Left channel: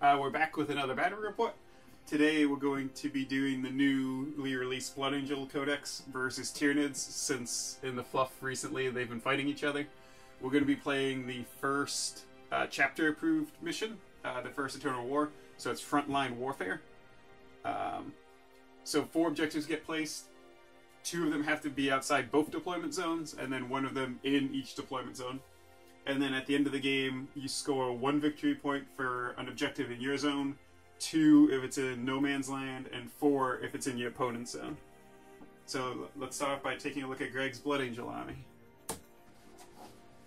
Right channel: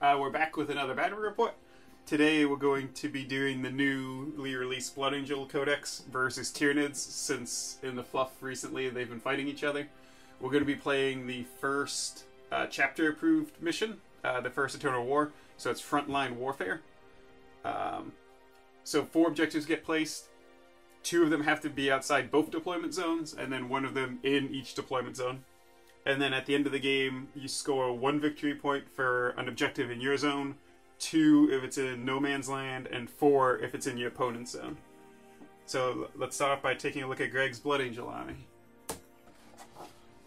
We're back with another battle report. Today we're going to be doing the newly released Blood Angel Codex versus Tyranids, since in the fluff recently they've been fighting each other. We're going to be playing the first chapter approved mission, the first Eternal War, so it's frontline warfare. So 4 objectives get placed. 2 of them have to be outside both deployment zones, and then 1 of them in each deployment zone. And then at the end of the game, you score 1 victory point for an objective in your zone, 2 if it's in no man's land, and 4 if it's in your opponent's zone. So let's start off by taking a look at Greg's Blood Angel army.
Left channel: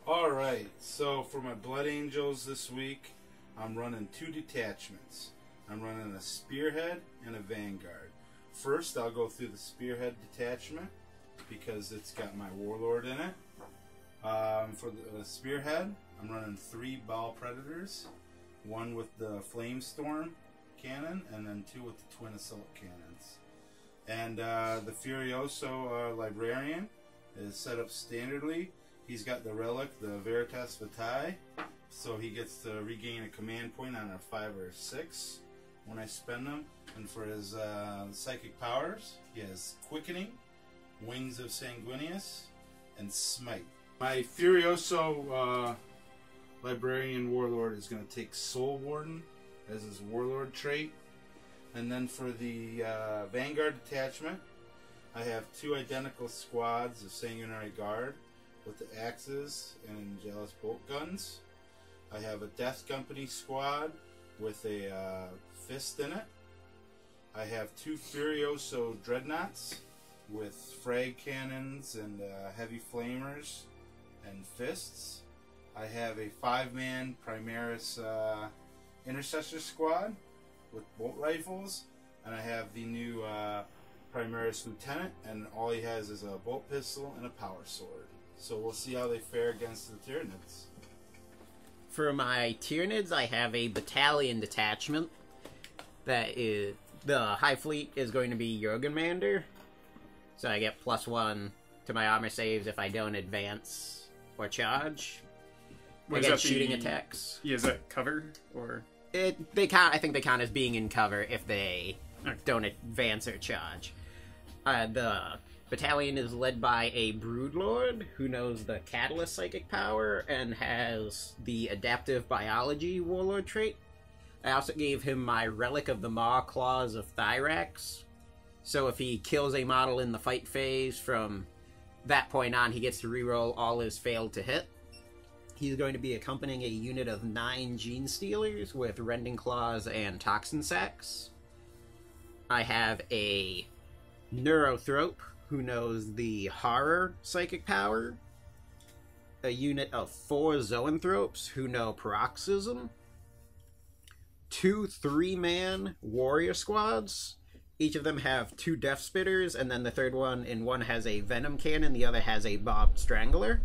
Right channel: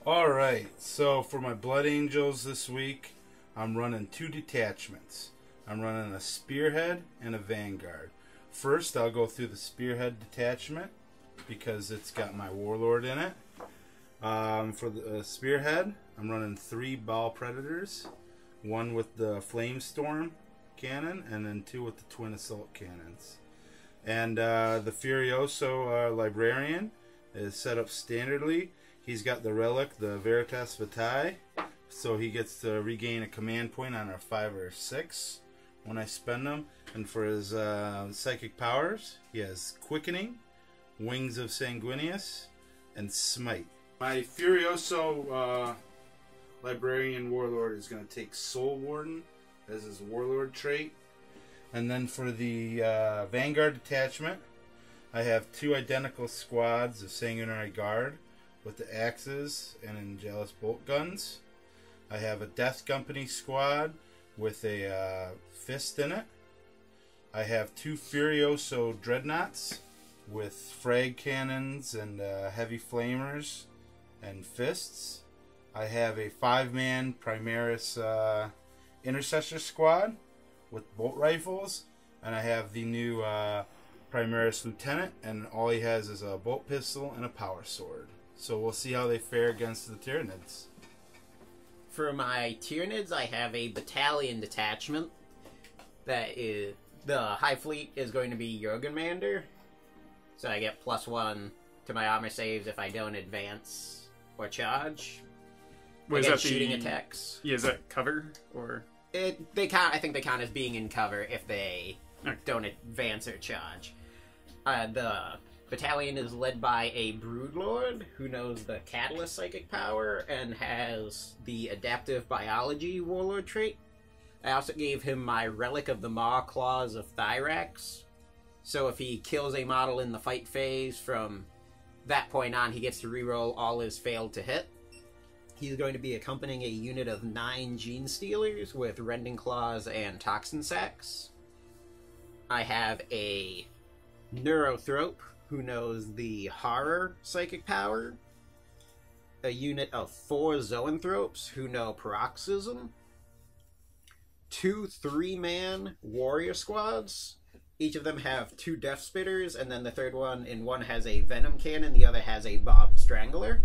Alright, so for my Blood Angels this week, I'm running 2 detachments. I'm running a Spearhead and a Vanguard. First, I'll go through the Spearhead detachment because it's got my Warlord in it. For the Spearhead, I'm running 3 Ball Predators, 1 with the Flamestorm cannon, and then 2 with the Twin Assault cannons. And the Furioso Librarian is set up standardly. He's got the relic, the Veritas Vitae, so he gets to regain a command point on our 5 or 6 when I spend them. And for his psychic powers, he has Quickening, Wings of Sanguinius, and Smite. My Furioso Librarian Warlord is going to take Soul Warden as his Warlord trait. And then for the Vanguard detachment, I have 2 identical squads of Sanguinary Guard with the axes and Angelus bolt guns. I have a Death Company squad with a fist in it. I have 2 Furioso Dreadnoughts with frag cannons and heavy flamers and fists. I have a 5-man Primaris Intercessor squad with bolt rifles, and I have the new Primaris Lieutenant, and all he has is a bolt pistol and a power sword. So we'll see how they fare against the Tyranids. For my Tyranids, I have a battalion detachment. That is, the Hive Fleet is going to be Jormungandr, so I get +1 to my armor saves if I don't advance or charge. Against shooting attacks. Yeah, is that cover or? They count. I think they count as being in cover if they don't advance or charge. The battalion is led by a Broodlord who knows the Catalyst psychic power and has the Adaptive Biology Warlord trait. I also gave him my Relic of the Maw Claws of Thyrax. So if he kills a model in the fight phase, from that point on, he gets to reroll all his failed to hit. He's going to be accompanying a unit of 9 Gene Stealers with Rending Claws and Toxin Sacs. I have a Neurothrope who knows the Horror psychic power. A unit of 4 Zoanthropes who know Paroxysm. 2 3-man warrior squads. Each of them have 2 Death Spitters, and then the third one has a Venom Cannon, the other has a Bob Strangler.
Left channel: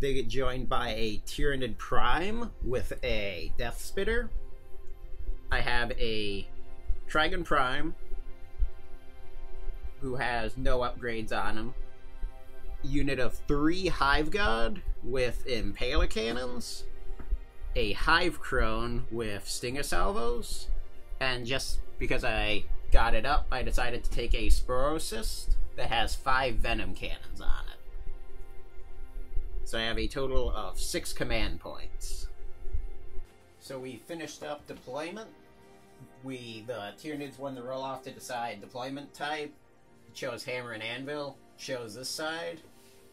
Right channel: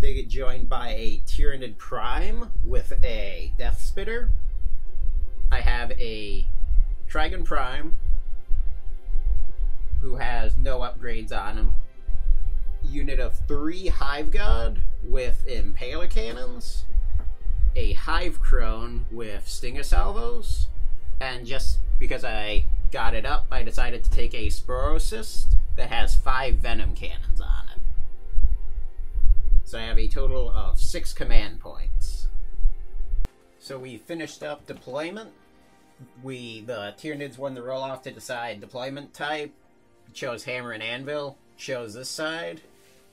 They get joined by a Tyranid Prime with a Death Spitter. I have a Trigon Prime who has no upgrades on him. Unit of 3 Hive Guard with Impaler Cannons. A Hive Crone with Stinger Salvos. And just because I got it up, I decided to take a Sporocyst that has 5 Venom Cannons on it. So I have a total of 6 command points. So we finished up deployment. The Tyranids won the roll-off to decide deployment type. Chose Hammer and Anvil. Chose this side.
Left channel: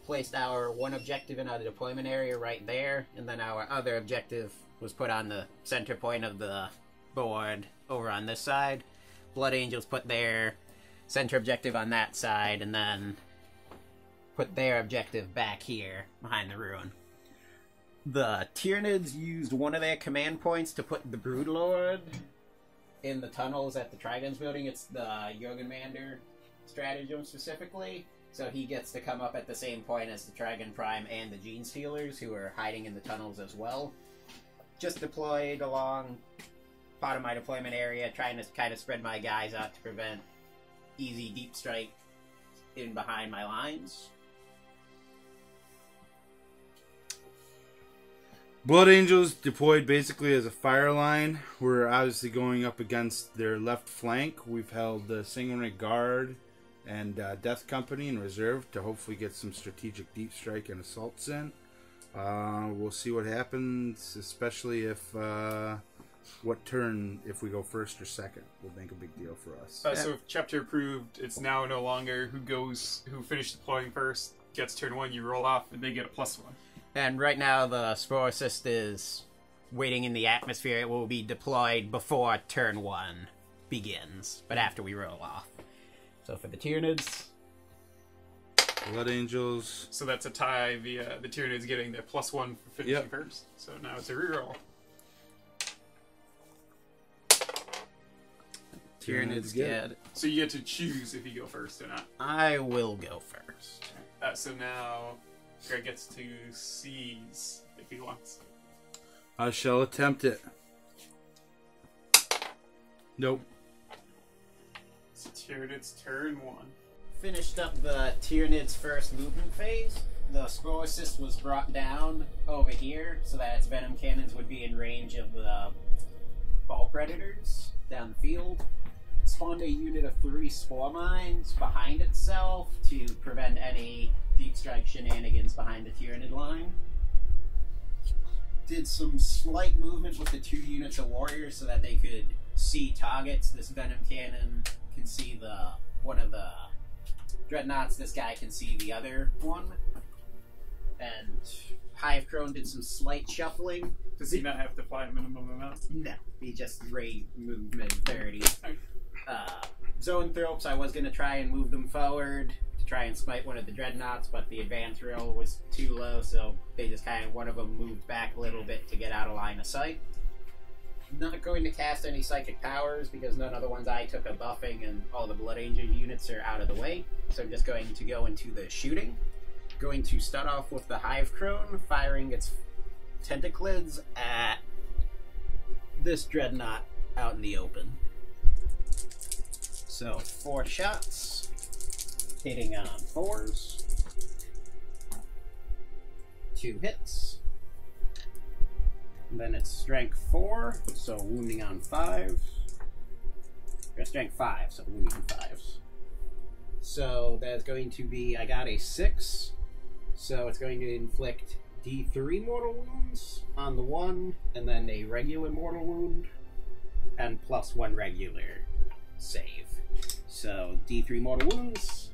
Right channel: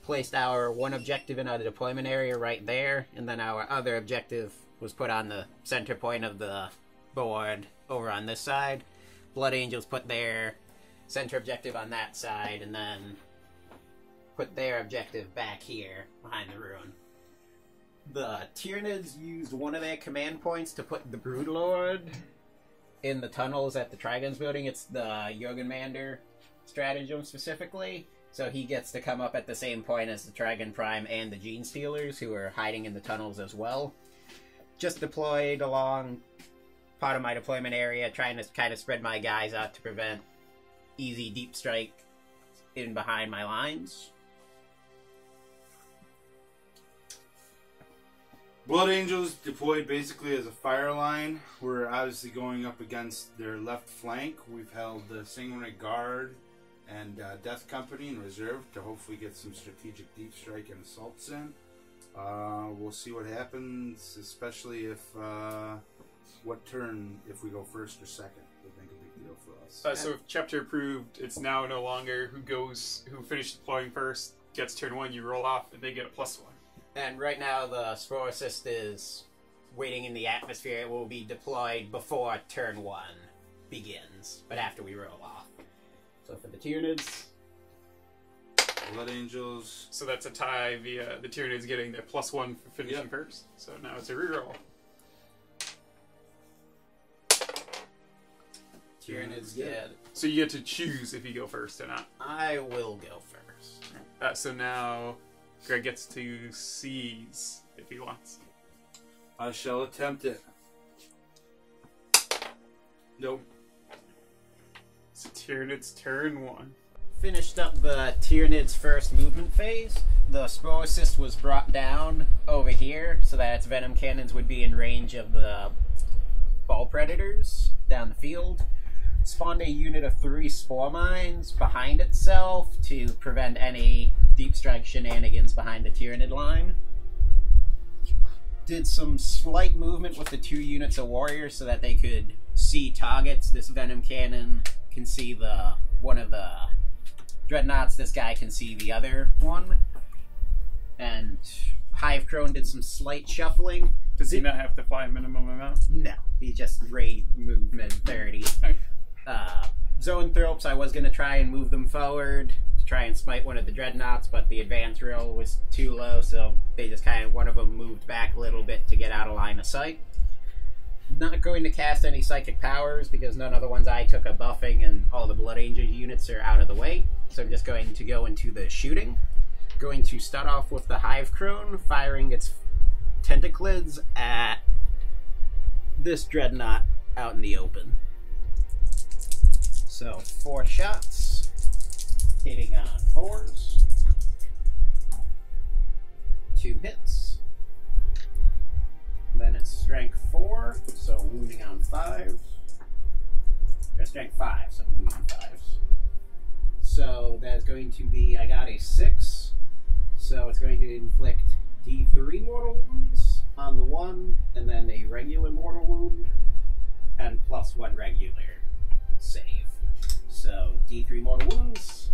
Placed our 1 objective in our deployment area right there, and then our other objective was put on the center point of the board over on this side. Blood Angels put their center objective on that side, and then put their objective back here behind the ruin. The Tyranids used 1 of their command points to put the Broodlord in the tunnels at the Trigons building. It's the Jormungandr stratagem specifically. So he gets to come up at the same point as the Trigon Prime and the Gene Stealers, who are hiding in the tunnels as well. Just deployed along part of my deployment area, trying to kind of spread my guys out to prevent easy deep strike in behind my lines. Blood Angels deployed basically as a fire line. We're obviously going up against their left flank. We've held the Single Rank Guard and Death Company in reserve to hopefully get some strategic deep strike and assaults in. We'll see what happens, especially if what turn, if we go first or second, would make a big deal for us. So if chapter approved, it's now no longer who finished deploying first gets turn 1, you roll off, and they get a +1. And right now the Spore Assist is waiting in the atmosphere. It will be deployed before turn 1 begins, but after we roll off. So for the Tyranids... Blood Angels. So that's a tie via the Tyranids getting their +1 for finishing first. So now it's a reroll. Tyranids get... So you get to choose if you go first or not. I will go first. So now Greg gets to seize if he wants. I shall attempt it. Nope. So Tyranids turn 1. Finished up the Tyranids' first movement phase. The Spore Assist was brought down over here so that its Venom Cannons would be in range of the Ball Predators down the field. Spawned a unit of 3 Spore Mines behind itself to prevent any deep strike shenanigans behind the Tyranid line. Did some slight movement with the 2 units of Warriors so that they could see targets. This Venom Cannon can see one of the Dreadnoughts, this guy can see the other one. And Hive Crone did some slight shuffling. Does he not have to fly a minimum amount? No, he just rate movement 30. Zone Thropes, I was going to try and move them forward to try and smite one of the Dreadnoughts, but the advance roll was too low, so they just kind of, one of them moved back a little bit to get out of line of sight. Not going to cast any Psychic Powers because none of the ones I took are buffing and all the Blood Angel units are out of the way. So I'm just going to go into the shooting. Going to start off with the Hive Crone, firing its tentaclids at this Dreadnought out in the open. So 4 shots, hitting on 4s. 2 hits. And then it's strength 4, so wounding on 5s. Or strength 5, so wounding on 5s. So that's going to be, I got a 6, so it's going to inflict D3 mortal wounds on the 1, and then a regular mortal wound, and +1 regular save. So D3 mortal wounds,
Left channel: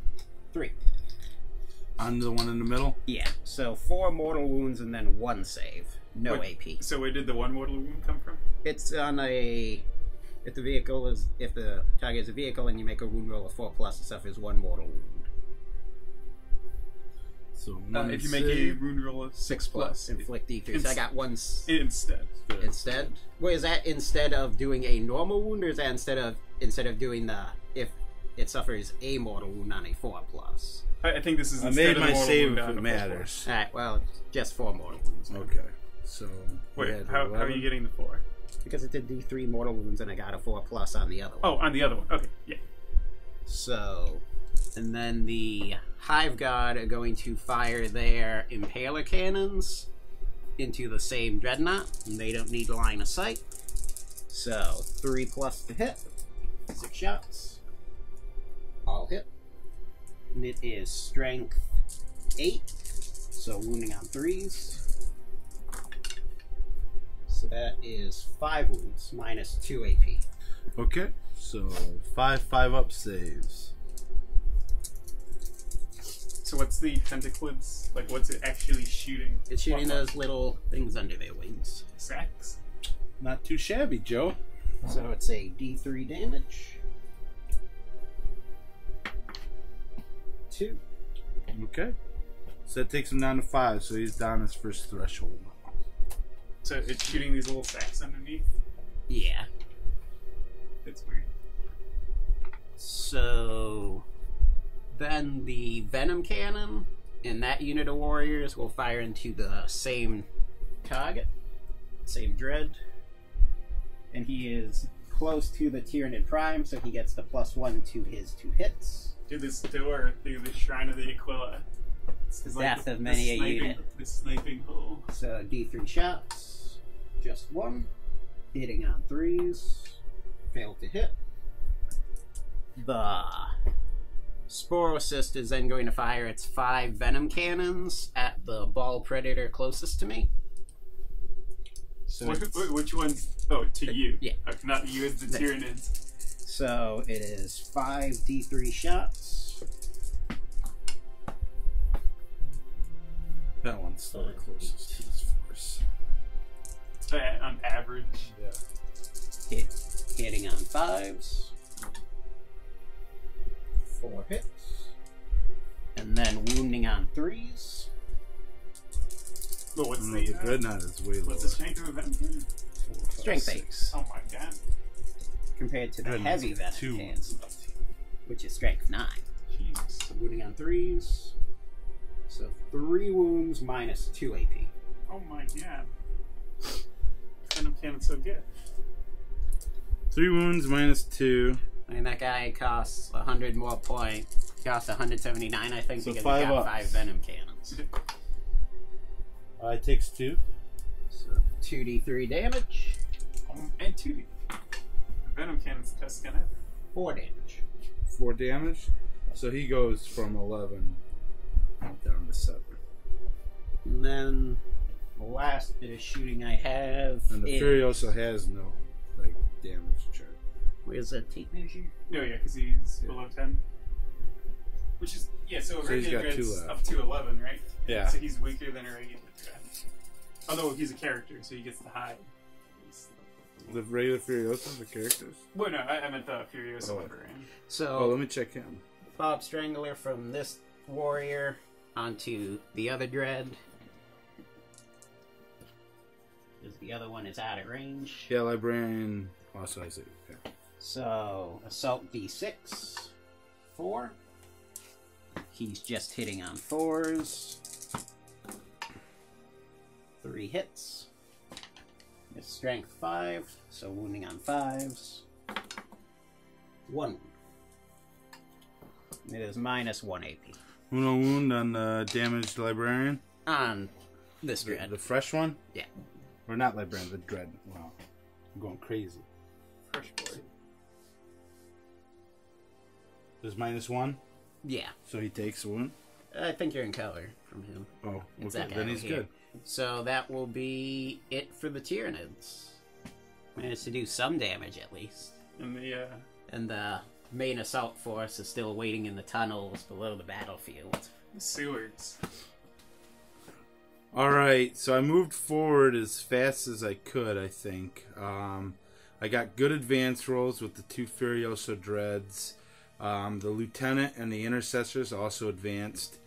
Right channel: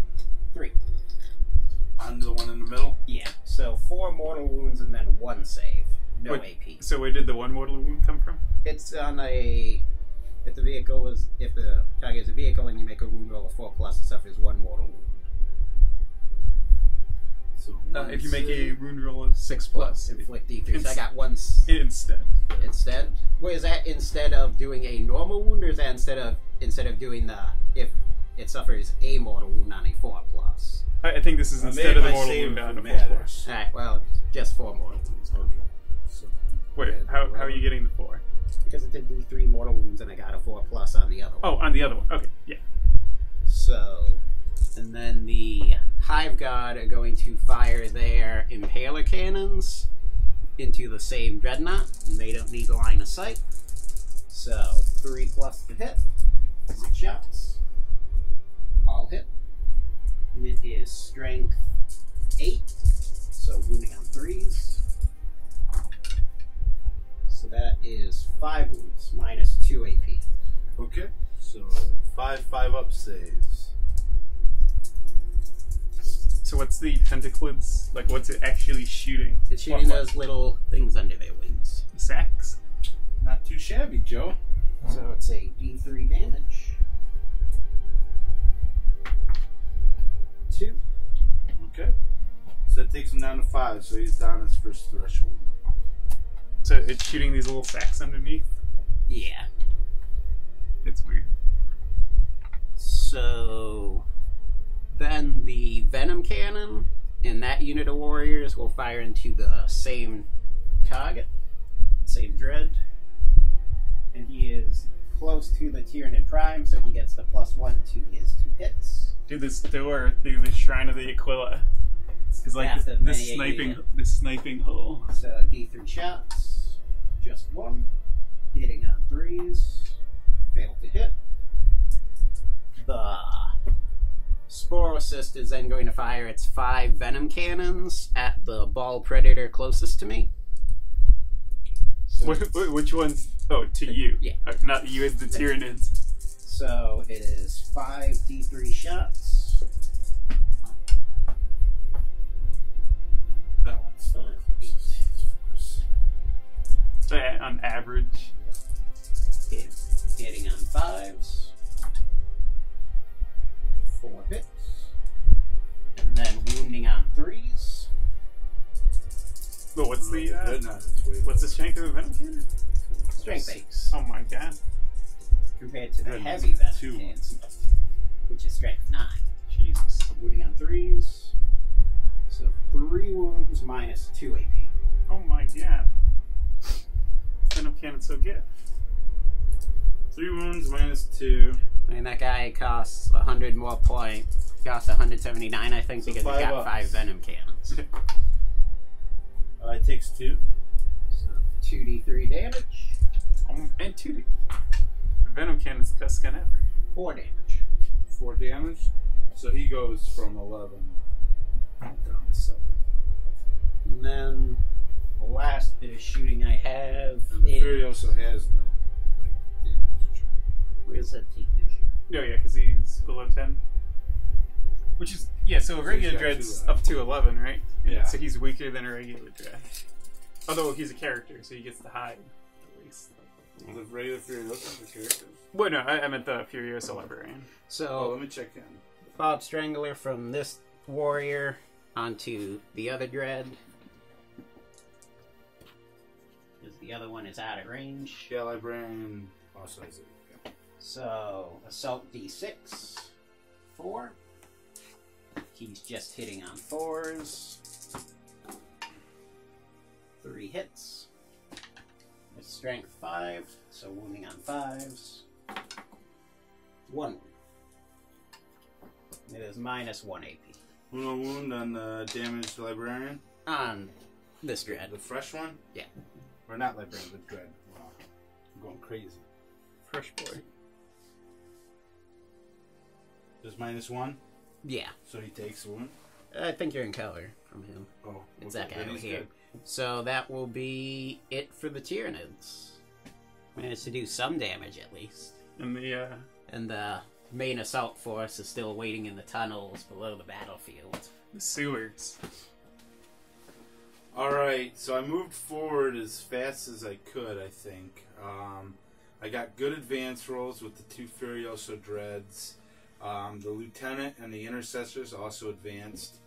3. On the one in the middle? Yeah, so 4 mortal wounds and then 1 save. No AP. So where did the 1 mortal wound come from? It's on a... If the target is a vehicle and you make a wound roll of 4+, it suffers 1 mortal wound. So if you make a wound roll of 6+, inflict D3. So I got 1 instead. Instead? Wait, is that instead of doing a normal wound, or is that instead of doing the if it suffers a mortal wound on a 4+? I think this is instead of the mortal wound on a 4+. Alright, well, just 4 mortal wounds. Okay. So wait, how are you getting the 4? Because it did D3 mortal wounds and I got a 4+ on the other one. Oh, on the other one. Okay, yeah. So, and then the Hive God are going to fire their Impaler Cannons into the same Dreadnought, and they don't need line of sight. So, 3+ to hit. 6 shots. All hit. And it is strength 8, so wounding on 3s. So that is 5 wounds, minus 2 AP. Okay, so 5 up saves. So what's the tentaclids? Like, what's it actually shooting? It's shooting those little things under their wings. Sacks? Not too shabby, Joe. So it's a D3 damage. 2. Okay. So that takes him down to 5, so he's down his first threshold. So it's shooting these little sacks underneath? Yeah. It's weird. So then the Venom Cannon and that unit of warriors will fire into the same target, same Dread. And he is close to the Tyranid Prime, so he gets the +1 to his 2 hits. Dude, this door through the Shrine of the Aquila is like Death of many a sniping, unit. the sniping hole. So D3 shots, just one, hitting on 3s, failed to hit. The Sporocyst is then going to fire its 5 venom cannons at the ball predator closest to me. So Which one's? Oh, to you. Yeah. Not you as the Tyranids. So it is 5 D3 shots. That one's the closest to his force. On average. Yeah. Hitting on 5s. 4 hits. And then wounding on 3s. But what's the Dreadnought is way what's the lower. strength of a venom cannon? Strength 8. Oh my god. Compared to the Dreadnought's heavy venom 2 cannons, which is strength 9. Jesus. Wounding on 3s. So 3 wounds minus 2 AP. Oh my god. Venom cannon's so good. 3 wounds minus 2. And that guy costs 100 more points. Costs 179, I think, So because he 5 got ups. 5 venom cannons. It takes 2. So 2d3 damage, And 2D. Venom cannon's the best gun ever. 4 damage. 4 damage. So he goes from 11 down to 7. And then the last bit of shooting I have And the is... Furioso has no damage chart. Where's that tape measure? No, yeah, because he's below 10. Which is, yeah, so a So regular he's got dread's 2 up to 11, right? Yeah. So he's weaker than a regular dread. Although he's a character, so he gets the hide, at least. The regular Furiosos are characters. Well, no, I meant the Furioso Librarian. Oh, let So, me check in. Bob Strangler from this warrior onto the other dread. Because the other one is out of range. Yeah, Librarian. Also, I see. Yeah. So, Assault D6. 4. He's just hitting on 4s. 3 hits. It's strength 5, so wounding on 5s. 1. It is minus 1 AP. Uno wound on the damaged Librarian. On this dread. The fresh one? Yeah. Or not Librarian, the Dread. Wow. I'm going crazy. Fresh boy. There's minus 1, Yeah. so he takes a wound. I think you're in color from him. Oh, It's okay, that guy then over he's here. good. So that will be it for the Tyranids. Managed to do some damage at least. And the, And the main assault force is still waiting in the tunnels below the battlefield. sewers. Alright, so I moved forward as fast as I could, I think. I got good advance rolls with the 2 Furioso Dreads. The Lieutenant and the Intercessors also advanced.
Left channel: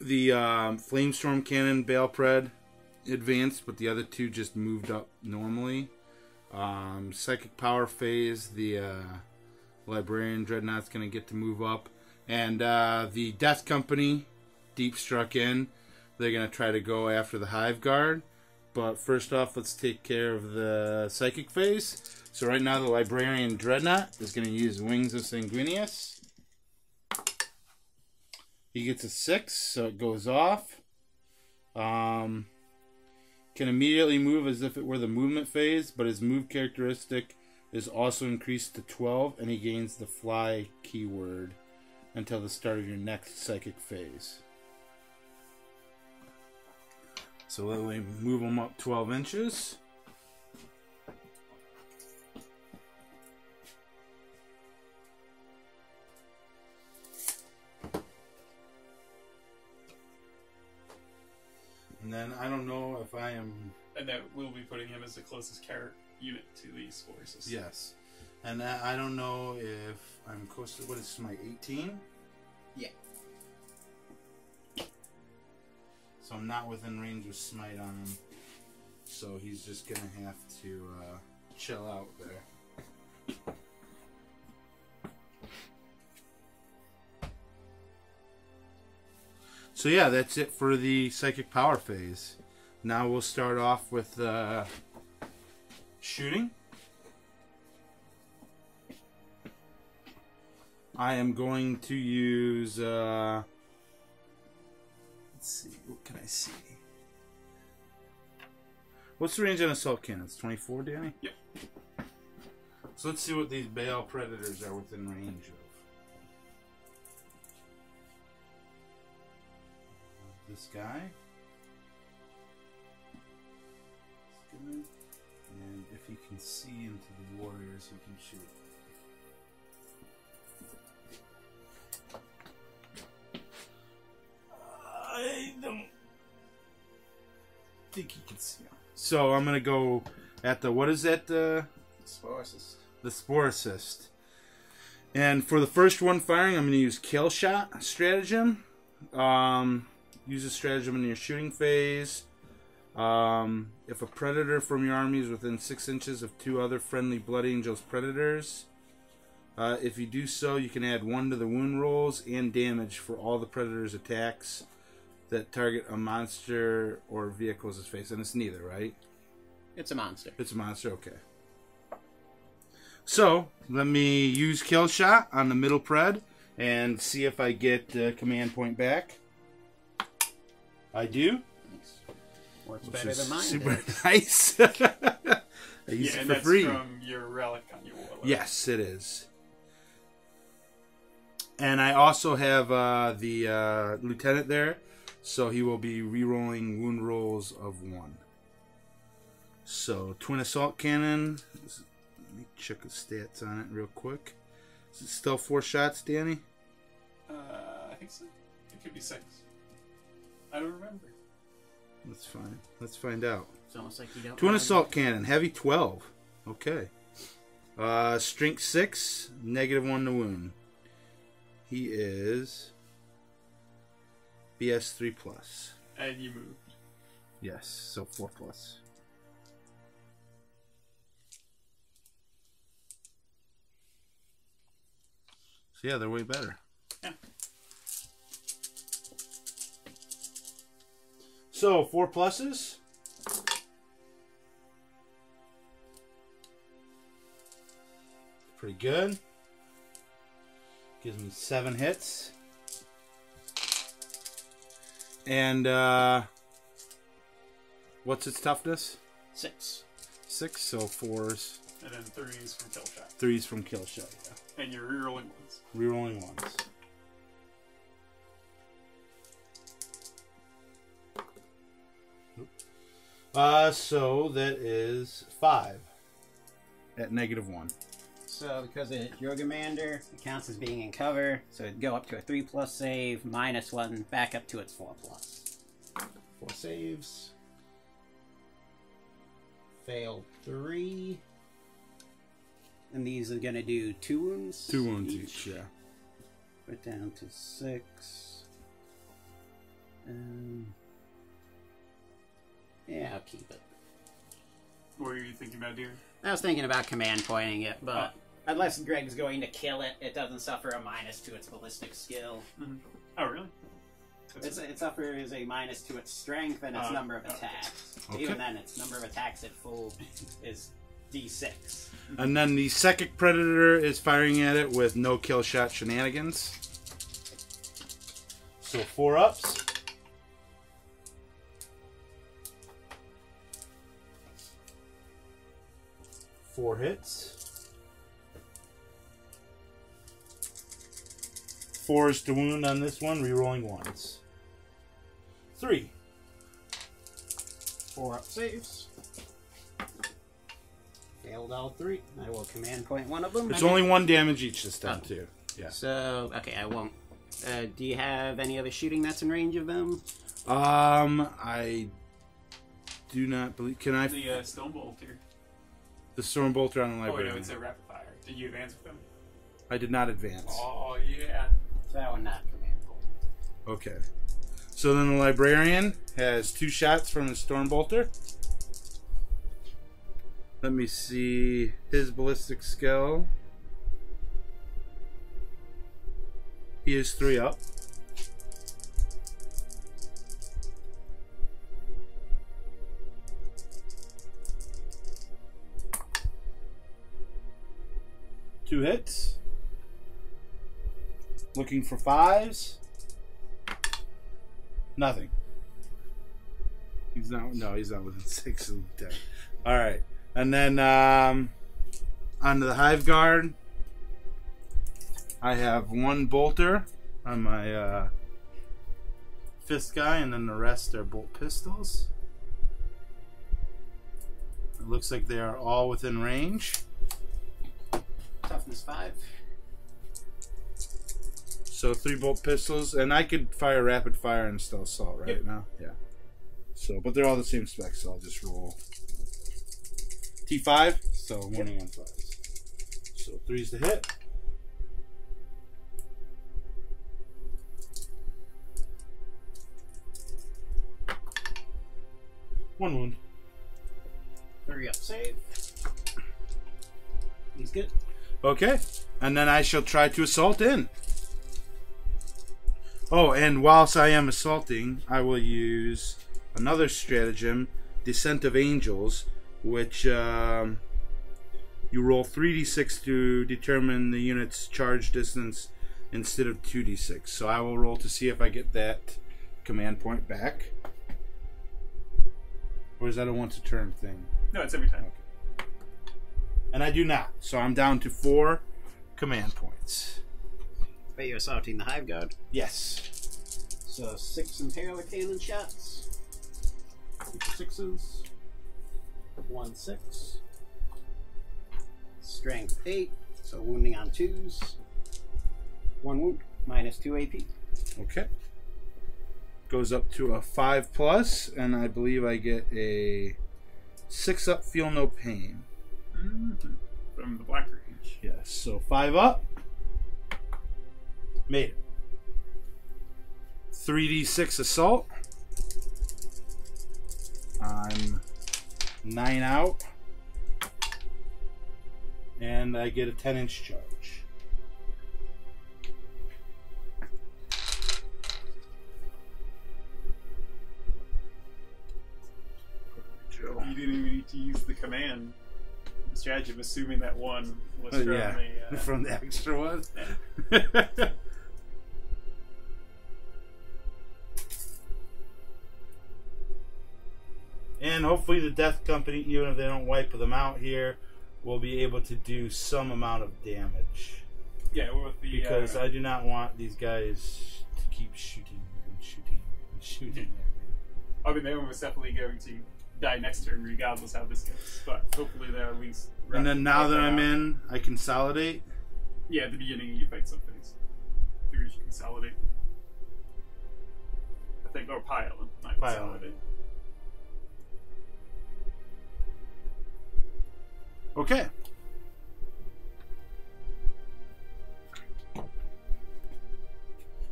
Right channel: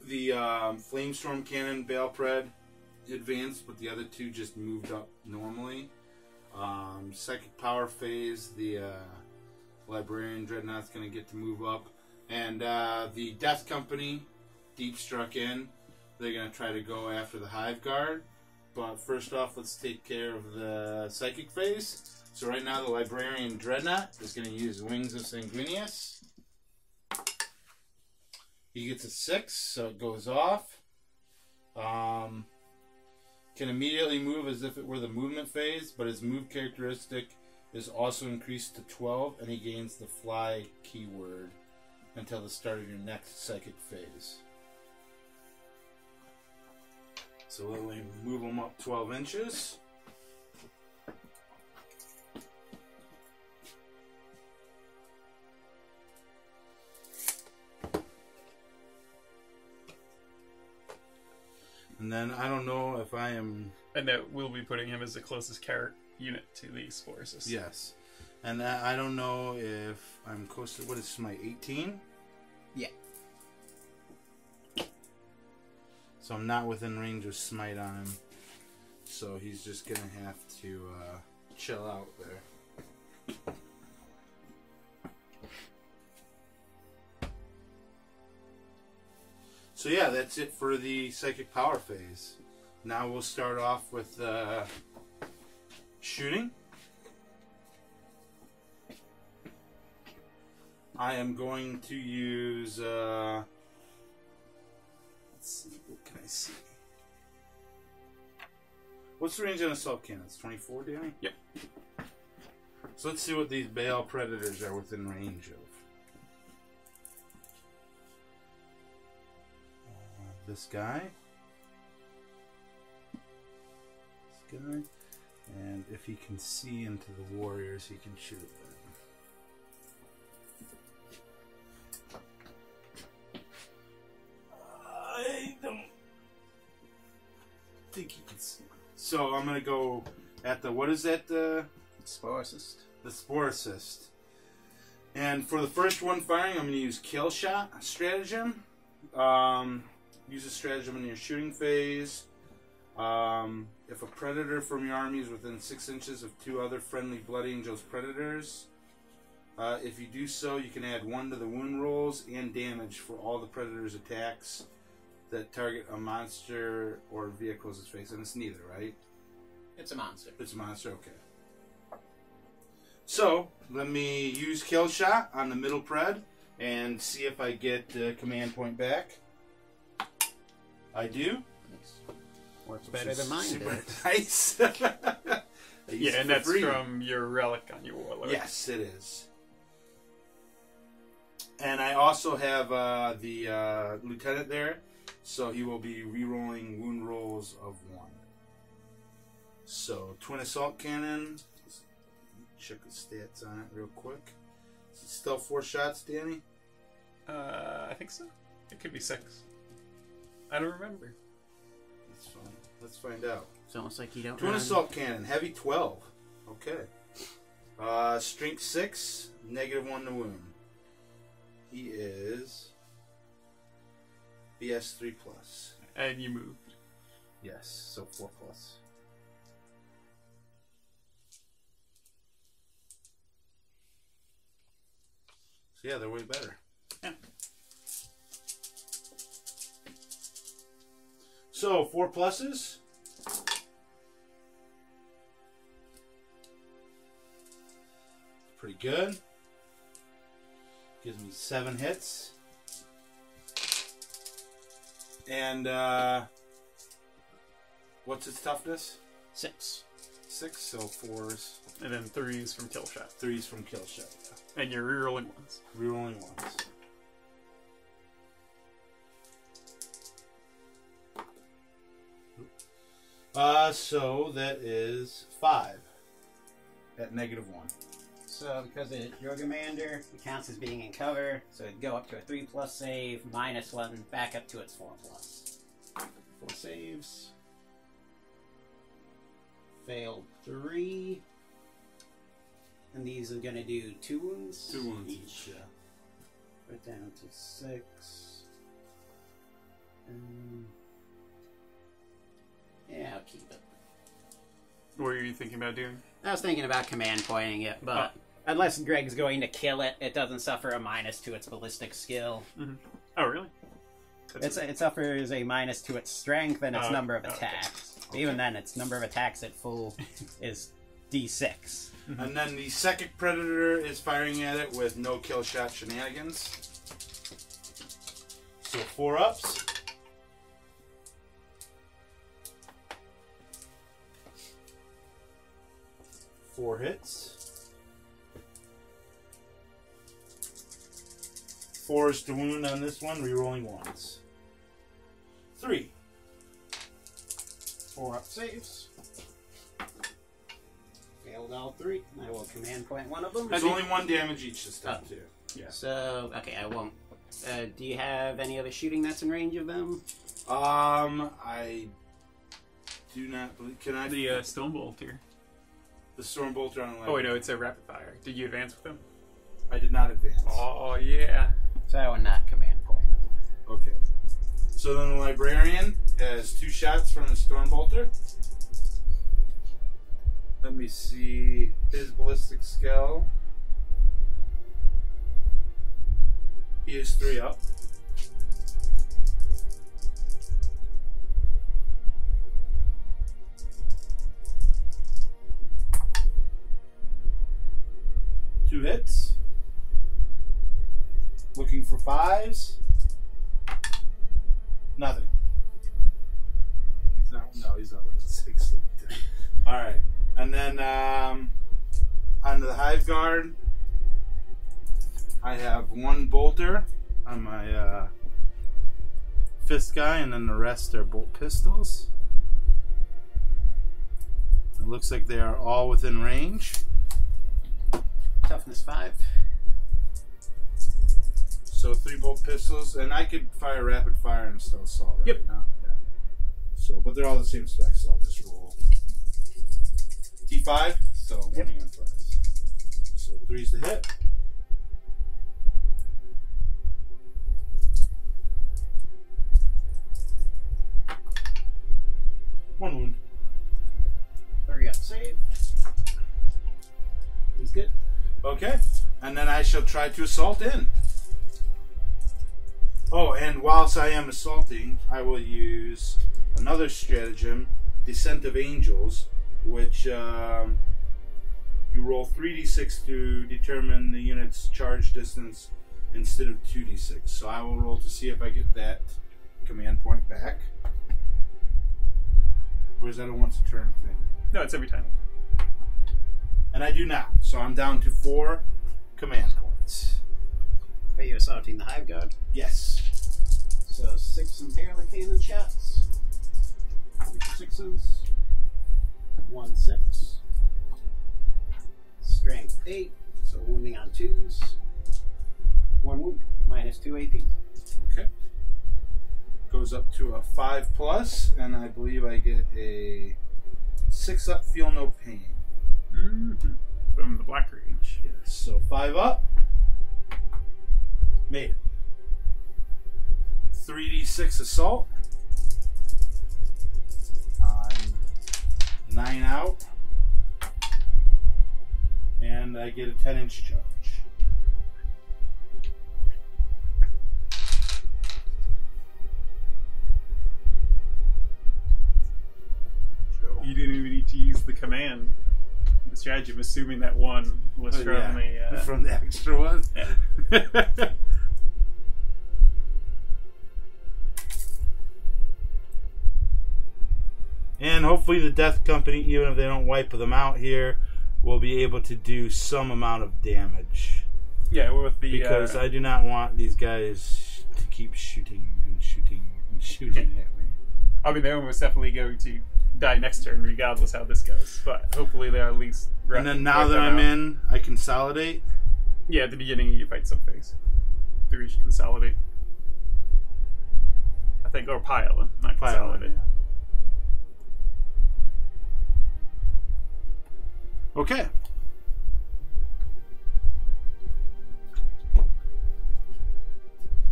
The Flamestorm Cannon Balpred advanced, but the other 2 just moved up normally. Psychic Power Phase, the Librarian Dreadnought's going to get to move up. And the Death Company deep struck in. They're going to try to go after the Hive Guard. But first off, let's take care of the Psychic Phase. So right now the Librarian Dreadnought is going to use Wings of Sanguinius. He gets a 6, so it goes off. Can immediately move as if it were the movement phase, but his move characteristic is also increased to 12, and he gains the fly keyword until the start of your next psychic phase. So let me move him up 12 inches. And then I don't know if I am... And that we'll be putting him as the closest character unit to these forces. Yes. And I don't know if I'm close to... What is my 18? Yeah. So I'm not within range of smite on him. So he's just going to have to chill out there. So yeah, that's it for the psychic power phase. Now we'll start off with shooting. I am going to use let's see, I see. What's the range on assault cannons? 24, Danny? Yep. So let's see what these Baal Predators are within range of. This guy. This guy. And if he can see into the warriors, he can shoot them. I don't think he can see him. So I'm going to go at the, what is that? Spore Assist. The Spore Assist. And for the first one firing, I'm going to use Kill Shot Stratagem. Use a stratagem in your shooting phase. If a predator from your army is within 6 inches of 2 other friendly Blood Angels predators, if you do so, you can add 1 to the wound rolls and damage for all the predator's attacks that target a monster or vehicles' face. And it's neither, right? It's a monster. It's a monster, okay. So, let me use Kill Shot on the middle pred and see if I get command point back. I do. Nice. Works better than mine super did. nice. Yeah, and that's free. from your relic on your warlock. Yes, it is. And I also have the lieutenant there, so he will be re-rolling wound rolls of 1. So, twin assault cannon. Let me check the stats on it real quick. Is it still 4 shots, Danny? I think so. It could be 6. I don't remember. That's fine. Let's find out. It's almost like you don't. Twin assault cannon, heavy 12. Okay. Strength 6, -1 to wound. He is BS 3+. And you moved. Yes, so 4+. So yeah, they're way better. Yeah. So 4 pluses. Pretty good. Gives me 7 hits. And what's its toughness? 6. 6, so 4s. And then 3s from kill shot. 3s from kill shot, yeah. And you're rerolling 1s. Rerolling 1s. So that is 5 at -1. So because it's Jormungandr, it counts as being in cover, so it'd go up to a 3+ save, -1, back up to its 4+. 4 saves. Failed 3. And these are gonna do 2 wounds. 2 wounds each, yeah. Put down to 6. Yeah, I'll keep it. What were you thinking about doing? I was thinking about command pointing it, but unless Greg's going to kill it, it doesn't suffer a minus to its ballistic skill. Mm-hmm. Oh, really? It suffers a minus to its strength and its number of attacks. Okay. Even then, its number of attacks at full is D6. And then the psychic predator is firing at it with no kill shot shenanigans. So 4 ups. Four hits. 4s to wound on this one, rerolling 1s. 3. 4 up saves. Failed all 3. I will command point one of them. It's only 1 damage each this time, too. Yeah. So, okay, I won't. Do you have any other shooting that's in range of them? I do not believe. Can I? The Stone Bolter. The Storm Bolter on the library. Oh, wait, no, it's a rapid fire. Did you advance with them? I did not advance. Oh, yeah. So I will not command point. Okay. So then the librarian has 2 shots from his Storm Bolter. Let me see his ballistic skill. He is 3 up. Two hits. Looking for 5s. Nothing. he's not within 6 of 10. All right, and then onto the Hive Guard, I have 1 bolter on my fist guy, and then the rest are bolt pistols. It looks like they are all within range. Toughness 5. So 3 bolt pistols, and I could fire rapid fire and still assault right now. Yeah. So, but they're all the same specs, so I'll just roll T5. So I'm winning on 5s. So 3's the hit. One wound. 3 up save. He's good. Okay, and then I shall try to assault in. Oh, and whilst I am assaulting, I will use another stratagem, Descent of Angels, which you roll 3d6 to determine the unit's charge distance instead of 2d6. So I will roll to see if I get that command point back. Or is that a once a turn thing? No, it's every time. And I do not. So I'm down to 4 command points. Are you assaulting the Hive Guard? Yes. So 6 Imperial Cannon shots. 6s. 1 6. Strength 8. So wounding on 2s. 1 wound. Minus 2 AP. Okay. Goes up to a 5+, and I believe I get a 6 up, feel no pain. Mm-hmm. From the Black Rage. Yes, so 5 up. Made it. 3d6 assault. I'm 9 out. And I get a 10-inch charge. You didn't even need to use the command. The strategy of assuming that one was from from the extra one. Yeah. And hopefully the Death Company, even if they don't wipe them out here, will be able to do some amount of damage. Yeah, with the because I do not want these guys to keep shooting and shooting and shooting at me. I mean, they're almost definitely going to die next turn, regardless how this goes. But hopefully they're at least. And then now that I'm in, I consolidate. Yeah, at the beginning you fight some phase. 3 should consolidate. I think, or pile, not consolidate. Yeah. Okay.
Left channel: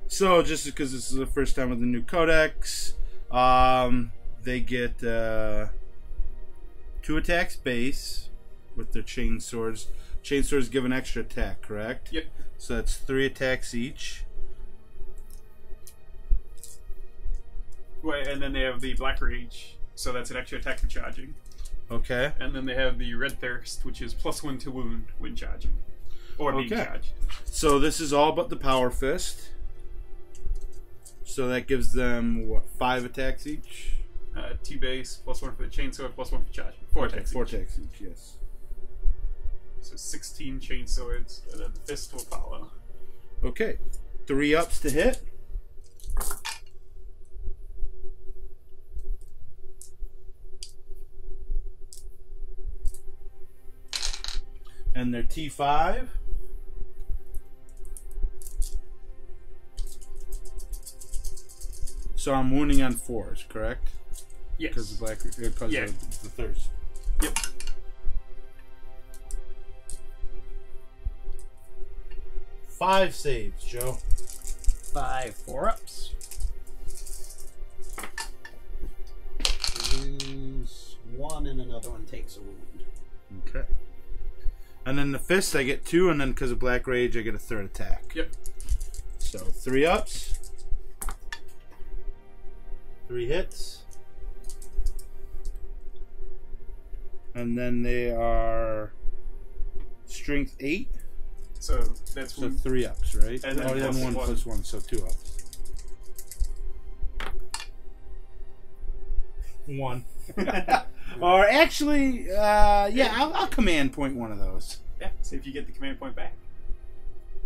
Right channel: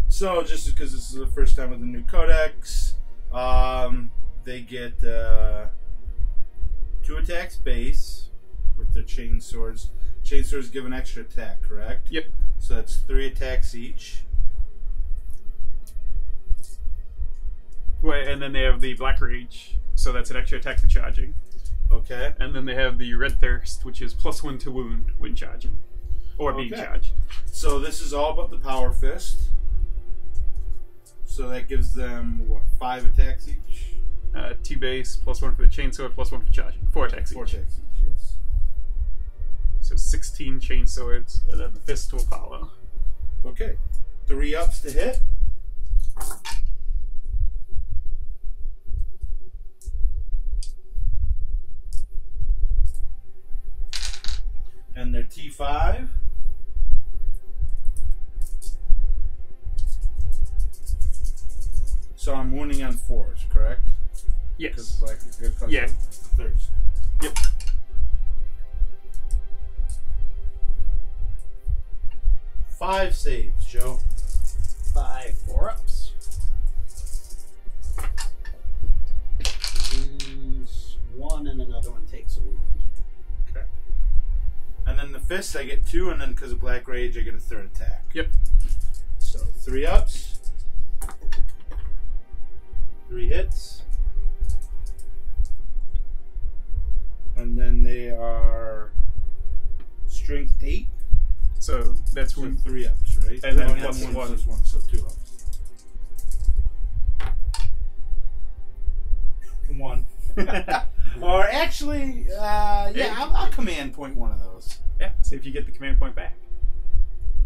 So, just because this is the first time with the new codex, they get 2 attacks base with their chain swords. Chain swords give an extra attack, correct? Yep. So that's 3 attacks each. Right, and then they have the Black Rage, so that's an extra attack for charging. Okay. And then they have the Red Thirst, which is +1 to wound when charging. Or being charged. So this is all but the Power Fist. So that gives them, what, 5 attacks each? 2 base, +1 for the chainsword, +1 for charging. 4 attacks each. 4 attacks each, yes. So 16 chainswords, and then the fist to Apollo. Okay. 3 ups to hit. And they're T5. So I'm wounding on 4s, correct? Yes. Because the because Yeah. of the thirst. Yep. Five saves, Joe. 5 4-ups. Lose 1 and another one takes a wound. Okay. And then the fist, I get 2, and then because of Black Rage, I get a 3rd attack. Yep. So 3 ups. 3 hits. And then they are strength 8. So that's So when 3 ups, right? And then yeah, plus 1 1. plus 1, so 2 ups. 1. Or actually, I'll command point one of those. Yeah, see if you get the command point back.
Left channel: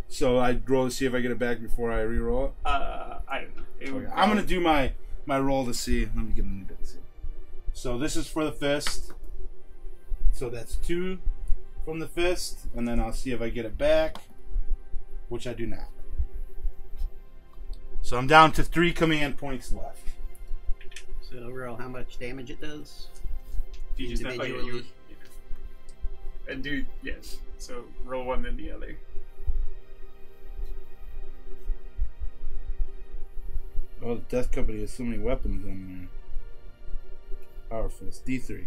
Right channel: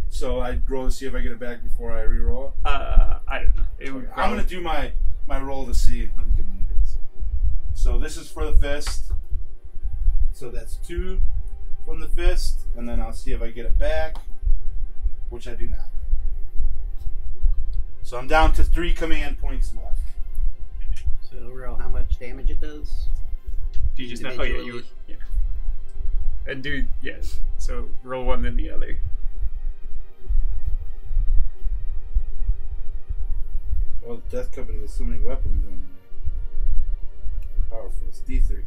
So I roll to see if I get it back before I re-roll it? I don't know. I'm going to do my roll to see. Let me get a little bit to see. So this is for the fist. So that's 2 from the fist. And then I'll see if I get it back, which I do not. So I'm down to 3 command points left. So roll how much damage it does. You just yeah. And do, yes. So roll one, then the other. Oh, the Death Company has so many weapons on there. Power Fist, D3.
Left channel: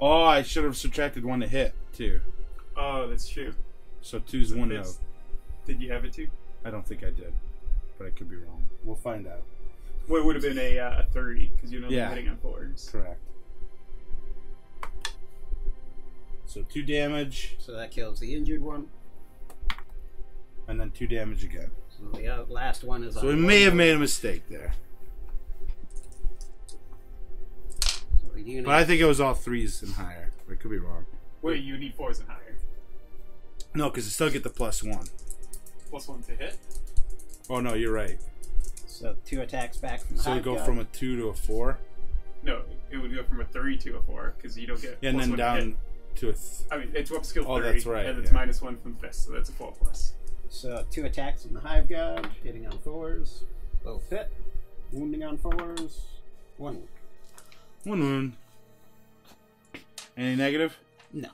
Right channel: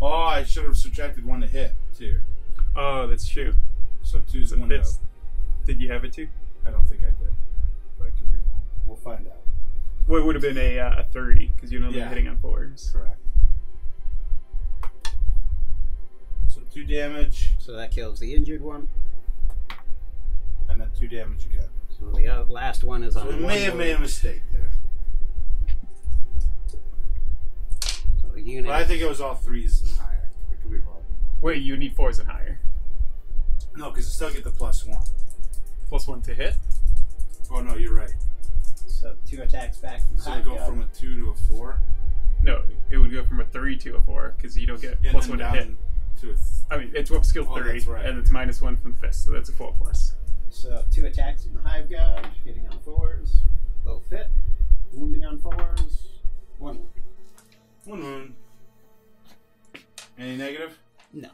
Oh, I should have subtracted 1 to hit, too. Oh, that's true. So 2's 1 out. Did you have it too? I don't think I did, but I could be wrong. We'll find out. Well, it would have been a 30, because you're only hitting on 4s. Correct. So 2 damage. So that kills the injured one. And then 2 damage again. So the last one is on. So we may have made a mistake there. So the unit. But I think it was all 3s and higher. I could be wrong. Wait, you need 4s and higher. No, because I still get the +1. +1 to hit? Oh, no, you're right. So 2 attacks back from the So we go from a 2 to a 4? No, it would go from a 3 to a 4, because you don't get And +1 then to hit. down to a... I mean, it's up skill 30, that's right, and it's -1 from the fist, so that's a 4+. So 2 attacks from the Hive God, hitting on 4s. Both hit. Wounding on 4s. 1 wound. 1 wound. Any negative? No.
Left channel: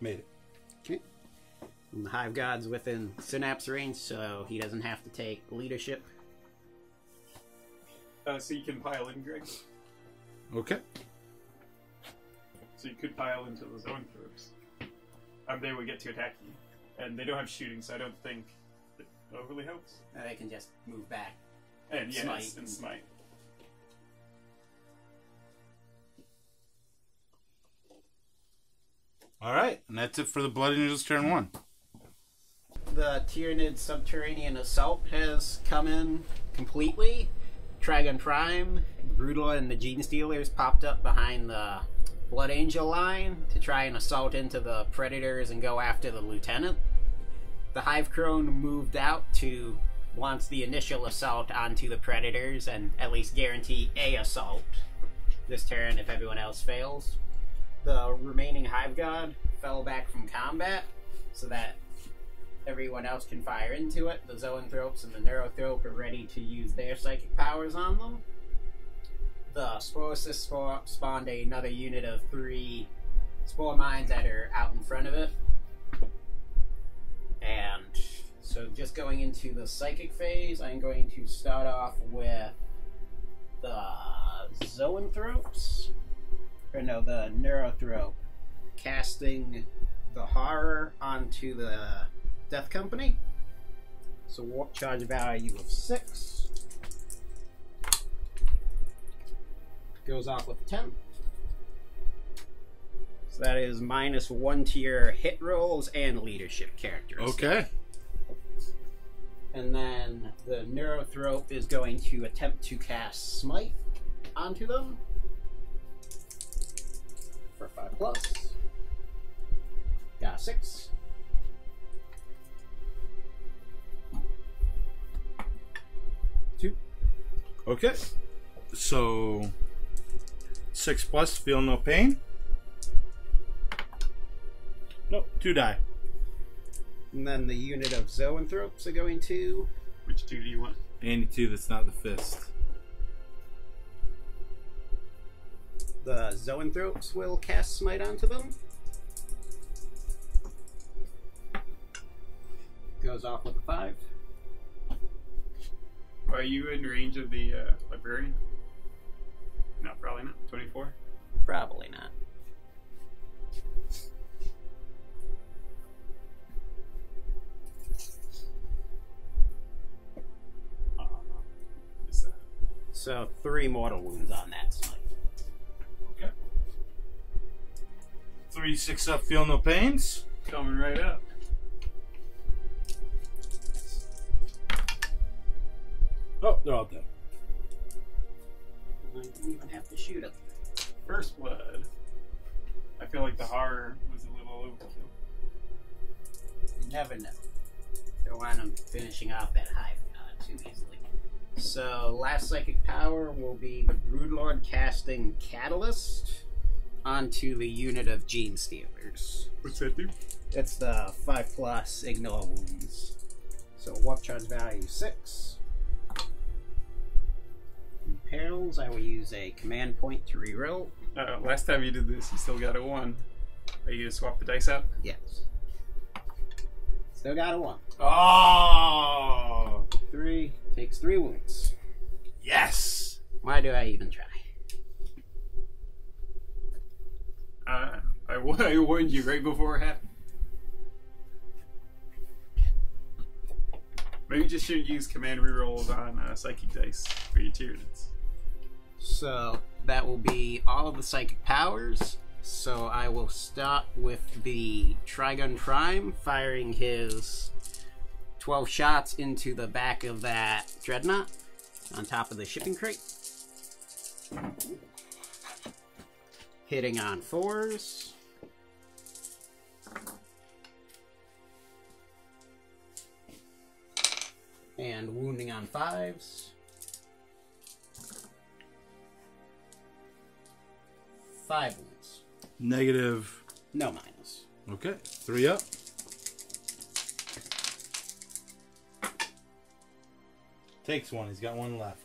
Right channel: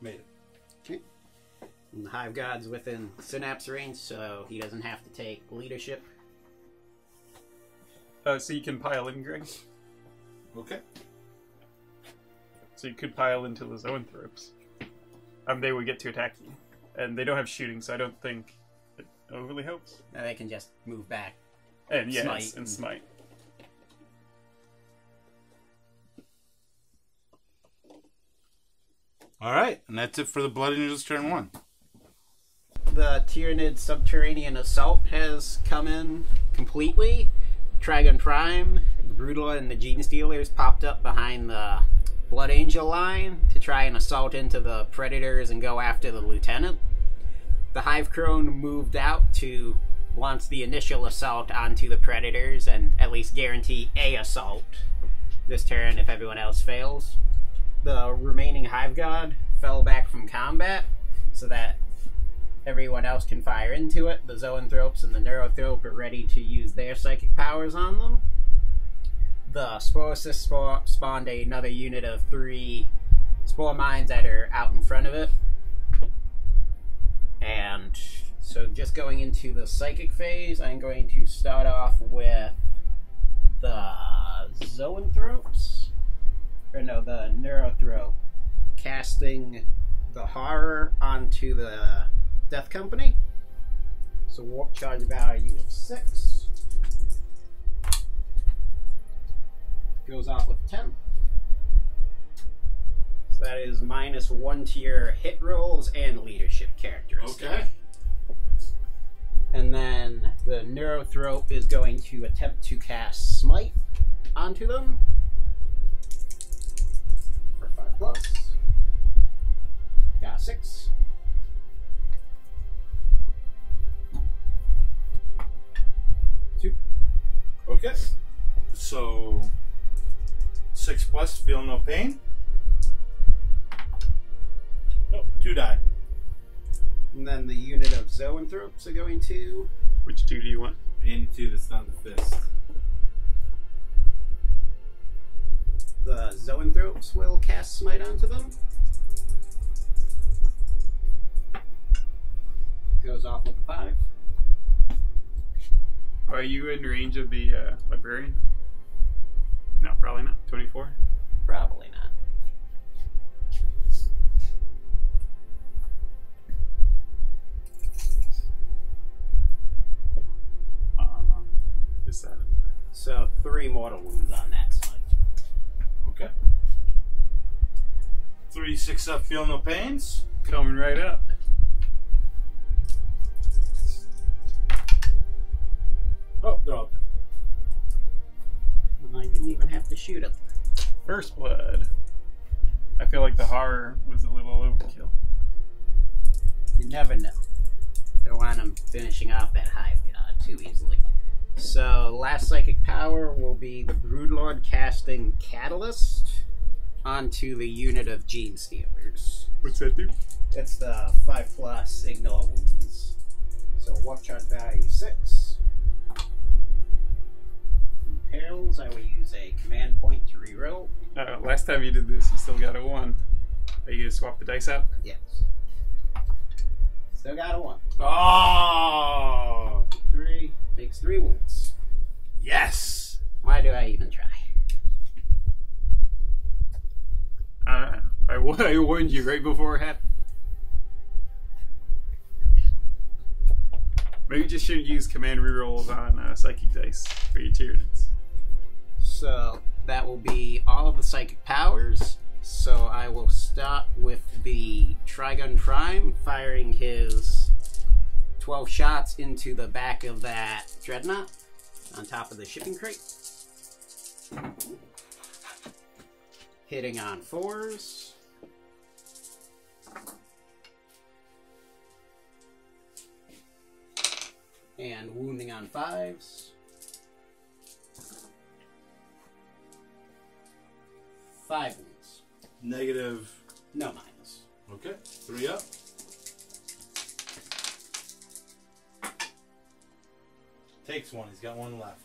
Made it. Okay. And the Hive God's within synapse range, so he doesn't have to take leadership. So you can pile in, Greg. Okay. So you could pile into the zoanthropes. They would get to attack you. And they don't have shooting, so I don't think it overly helps. They can just move back. And yes, Smite. and smite. Alright, and that's it for the Blood Angels turn 1. The Tyranid subterranean assault has come in completely. Trigon Prime, Brutal, and the Gene Stealers popped up behind the Blood Angel line to try and assault into the Predators and go after the Lieutenant. The Hive Crone moved out to launch the initial assault onto the Predators and at least guarantee a assault this turn if everyone else fails. The remaining Hive God fell back from combat so that everyone else can fire into it. The Zoanthropes and the Neurothrope are ready to use their psychic powers on them. The Sporocyst spawned another unit of 3 Spore Mines that are out in front of it. And so just going into the psychic phase, I'm going to start off with the Zoanthropes. Or no, the Neurothrope. Casting the Horror onto the Death Company. So warp charge value of 6. Goes off with 10. So that is -1 to your hit rolls and leadership characteristics. Okay. And then the Neurothrope is going to attempt to cast Smite onto them. For 5+. Got 6. Okay. So 6+, feel no pain. Nope, 2 die. And then the unit of Zoanthropes are going to... Which 2 do you want? Any 2 that's not the fist. The Zoanthropes will cast Smite onto them. Goes off with a 5. Are you in range of the librarian? No, probably not. 24? Probably not. Is that? So 3 mortal wounds on that Smite. Okay. 3 6 up, feel no pains. Coming right up. they're all dead. I didn't even have to shoot it. First blood. I feel like the horror was a little overkill. You never know. Don't want him finishing off that Hive God too easily. So, last psychic power will be the Broodlord casting Catalyst onto the unit of Gene Stealers. What's that do? It's the 5+ ignore wounds. So, warp charge value 6. Perils, I will use a command point to reroll. Last time you did this, you still got a 1. Are you going to swap the dice out? Yes. Still got a 1. Oh! 3. Takes 3 wounds. Yes! Why do I even try? I warned you right before it happened. Maybe you just should use command rerolls on psychic dice for your Tyranids. So that will be all of the psychic powers. So I will start with the Trigun Prime, firing his 12 shots into the back of that Dreadnought on top of the shipping crate. Hitting on 4s. And wounding on 5s. 5 wounds. Negative. No minus. Okay, 3 up. Takes 1. He's got 1 left.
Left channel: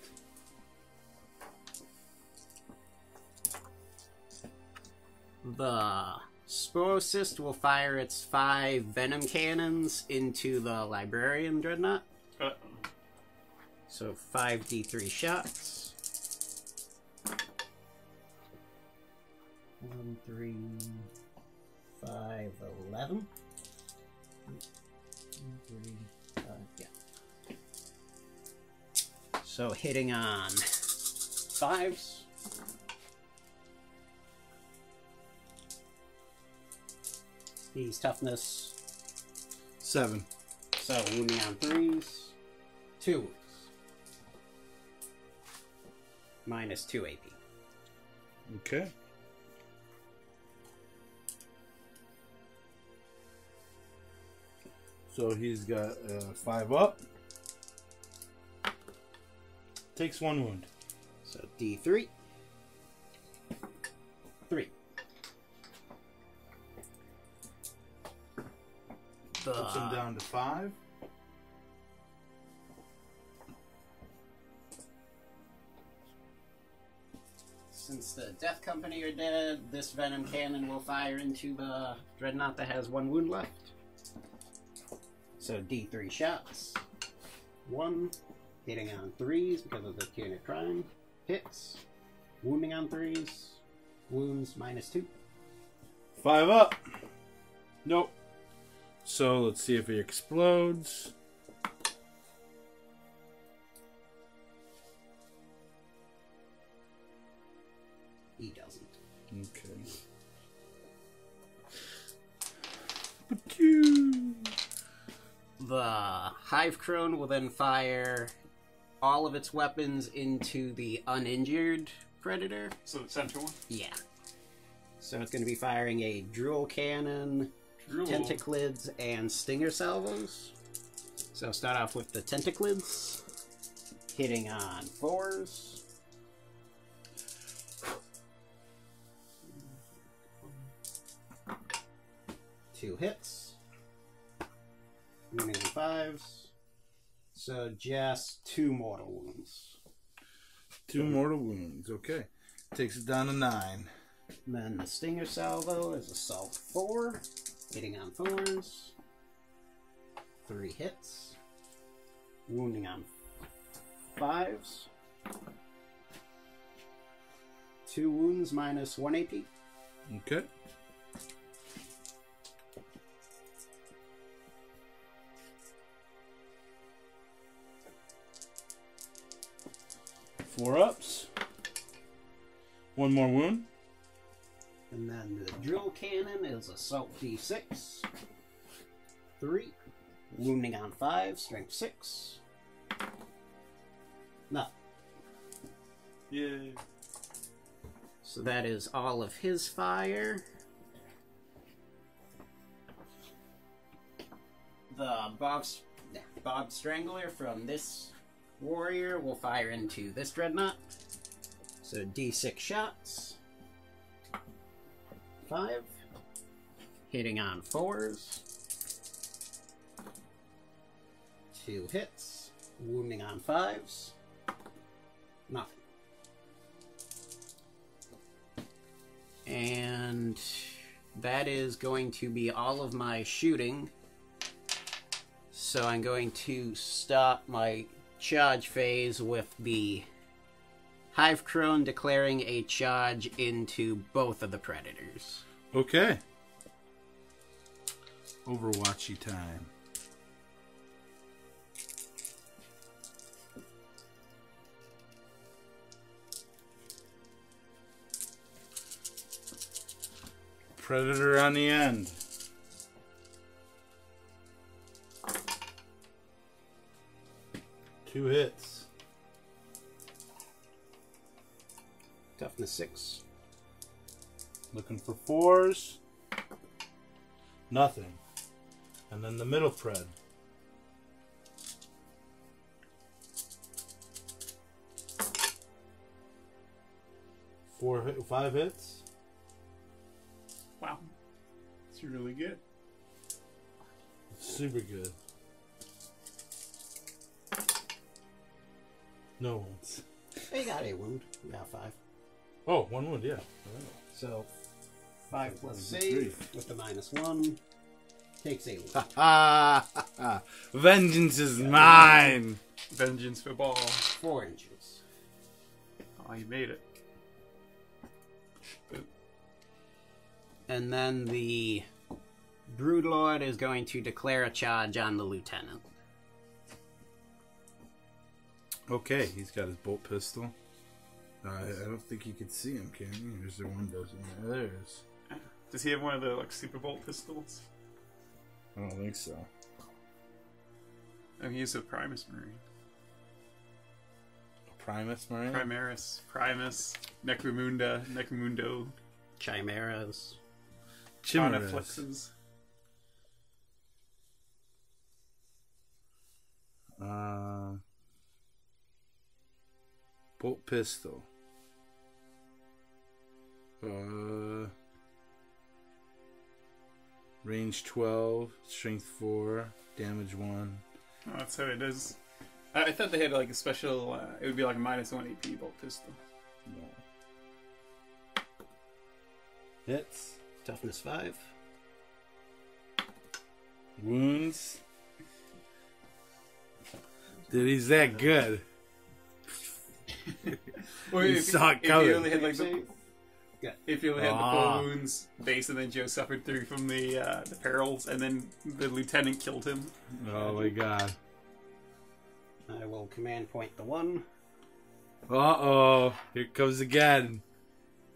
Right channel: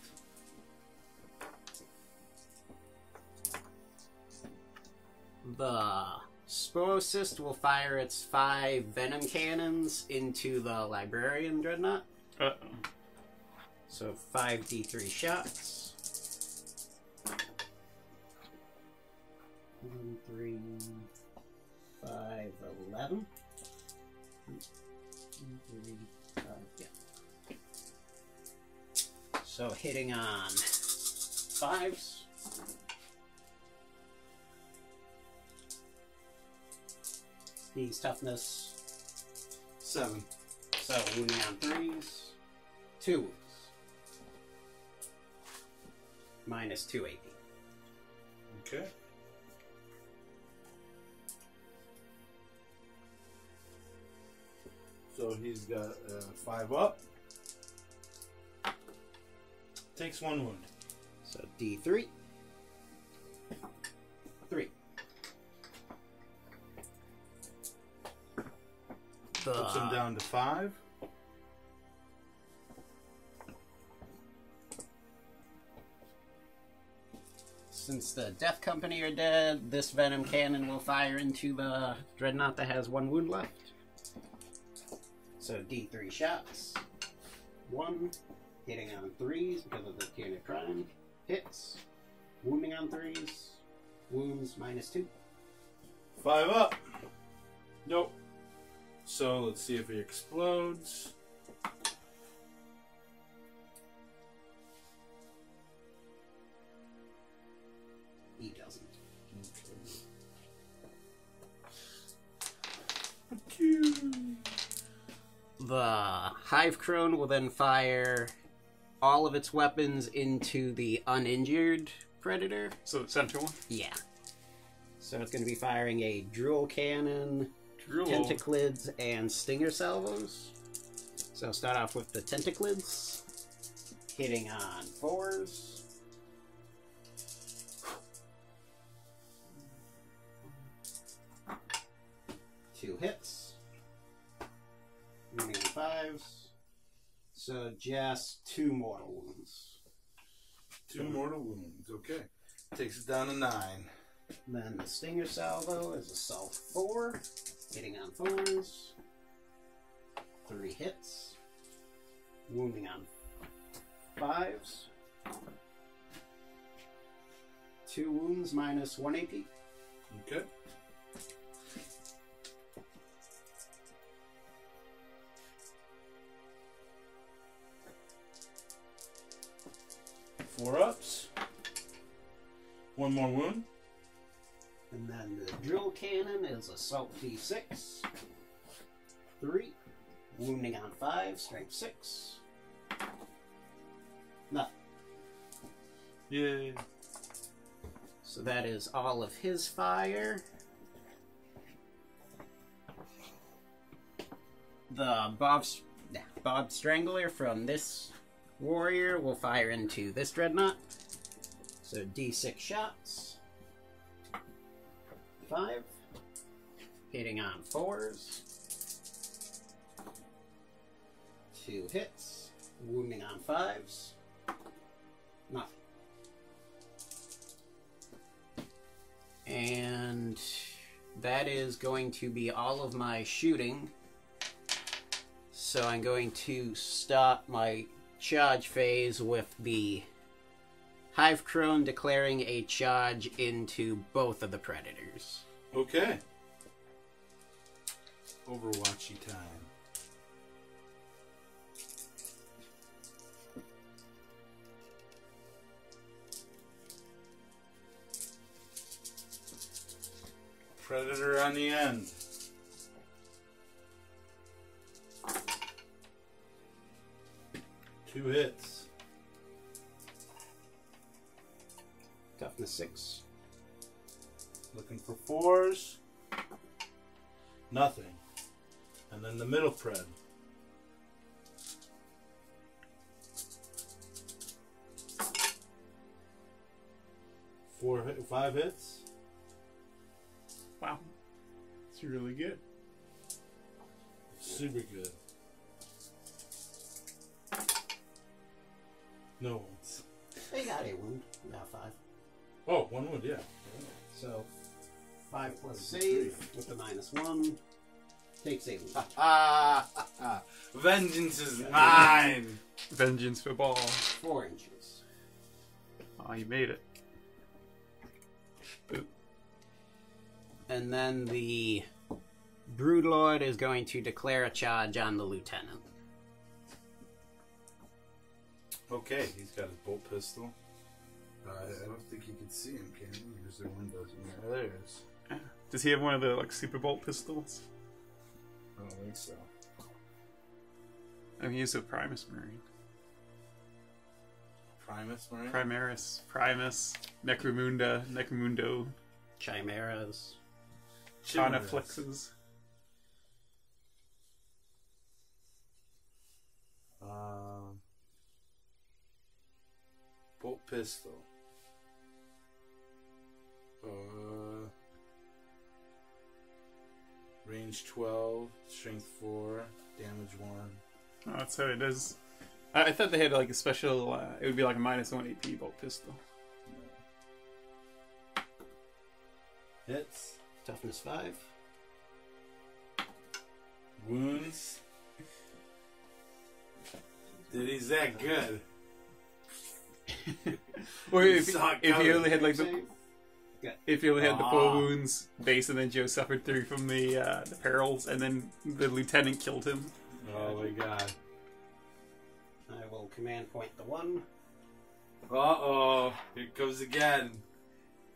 The Sporocyst will fire its 5 venom cannons into the Librarian Dreadnought. Uh-oh. So 5d3 shots. 1, 3, 5, 11. 1, 3, 5, yeah. So hitting on 5s. Steve's toughness. 7. So wounding on 3s. 2 wounds. Minus 2 AP. Okay. So he's got 5 up. Takes 1 wound. So D3. 3. Puts him down to 5. Since the Death Company are dead, this Venom Cannon will fire into the Dreadnought that has 1 wound left. So D3 shots. 1. Hitting on 3s because of the Tyranids Prime. Hits. Wounding on 3s. Wounds minus 2. 5 up. Nope. So let's see if he explodes. He doesn't. Okay. The Hive Crone will then fire all of its weapons into the uninjured Predator. So the center one? Yeah. So it's going to be firing a Drool Cannon, Drool. Tentaclids, and Stinger Salvos. So start off with the Tentaclids. Hitting on 4s. Two hits. Remaining 5s. So just 2 mortal wounds. 2 mortal wounds. Okay. Takes it down to 9. Then the Stinger Salvo is Assault 4. Hitting on 4s. 3 hits. Wounding on 5s. 2 wounds minus 1 AP. Okay. Four ups. 1 more wound. And then the Drill Cannon is Assault D6. 3. Wounding on 5, Strength 6. Nothing. Yay. So that is all of his fire. The Bob Strangler from this warrior will fire into this dreadnought. So D6 shots. 5. Hitting on 4s. 2 hits. Wounding on 5s. Nothing. And that is going to be all of my shooting. So I'm going to stop my charge phase with the Hive Crone declaring a charge into both of the predators. Okay. Overwatchy time. Predator on the end. Two hits. Toughness 6. Looking for 4s. Nothing. And then the middle pred. 5 hits. Wow. It's really good. Super good. No ones. They got a wound. We got 5. Oh, 1 wound, yeah. So 5 plus That was save with the -1 takes a wound. Vengeance is mine. Vengeance for ball. 4 inches. Oh, you made it. Boop. And then the Broodlord is going to declare a charge on the lieutenant. Okay, he's got his bolt pistol. I don't think you can see him, can you? There's the windows in there. There it is. Does he have one of the Super Bolt pistols? I don't think so. I mean, he's a Primus Marine. Primus Marine? Primus, Necromundo, Chimeras. Chonaflexes. Bolt pistol. Range 12, strength 4, damage 1. Oh, that's how it is. I thought they had like a special. It would be like a -1 AP bolt pistol. No. Hits. Toughness 5. Wounds. Dude, he's that good. Or You if saw it you coming. only had like the. Yeah. If you only had the 4 wounds base, and then Joe suffered 3 from the perils, and then the lieutenant killed him. Oh my god. I will command point the 1. Uh-oh. Here it comes again.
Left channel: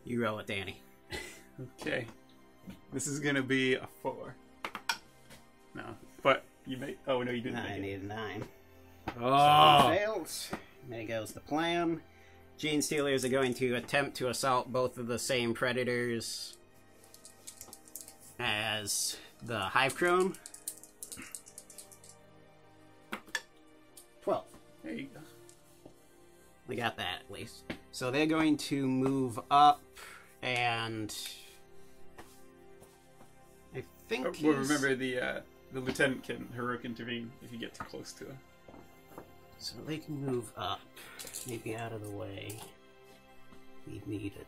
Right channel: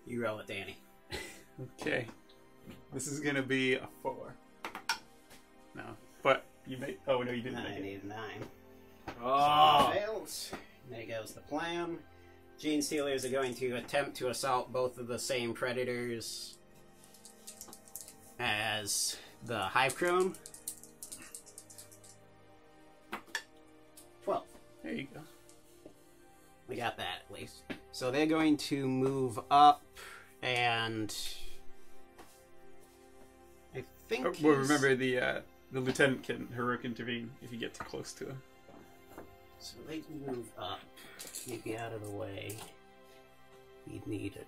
You roll it, Danny. Okay, this is gonna be a 4. No, but you made. Oh no, you didn't. I Make it. need a 9. Oh. Fails. There goes the plan. Gene Stealers are going to attempt to assault both of the same predators as the Hive Crone. 12. There you go. We got that at least. So they're going to move up, and I think. Well, remember the lieutenant can heroic intervene if you get too close to him. So they can move up, maybe out of the way. We'd need a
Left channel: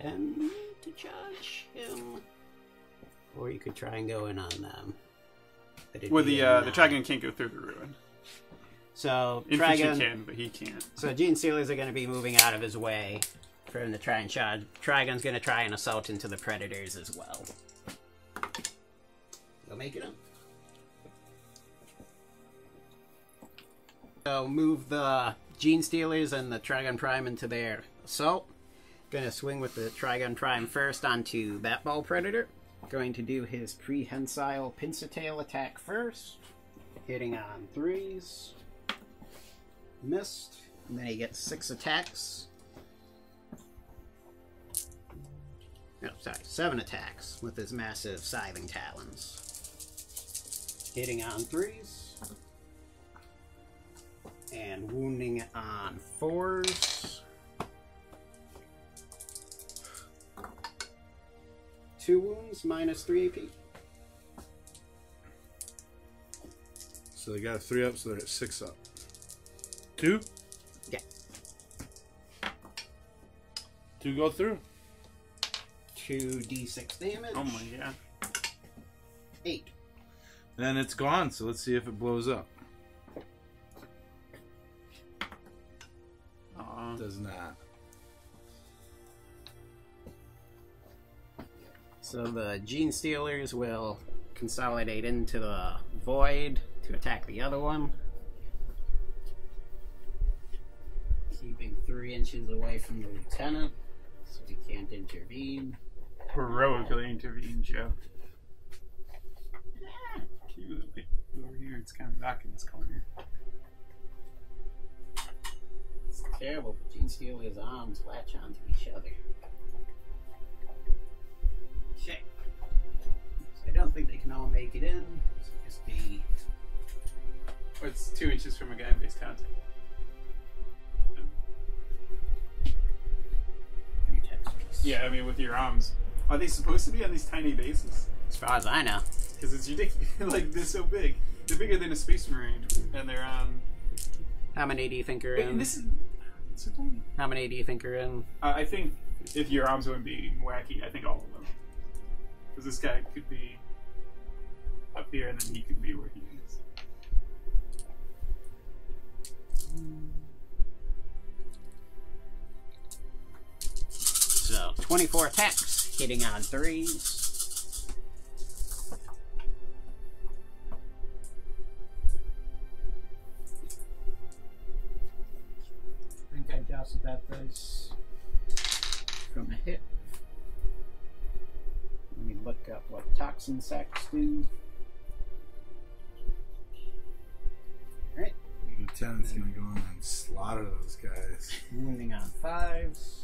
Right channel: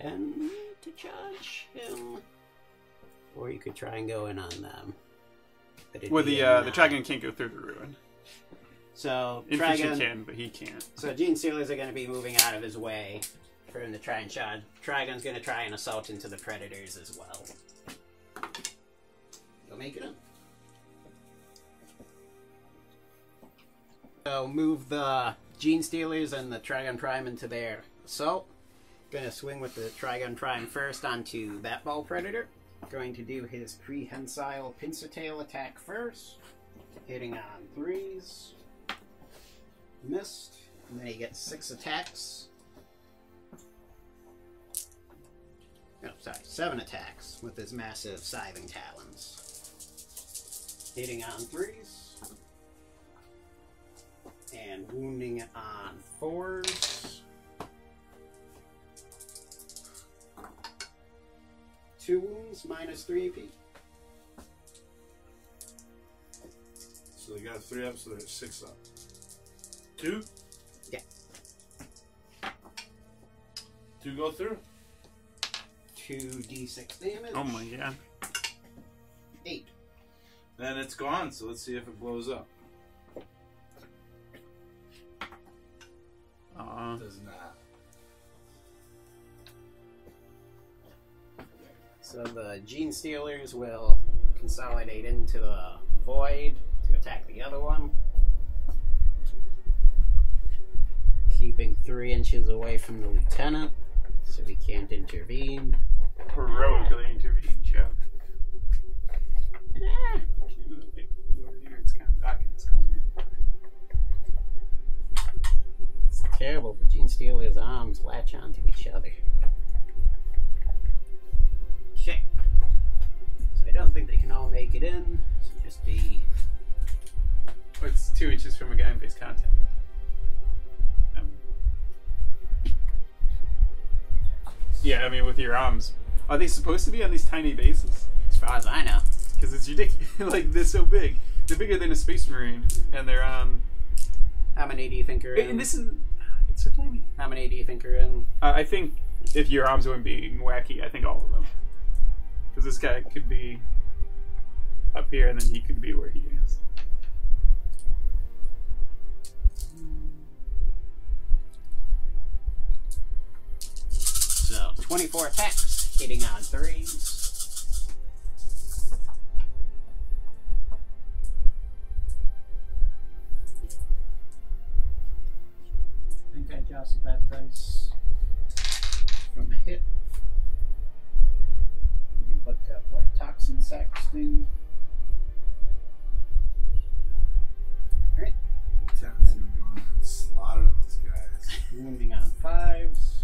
10 to charge him, or you could try and go in on them. But it'd Well, be the a 9. dragon can't go through the ruin. So Infantry Trigon, can, but he can't. so Gene Stealers are going to be moving out of his way for him to try and charge. Trigon's going to try and assault into the predators as well. You'll make it up. So move the Gene Stealers and the Trigon Prime into their assault. Gonna swing with the Trigon Prime first onto that ball predator. Going to do his prehensile pincer tail attack first. Hitting on 3s. Missed. And then he gets 6 attacks. No, sorry, 7 attacks with his massive scything talons. Hitting on 3s. And wounding on 4s. 2 wounds, minus 3 AP. So they got a 3 up, so they're at 6 up. 2? Yeah. 2 go through. 2d6 damage. Oh my god. 8. Then it's gone, so let's see if it blows up. Does not. So the Gene Stealers will consolidate into the void to attack the other one. Keeping 3 inches away from the lieutenant, so he can't intervene. Heroically intervened, Joe. Over here, it's kind of dark in this corner. It's terrible, but Gene Stealer's arms latch onto each other. Shit. So I don't think they can all make it in. So just be... Oh, it's 2 inches from a guy in base contact. 3 textures. Yeah, I mean, with your arms. Are they supposed to be on these tiny bases? As far as I know. Because it's ridiculous. Like, they're so big. They're bigger than a Space Marine, and they're on... How many do you think are in? And this is... It's so tiny. How many do you think are in? I think if your arms weren't being wacky, I think all of them. Because this guy could be up here, and then he could be where he is. So, 24 attacks, hitting on 3s. I think I jostled that dice from a hit. Let me look up what toxin sacks do. Alright. Lieutenant's gonna go in and slaughter those guys. Wounding on 5s.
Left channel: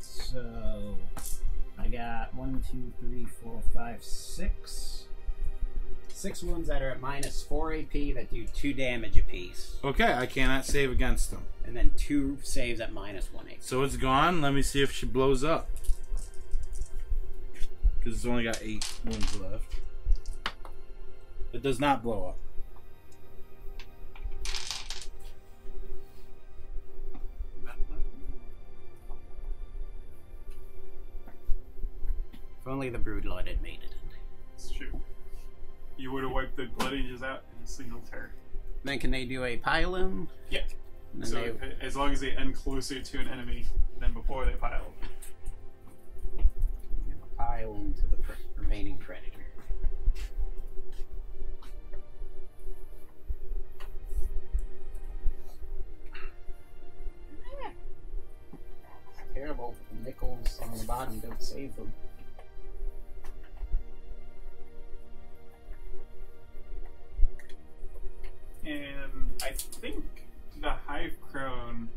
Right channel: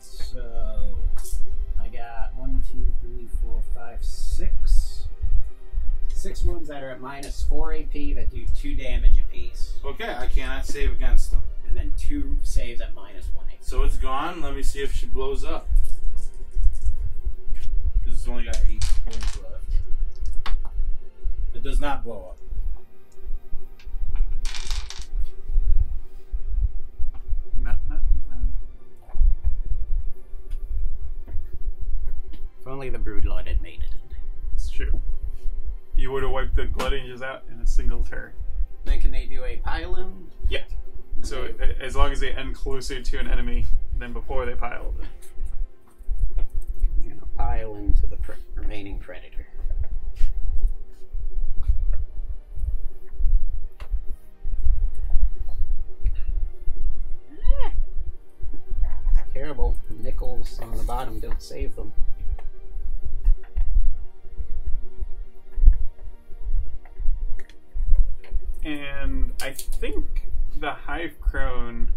So I got 1, 2, 3, 4, 5, 6. 6 wounds that are at minus 4 AP that do 2 damage apiece. Okay, I cannot save against them. And then 2 saves at minus 1 AP. So it's gone. Let me see if she blows up. Because it's only got 8 wounds left. It does not blow up. If only the Broodlord had made it in. It's true. You would have wiped the Blood Angels out in a single turn. Then can they do a pile-in? Yeah. And So they- as long as they end closer to an enemy than before they pile them. you're gonna pile into the remaining predator. It's terrible. The nickels on the bottom don't save them. And I think the Hive Crone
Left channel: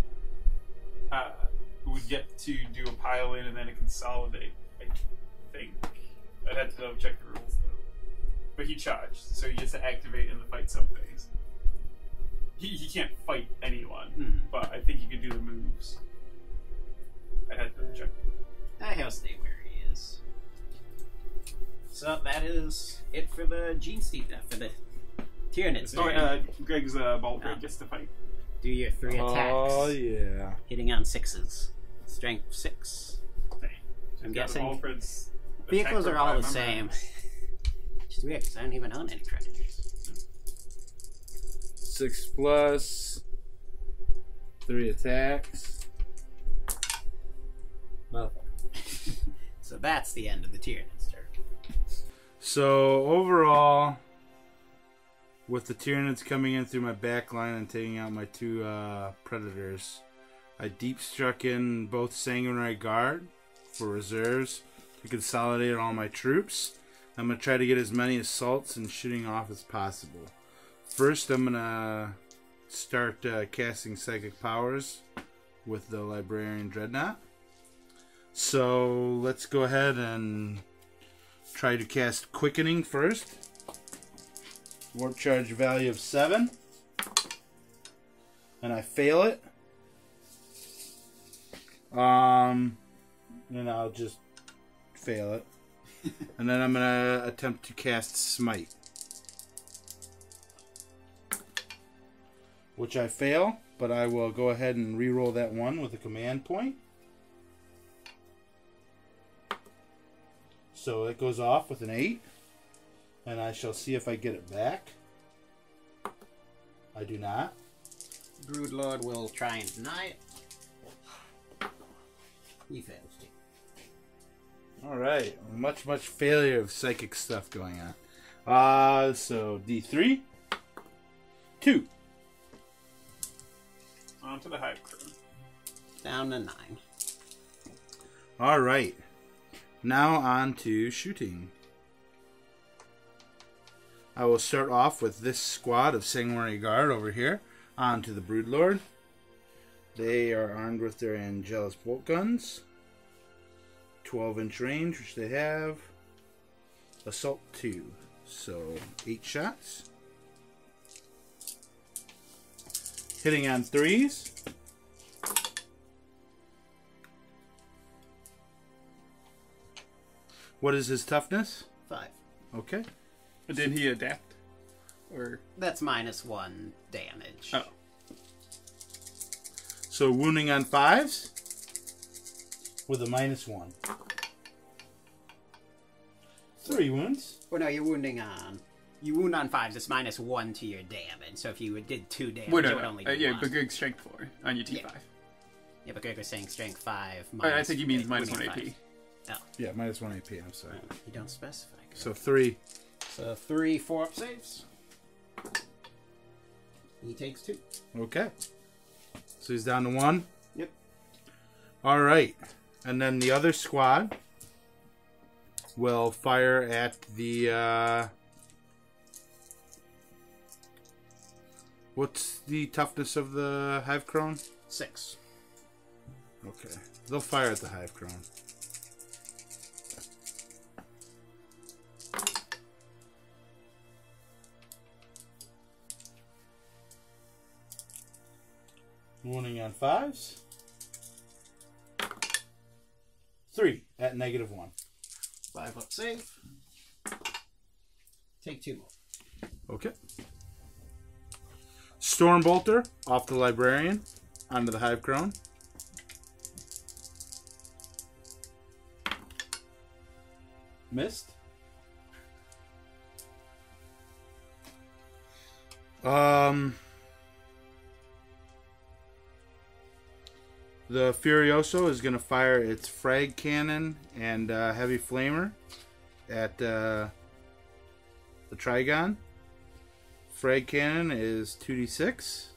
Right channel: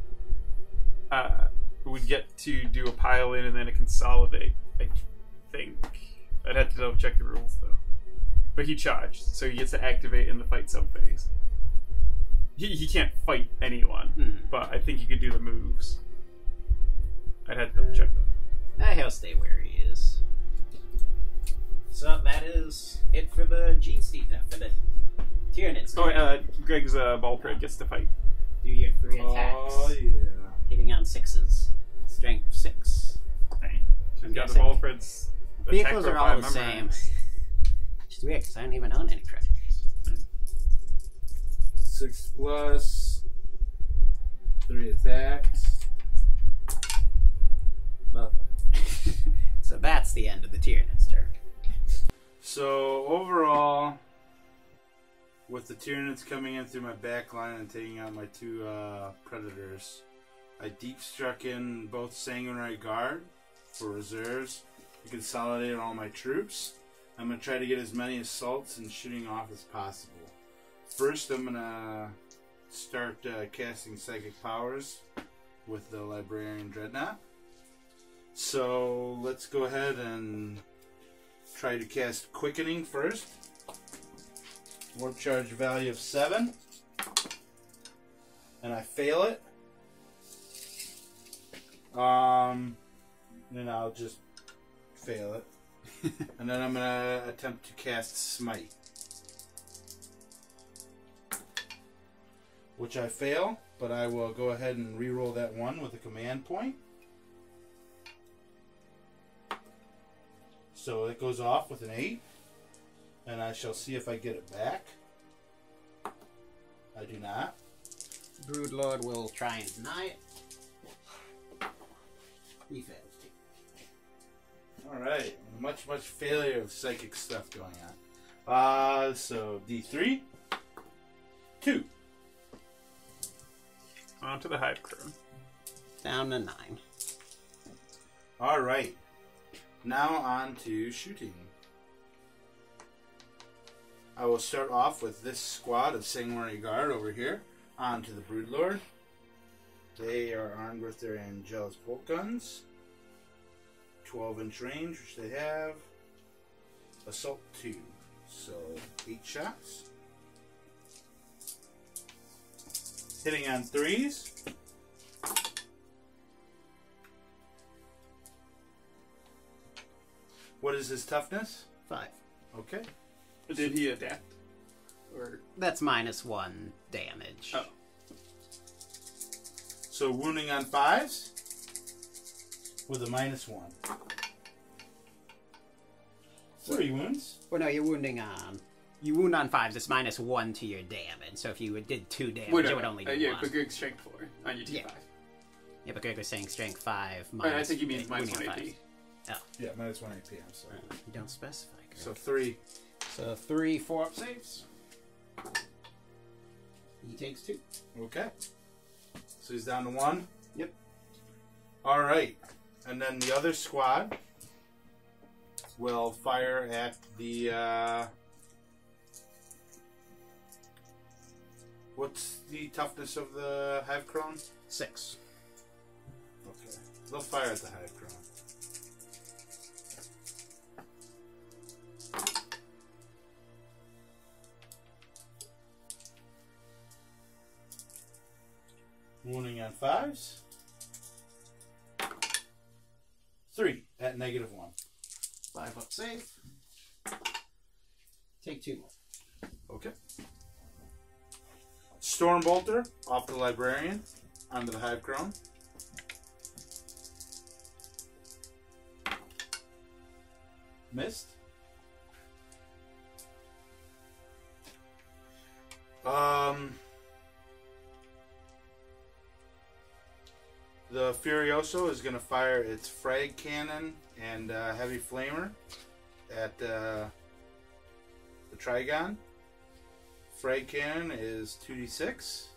would get to do a pile in and then a consolidate. I think. I'd have to double check the rules though. But he charged, so he gets to activate in the fight zone phase. He can't fight anyone, but I think he could do the moves. I'd have to double check that. He'll stay where he is. So that is it for the Gene Steed, for the Tyranids. Oh, Greg's ball thread gets to fight. Do your 3 attacks. Oh, yeah. Hitting on 6s. Strength 6. Dang. I'm Got the guessing ball threads. vehicles attack are all the profile same. memorized. Which is weird because I don't even own any predators. 6 plus 3 attacks. Nothing. So that's the end of the Tyranids turn. So overall, with the Tyranids coming in through my back line and taking out my 2 predators, I deep struck in both Sanguinary Guard for reserves I consolidated all my troops. I'm going to try to get as many assaults and shooting off as possible. First, I'm going to start casting psychic powers with the Librarian Dreadnought. So let's go ahead and try to cast Quickening first. Warp charge value of 7. And I fail it. Then I'll just fail it. And then I'm going to attempt to cast Smite. Which I fail, but I will go ahead and re-roll that one with a command point. So it goes off with an 8. And I shall see if I get it back. I do not. Broodlord will try and deny it. He fails too. Alright. Much failure of psychic stuff going on. So D3. 2. On to the Hive Crown. Down to 9. Alright. Now on to shooting. I will start off with this squad of Sanguinary Guard over here. On to the Broodlord. They are armed with their Angelus bolt guns. 12-inch range, which they have. Assault 2. So 8 shots. Hitting on 3s. What is his toughness? 5. Okay. Did he adapt? Or That's -1 damage. oh, So wounding on 5s with a -1. 3 wounds. Well, no, you're wounding on... You wound on 5s, it's -1 to your damage. So if you did 2 damage, wait, it would only do yeah, 1. but good strength 4 on your T5. Yeah. Yeah, but Greg was saying strength 5 I think he means wounding -1 on AP. 5s. Oh. Yeah, -1 AP, I'm sorry. You don't specify, Greg. So 3. So 3 4-up saves. He takes 2. Okay. So he's down to 1. Yep. Alright. And then the other squad will fire at the... What's the toughness of the Hive Crone? 6. Okay. They'll fire at the Hive Crone. Wounding on 5s. 3 at -1. 5-up save. Take 2 more. Okay. Stormbolter off the Librarian onto the Hive Crone. Missed. The Furioso is going to fire its frag cannon and heavy flamer at the Trigon. Frag cannon is 2d6.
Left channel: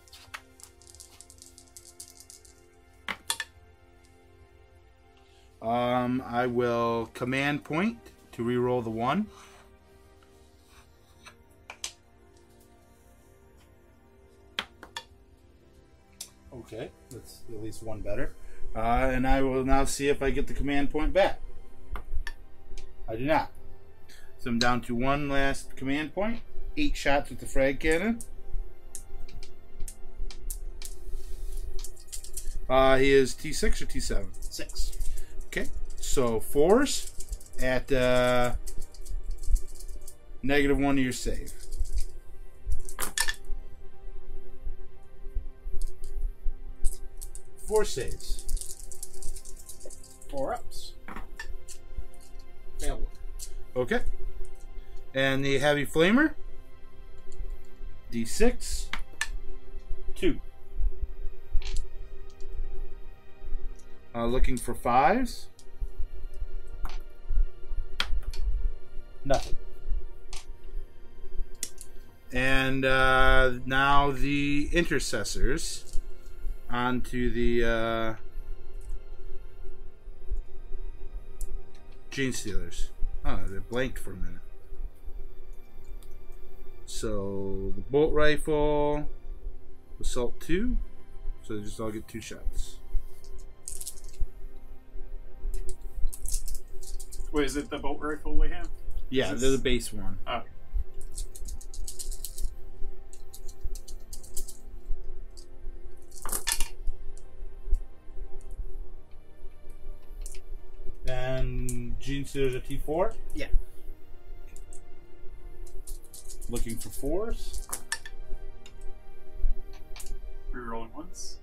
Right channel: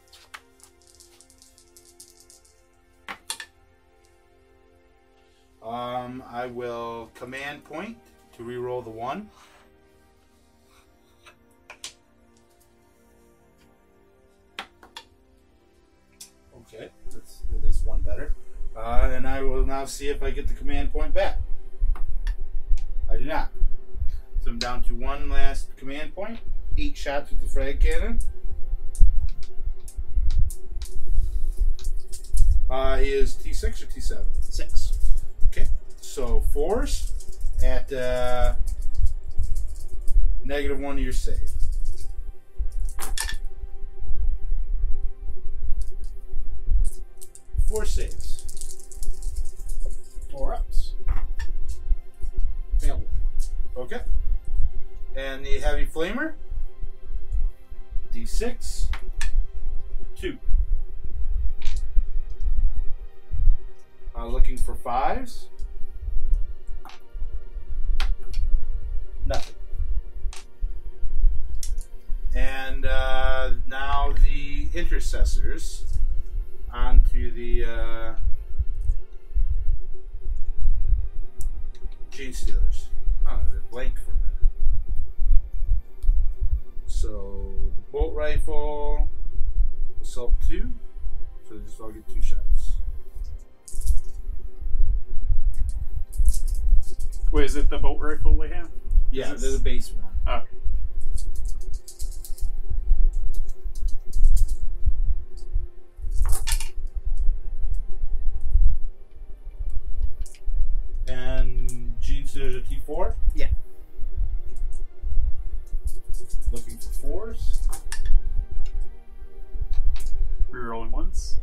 I will command point to reroll the 1. Okay, that's at least 1 better. And I will now see if I get the command point back. I do not. So I'm down to 1 last command point. 8 shots with the frag cannon. He is T6 or T7? 6. Okay, so 4s at -1 to your save. Four saves. 4-ups. Fail 1. Okay. And the heavy flamer. D6. 2. Looking for 5s. Nothing. And now the intercessors onto the Gene Stealers. Oh, they blanked for a minute. So the bolt rifle, assault 2. So they just all get 2 shots. Wait, is it the bolt rifle they have? Yeah, they're the base one. Oh. And Gene Stealers are T4? Yeah. Looking for 4s. Rerolling once.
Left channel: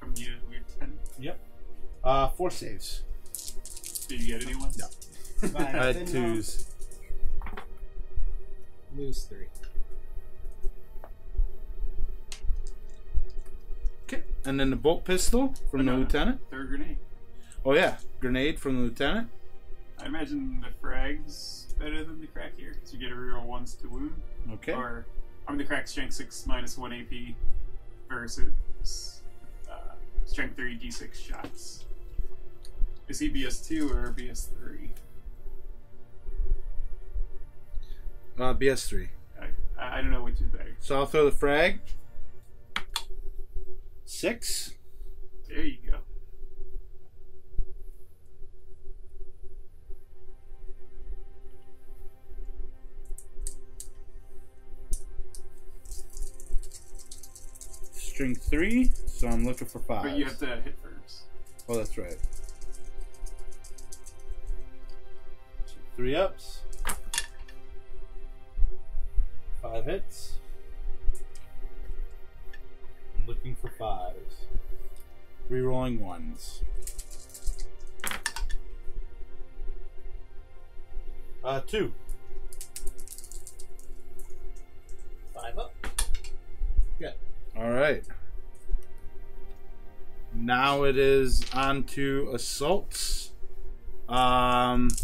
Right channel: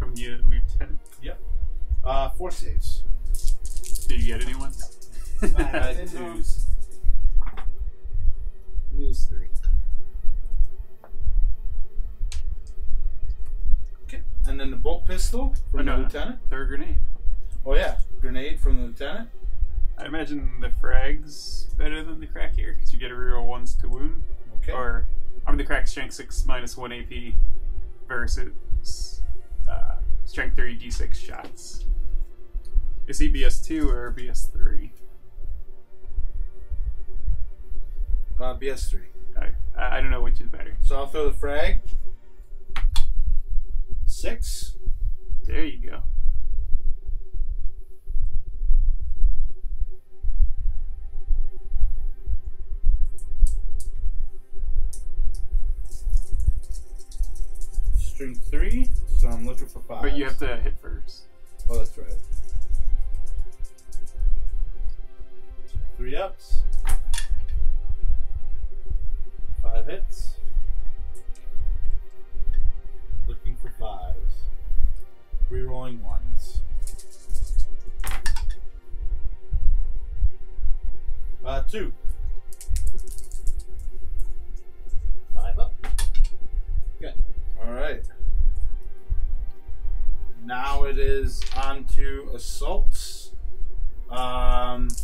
From you, Lieutenant. Yep. 4 saves. Did you get anyone? No. I I had 2s. Lose 3. Okay. And then the bolt pistol from the lieutenant. Third grenade. Oh yeah, grenade from the lieutenant. I imagine the frag's better than the crack here because you get a reroll once to wound. Okay. Or, I mean, the crack's strength 6 minus 1 AP versus strength 3 d6 shots. Is he BS2 or BS3? BS3. I don't know which is better. So I'll throw the frag. 6. There you go. String 3. So I'm looking for 5. But you have to hit first. Oh, that's right. 3 ups. 5 hits. Looking for 5s. Rerolling 1s. 2. 5 up. Good. Alright. Now it is on to assaults. Onto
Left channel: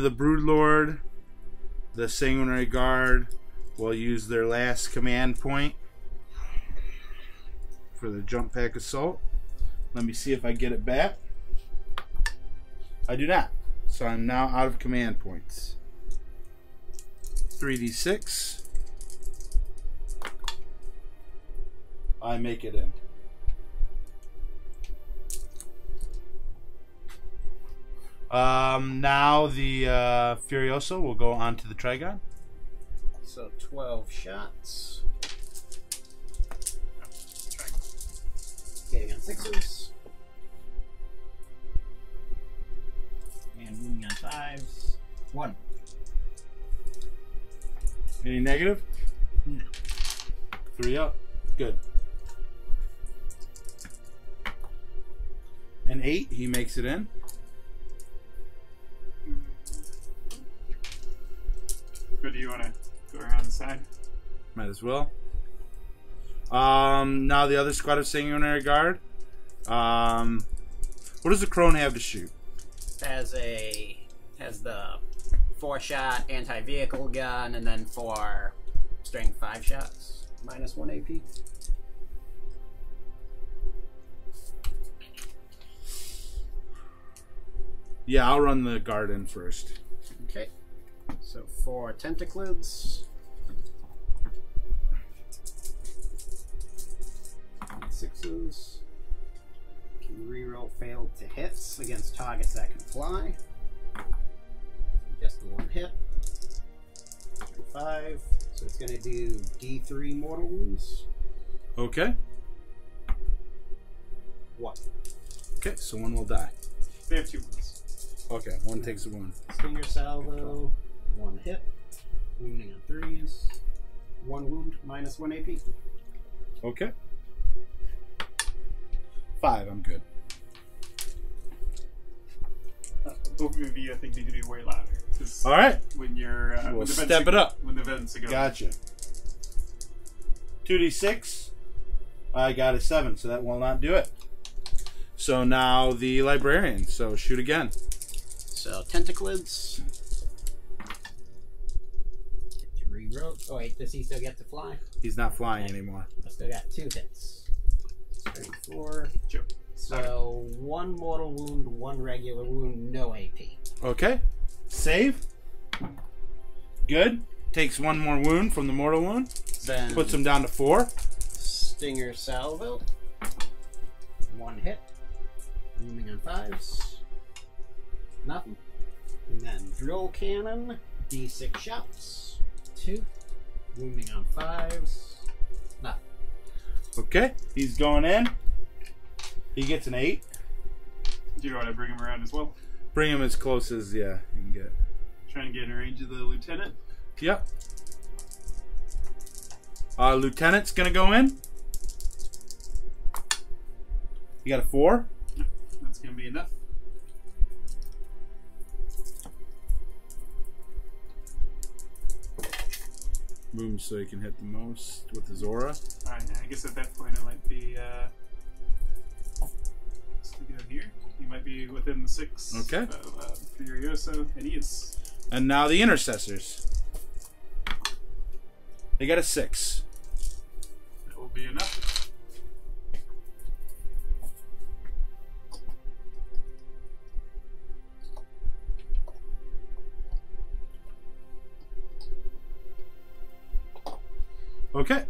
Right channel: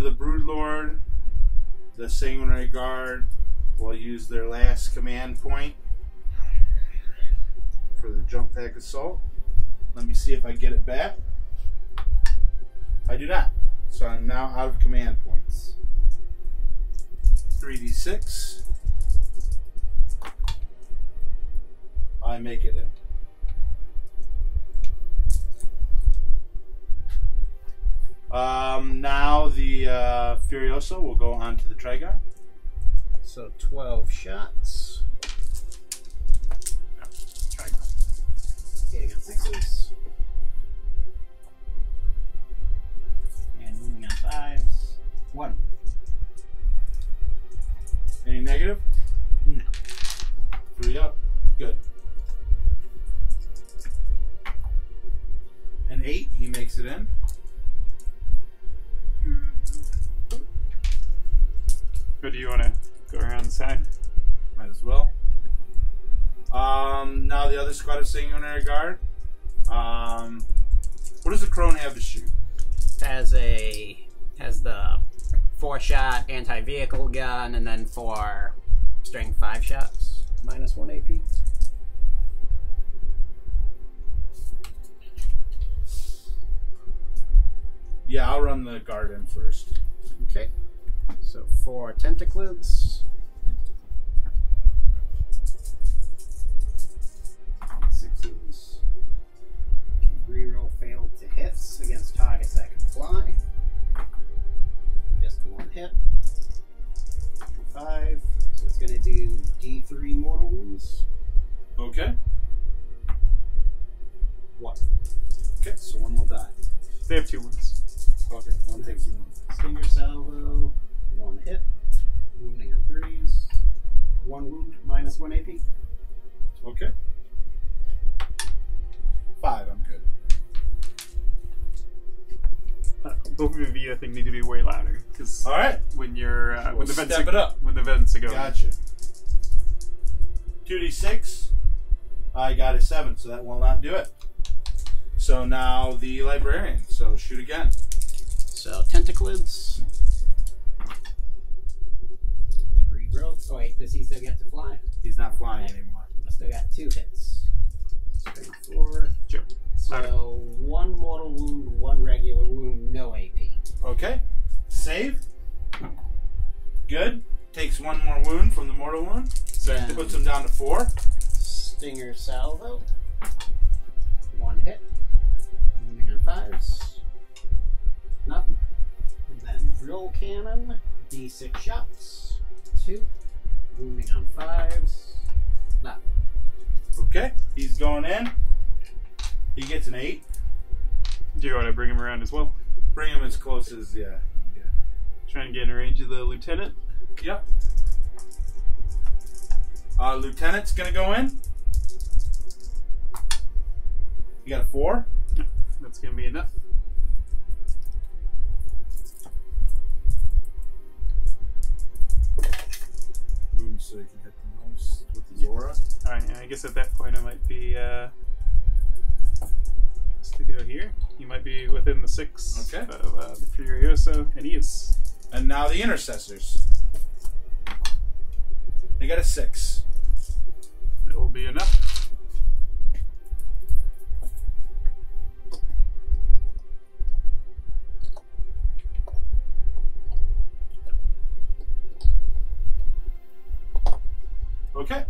the Broodlord. The Sanguinary Guard will use their last command point for the jump pack assault. Let me see if I get it back. I do not. So I'm now out of command points. 3d6. I make it in. Now the Furioso will go on to the Trigon. So 12 shots. Hitting on 6s. And wounding on 5s. 1. Any negative? No. 3 up. Good. An 8, he makes it in. But do you want to go around the side? Might as well. Now the other squad of Sanguinary Guard. What does the Crone have to shoot? Has the 4-shot anti-vehicle gun, and then 4 strength 5 shots, minus 1 AP. Yeah, I'll run the guard in first. Okay. So 4 tentaclids. 6s. Can reroll failed to hits against targets that can fly. Just the 1 hit. 5. So it's going to do D3 mortal wounds. Okay. 1. Okay, so 1 will die. They have 2 wounds. Okay, 1 takes a 1. Stinger salvo. 1 hit. Wounding on 3s. 1 wound, minus 1 AP. Okay. 5, I'm good. Both of you, I think, need to be way louder. Cause All right. when you're We'll when the vents step it up. When the vents are going. Gotcha. 2d6. I got a 7, so that will not do it. So now the Librarian. So shoot again. So tentaclids. Reroll. Oh wait, does he still get to fly? He's not flying anymore. I still got 2 hits. Strength 4. Sure. So, 1 mortal wound, 1 regular wound, no AP. Okay. Save. Good. Takes 1 more wound from the mortal wound. Then Puts him down to 4. Stinger Salvo. 1 hit. Wounding on 5s. Nothing. And then Drill Cannon. D6 shots. 2. Wounding on 5s. Nothing. Okay. He's going in. He gets an 8. Do you want to bring him around as well? Bring him as close as, yeah, you can get. Trying to get in range of the lieutenant. Yep. Lieutenant's going to go in. You got a 4. That's going to be enough. Moves so he can hit the most with his aura. Alright, I guess at that point I might be, to go here. You might be within the 6 Okay. of the Furioso, and he is. And now the intercessors. They got a 6. It will be enough. Okay.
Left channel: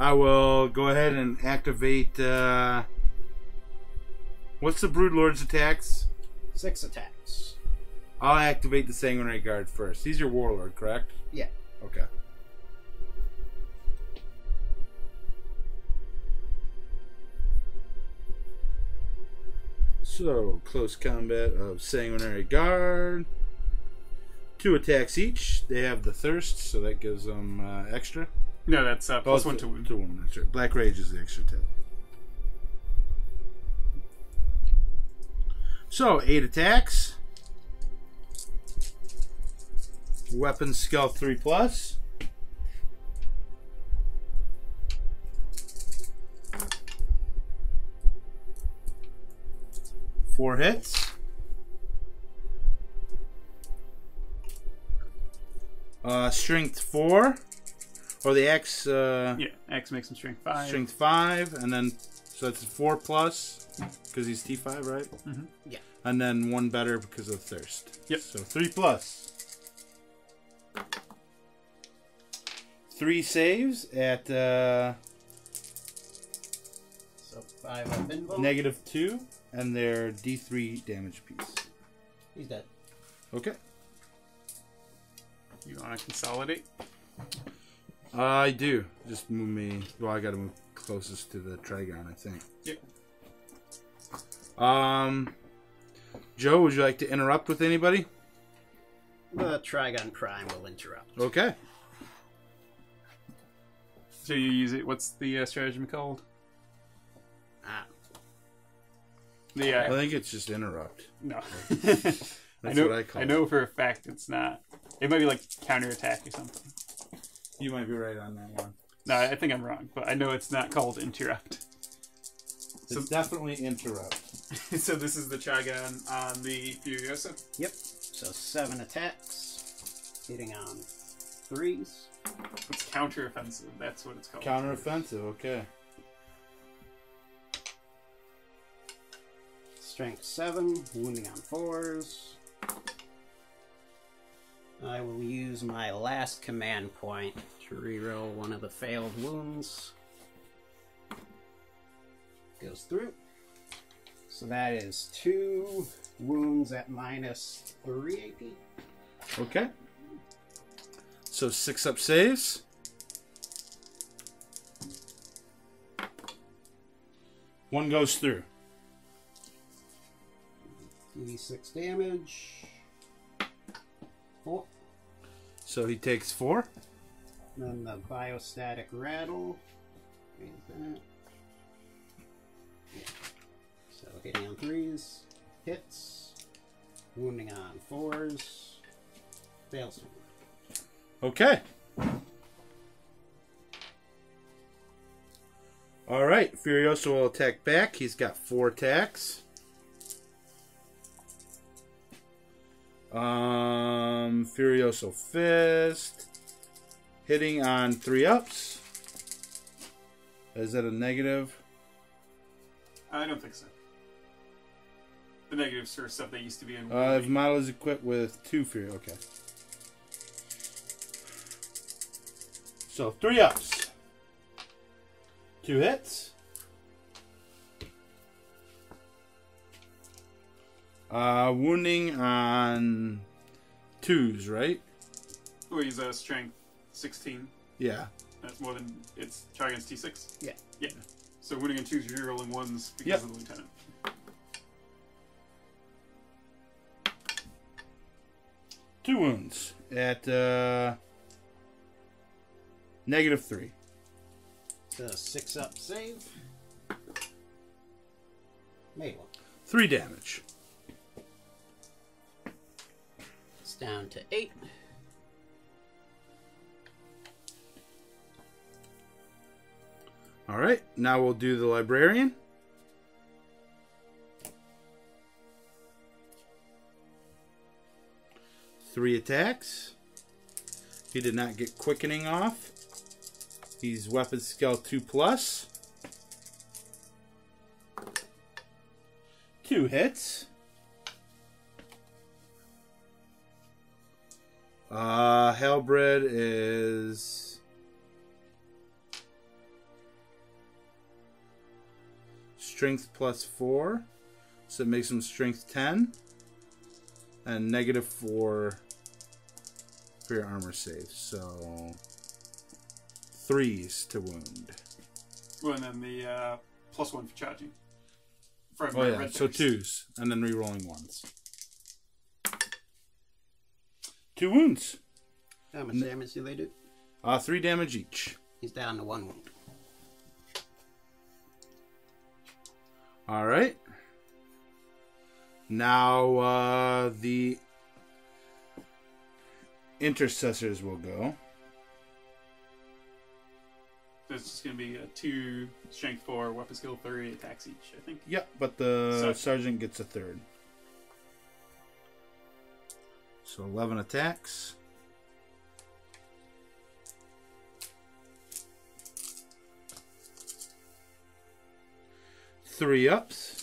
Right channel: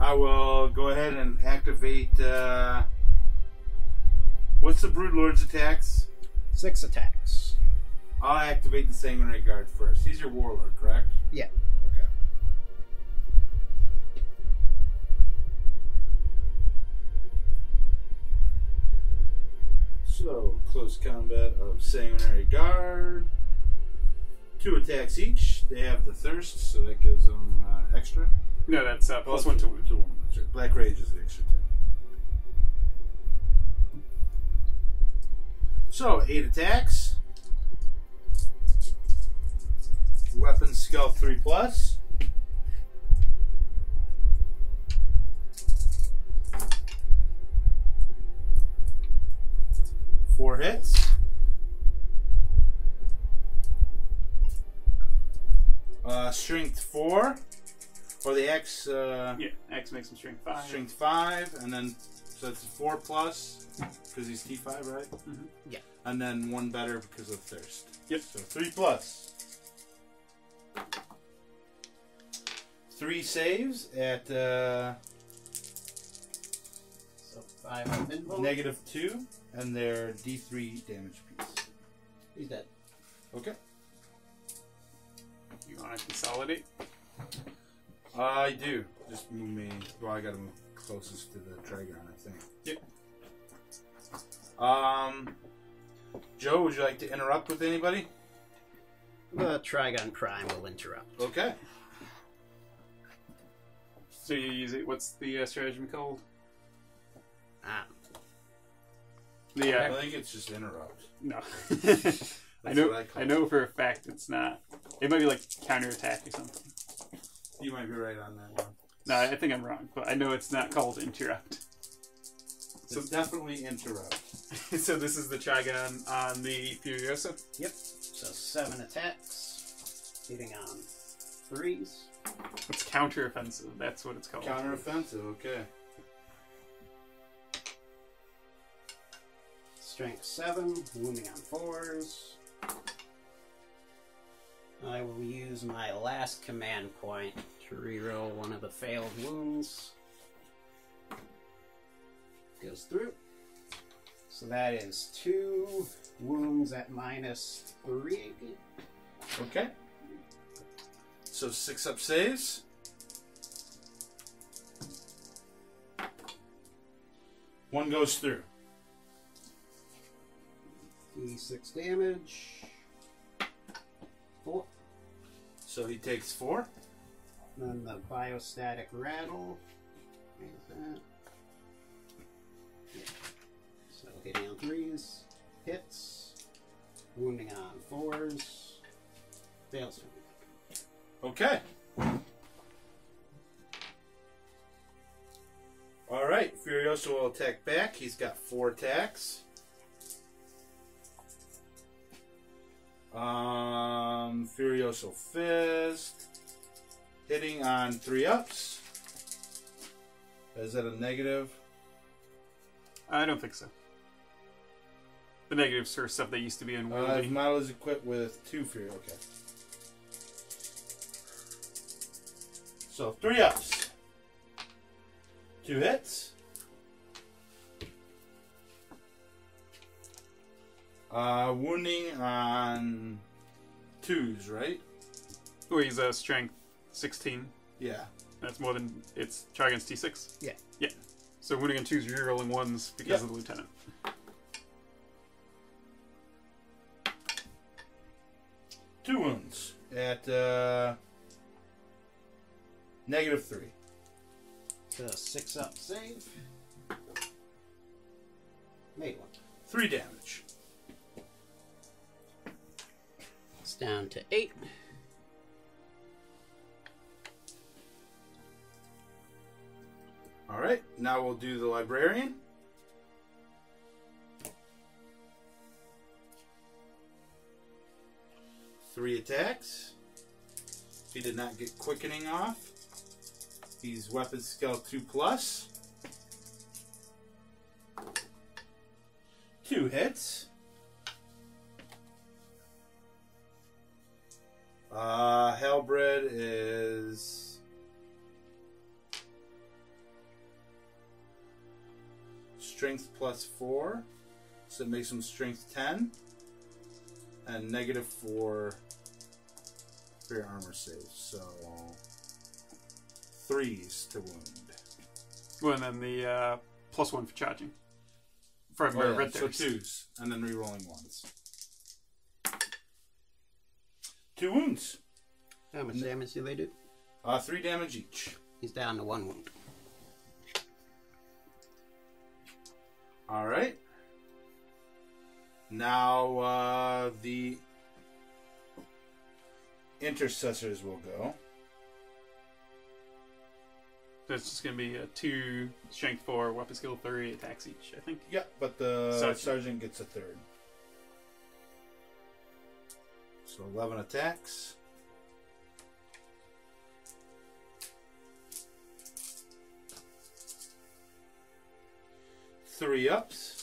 I will go ahead and activate. What's the Broodlord's attacks? 6 attacks. I'll activate the Sanguinary Guard first. He's your Warlord, correct? Yeah. Okay. So, close combat of Sanguinary Guard. 2 attacks each. They have the Thirst, so that gives them extra. No, that's plus 1 to wound. To wound, that's right. Black Rage is the extra 10. So, 8 attacks. Weapon skill 3+. Four hits. Strength 4. Or the X. Yeah, X makes him strength 5. Strength 5, and then so that's 4+, because he's T5, right? Mm-hmm. Yeah. And then 1 better because of Thirst. Yep. So 3+. 3 saves at So 5 have been voted. -2, and they're D3 damage piece. He's dead. Okay. You want to consolidate? I do. Just move me. Well, I got to move closest to the Trigon, I think. Yep. Joe, would you like to interrupt with anybody? The Trigon Prime will interrupt. Okay. So you use it. What's the stratagem called? Ah. Yeah. I think it's just interrupt. No. That's I know. what I call I know for a fact it's not. It might be like counterattack or something. You might be right on that one. No, I think I'm wrong, but I know it's not called interrupt. So it's definitely interrupt. So this is the Trigon on the Furiosa. Yep. So 7 attacks. Hitting on 3s. It's counteroffensive. That's what it's called. Counteroffensive, okay. Strength 7. Wounding on 4s. I will use my last command point to reroll one of the failed wounds. Goes through. So that is 2 wounds at -3 AP. Okay. So 6 up saves. One goes through. 2d6 damage. 4. So he takes 4. Then the biostatic rattle. Is that? Yeah. So hitting on 3s. Hits. Wounding on 4s. Fails. Okay. Alright, Furioso will attack back. He's got 4 attacks. Furioso Fist. Hitting on 3 ups. Is that a negative? I don't think so. The negatives for stuff that used to be in If Woolly. model is equipped with 2 fear, okay. So 3 ups. 2 hits. Wounding on 2s, right? Oh, he's a strength 16. Yeah. That's more than it's try against T6. Yeah. Yeah. So wounding on 2s, you're rolling 1s because of the lieutenant. Two wounds at -3. It's a 6-up save. Made one. 3 damage. It's down to 8. All right, now we'll do the librarian. Three attacks. He did not get quickening off. He's weapon skill 2+. 2 hits. Halberd is strength +4, so it makes him strength 10, and -4 for your armor save. So 3s to wound. Well, and then the +1 for charging. For Oh yeah, red so berries. 2s, and then re-rolling 1s. 2 wounds. How much damage do they do? 3 damage each. He's down to 1 wound. All right. Now the intercessors will go. So it's just going to be 2 strength 4, weapon skill 3 attacks each, I think. Yep, but the sergeant gets a 3rd. So 11 attacks. Three ups.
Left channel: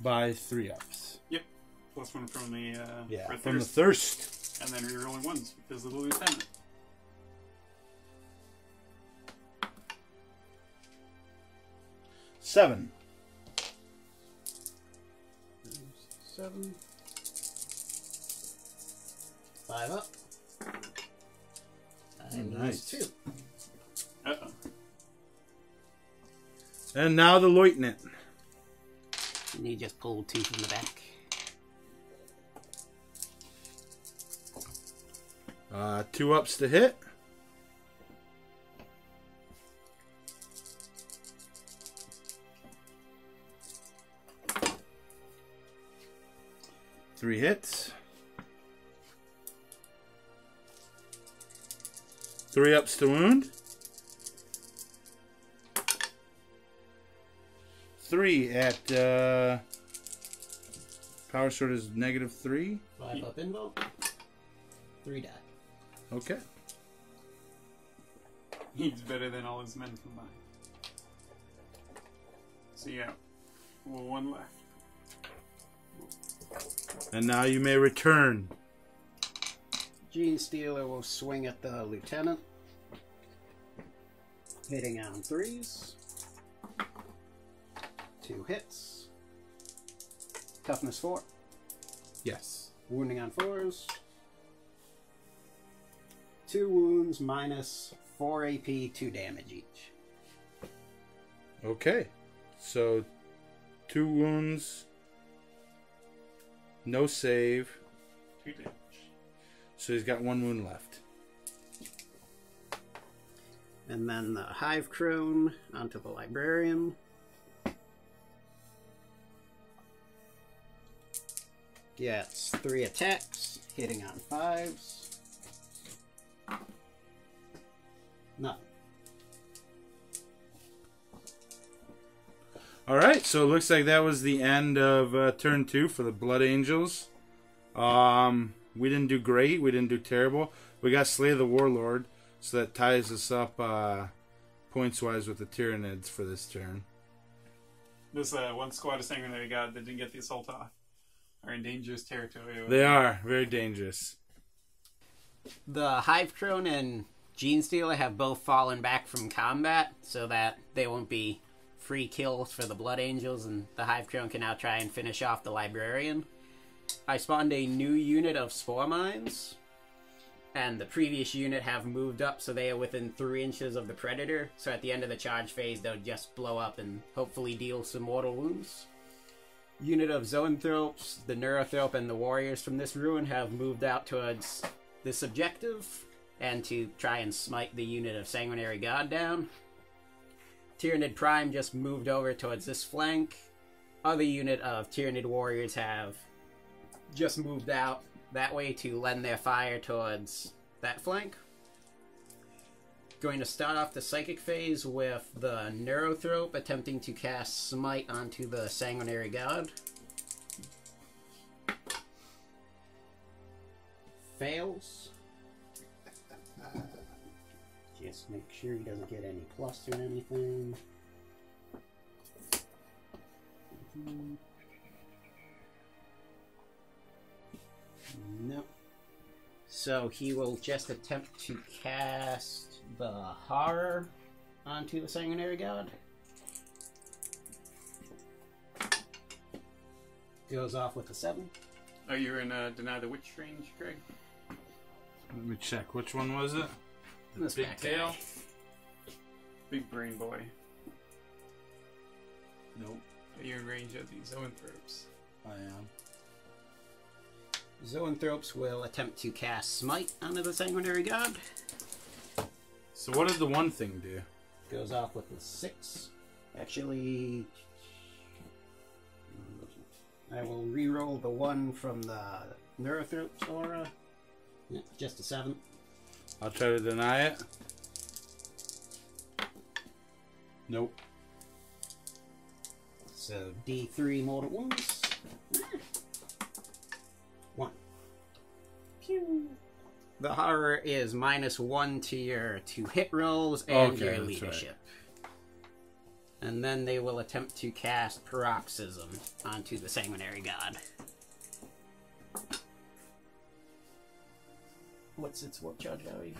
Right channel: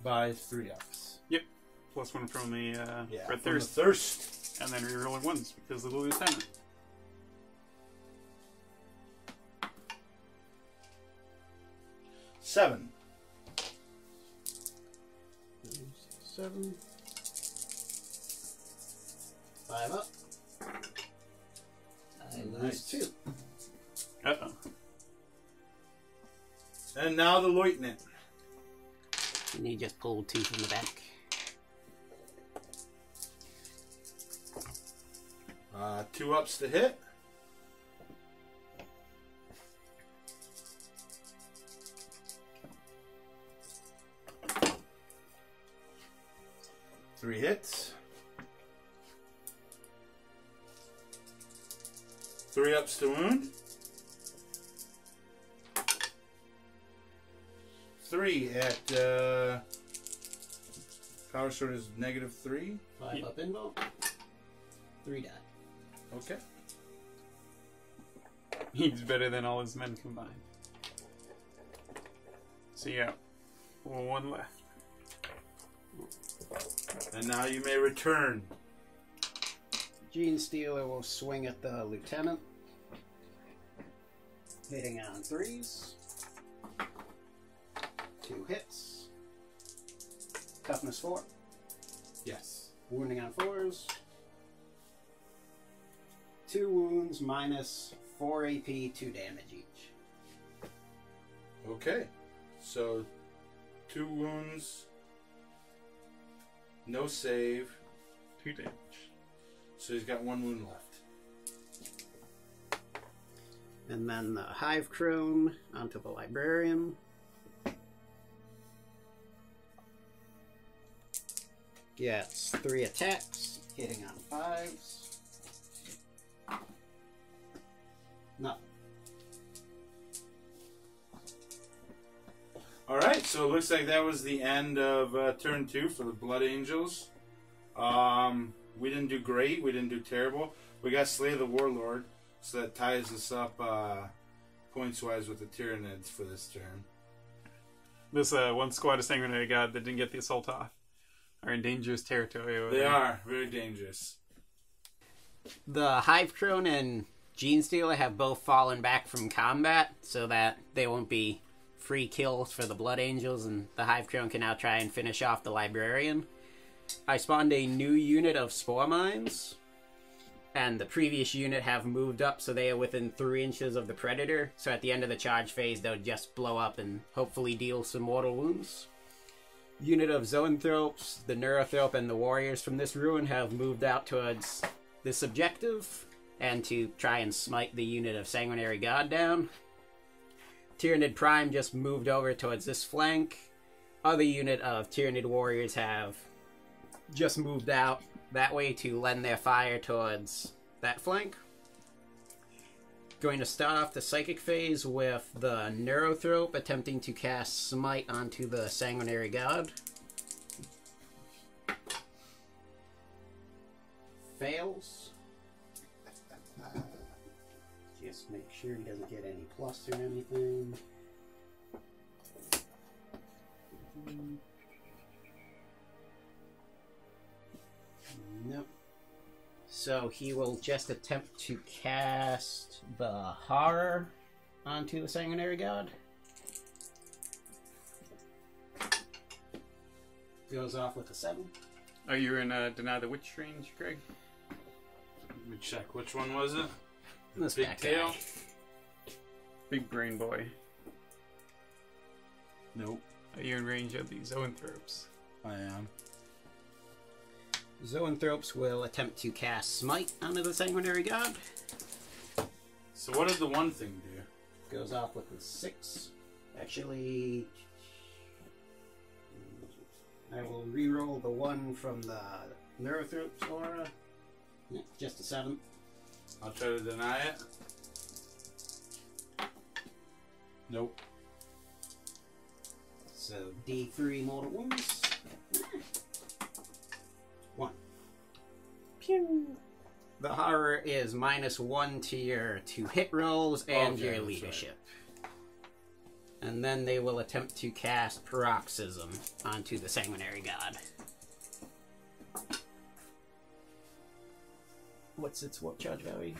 By 3 ups. Yep. +1 from the red from thirst. the thirst. And then rerolling 1s because of the lieutenant. 7. 7. 5 up. And Nice. 2. Uh-oh. And now the lieutenant. And he just pulled 2 from the back. 2 ups to hit. Three hits. 3 ups to wound. 3 at power sword is -3. 5 up invoke. 3 die. Okay. He's better than all his men combined. So yeah, 1 left. And now you may return. Gene Stealer will swing at the lieutenant. Hitting on 3s. 2 hits. Toughness 4. Yes. Wounding on 4s. 2 wounds minus 4 AP, 2 damage each. Okay. So 2 wounds. No save. 2 damage. So he's got 1 wound left. And then the Hive Crone onto the Librarian. Gets 3 attacks, hitting on 5s. Nothing. Alright, so it looks like that was the end of turn 2 for the Blood Angels. We didn't do great, we didn't do terrible. We got Slay the Warlord, so that ties us up points-wise with the Tyranids for this turn. This one squad of Sanguinary God that didn't get the assault off are in dangerous territory. They are very dangerous. The Hive Crone and Gene Stealer have both fallen back from combat, so that they won't be free kills for the Blood Angels, and the Hive Crone can now try and finish off the Librarian. I spawned a new unit of Spore Mines, and the previous unit have moved up, so they are within 3 inches of the Predator, so at the end of the charge phase, they'll just blow up and hopefully deal some mortal wounds. Unit of Zoanthropes, the Neurothrope, and the Warriors from this ruin have moved out towards this objective, and to try and smite the unit of Sanguinary God down. Tyranid Prime just moved over towards this flank. Other unit of Tyranid Warriors have just moved out that way to lend their fire towards that flank. Going to start off the Psychic phase with the Neurothrope attempting to cast Smite onto the Sanguinary God. Fails. Just make sure he doesn't get any plus or anything. No. So he will just attempt to cast the Horror onto the Sanguinary God. Goes off with a 7. Are you in Deny the Witch range, Greg? Let me check. Which one was it? This Big back tail? guy. Big brain boy. Nope. Are you in range of the Zoanthropes? I am. Zoanthropes will attempt to cast Smite onto the Sanguinary God. So what did the one thing do? Goes off with a 6. Actually, I will re-roll the 1 from the Neurothrope's aura. Yeah, just a 7. I'll try to deny it. Nope. So D3 mortal wounds. 1. Pew. The Horror is -1 to your 2 hit rolls and Okay, your that's leadership. And then they will attempt to cast Paroxysm onto the Sanguinary God. What's its warp charge value?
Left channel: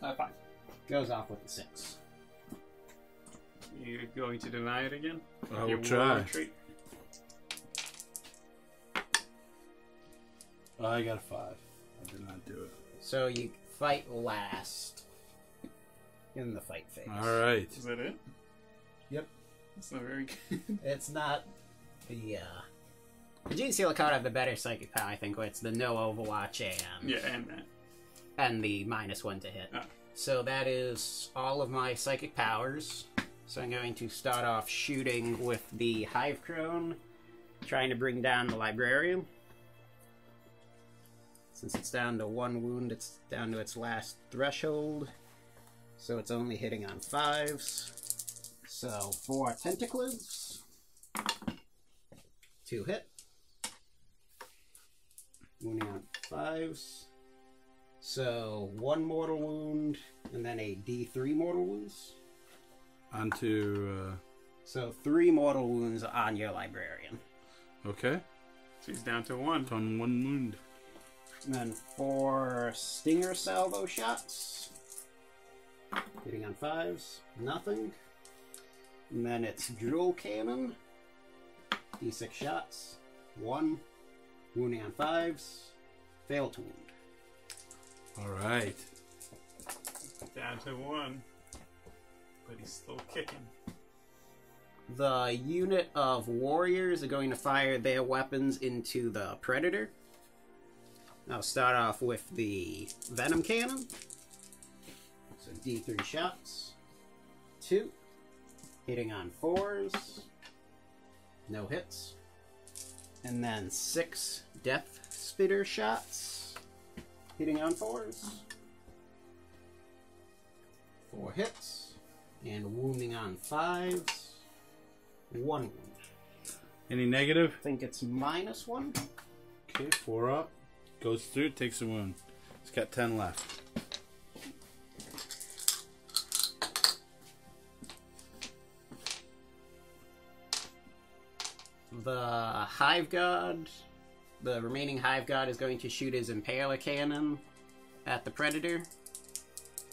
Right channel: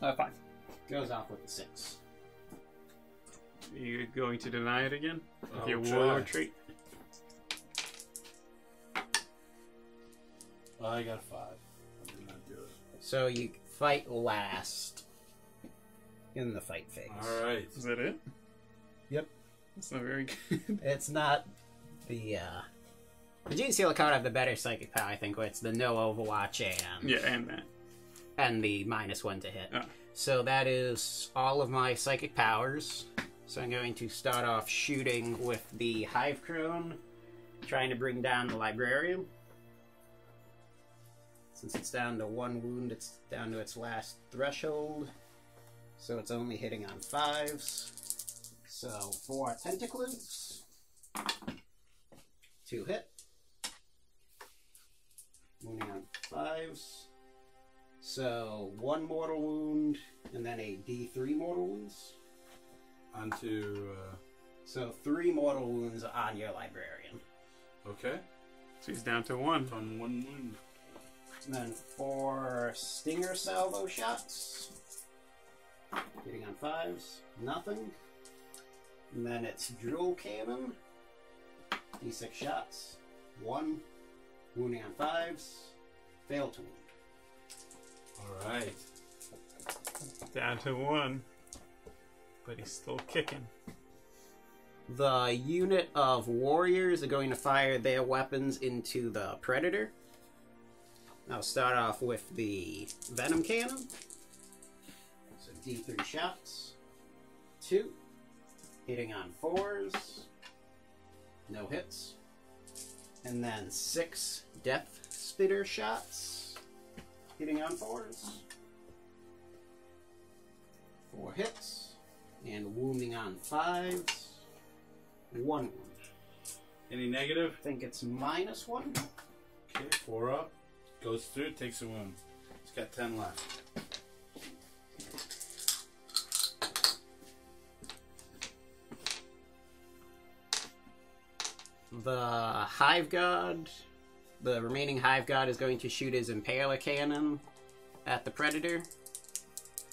5. Goes off with a 6. Are you going to deny it again? With I'll your try. warlord trait? Oh, I got a 5. I did not do it. So you fight last in the fight phase. Alright. Is that it? Yep. That's not very good. It's not the Gene Stealer card have the better psychic power, I think, where it's the no Overwatch and Yeah, and that. and the -1 to hit. Oh. So that is all of my psychic powers. So I'm going to start off shooting with the Hive Crone, trying to bring down the Librarian. Since it's down to 1 wound, it's down to its last threshold. So it's only hitting on 5s. So 4 Tentacles. 2 hit. Wounding on 5s. So 1 mortal wound, and then a D3 mortal wounds. Onto, So 3 mortal wounds on your Librarian. okay. So he's down to 1. It's on 1 wound. And then 4 Stinger Salvo shots. Hitting on 5s. Nothing. And then it's Drill Cannon. D6 shots. 1. Wounding on 5s. Fail to wound. Alright. Down to 1. But he's still kicking. The unit of warriors are going to fire their weapons into the Predator. I'll start off with the Venom Cannon. So D3 shots. 2. Hitting on 4s. No hits. And then 6 Depth Spitter shots. Hitting on 4s. 4 hits. And wounding on 5s. 1 wound. Any negative? I think it's -1. Okay, 4 up. Goes through, takes a wound. It's got 10 left. The Hive God, the remaining Hive God is going to shoot his Impaler Cannon at the Predator.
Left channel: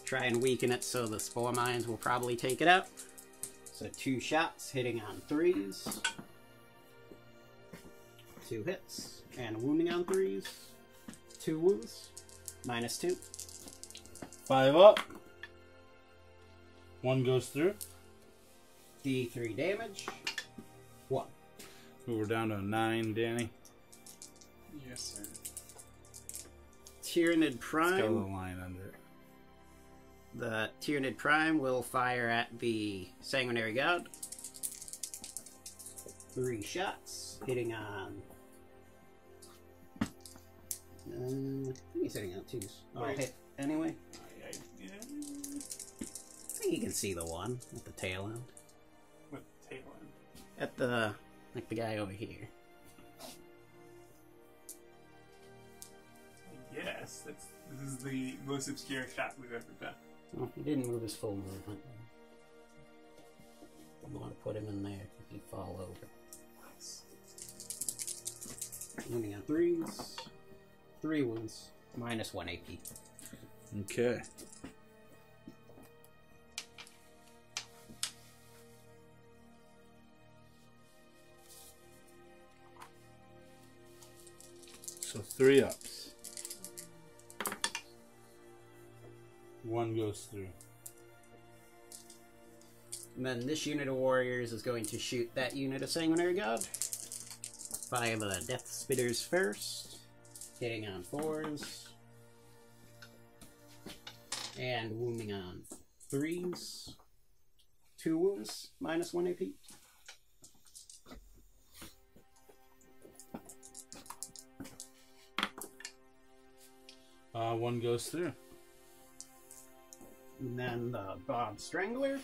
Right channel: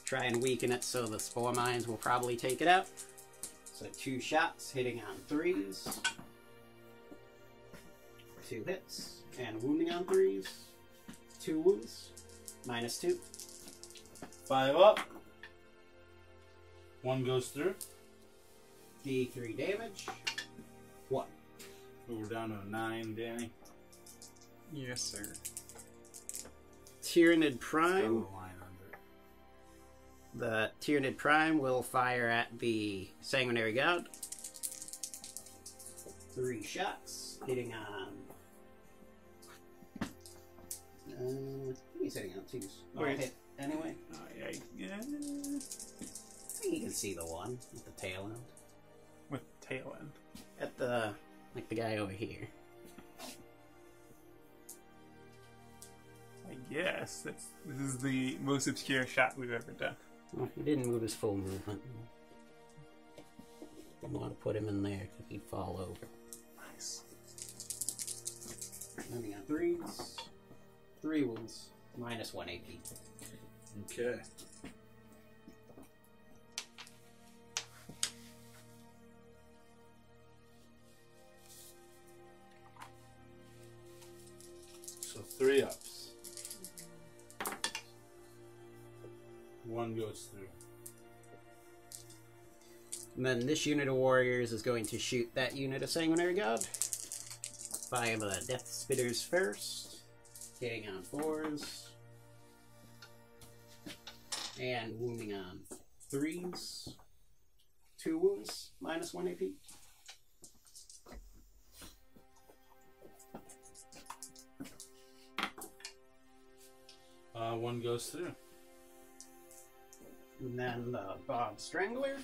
Try and weaken it so the Spore Mines will probably take it out. So 2 shots hitting on 3s. 2 hits. And wounding on 3s. 2 wounds. -2. 5 up. 1 goes through. D3 damage. 1. Ooh, we're down to 9, Danny. Yes, sir. Tyranid Got a Prime. little line under it. The Tyranid Prime will fire at the Sanguinary God. 3 shots, hitting on... I think he's hitting on 2s. Oh, Wait. hit anyway. Yeah. I think you can see the one at the tail end. With tail end. At the... like the guy over here. I guess this is the most obscure shot we've ever done. Well, he didn't move his full movement. I want to put him in there because he'd fall over. Nice. Moving on 3s. 3 wounds. -1 AP. Okay. So 3 ups. 1 goes through. And then this unit of warriors is going to shoot that unit of Sanguinary God. Fire the Death Spitters first. Hitting on 4s. And wounding on 3s. 2 wounds, -1 AP. One goes through. And then the Bob Strangler.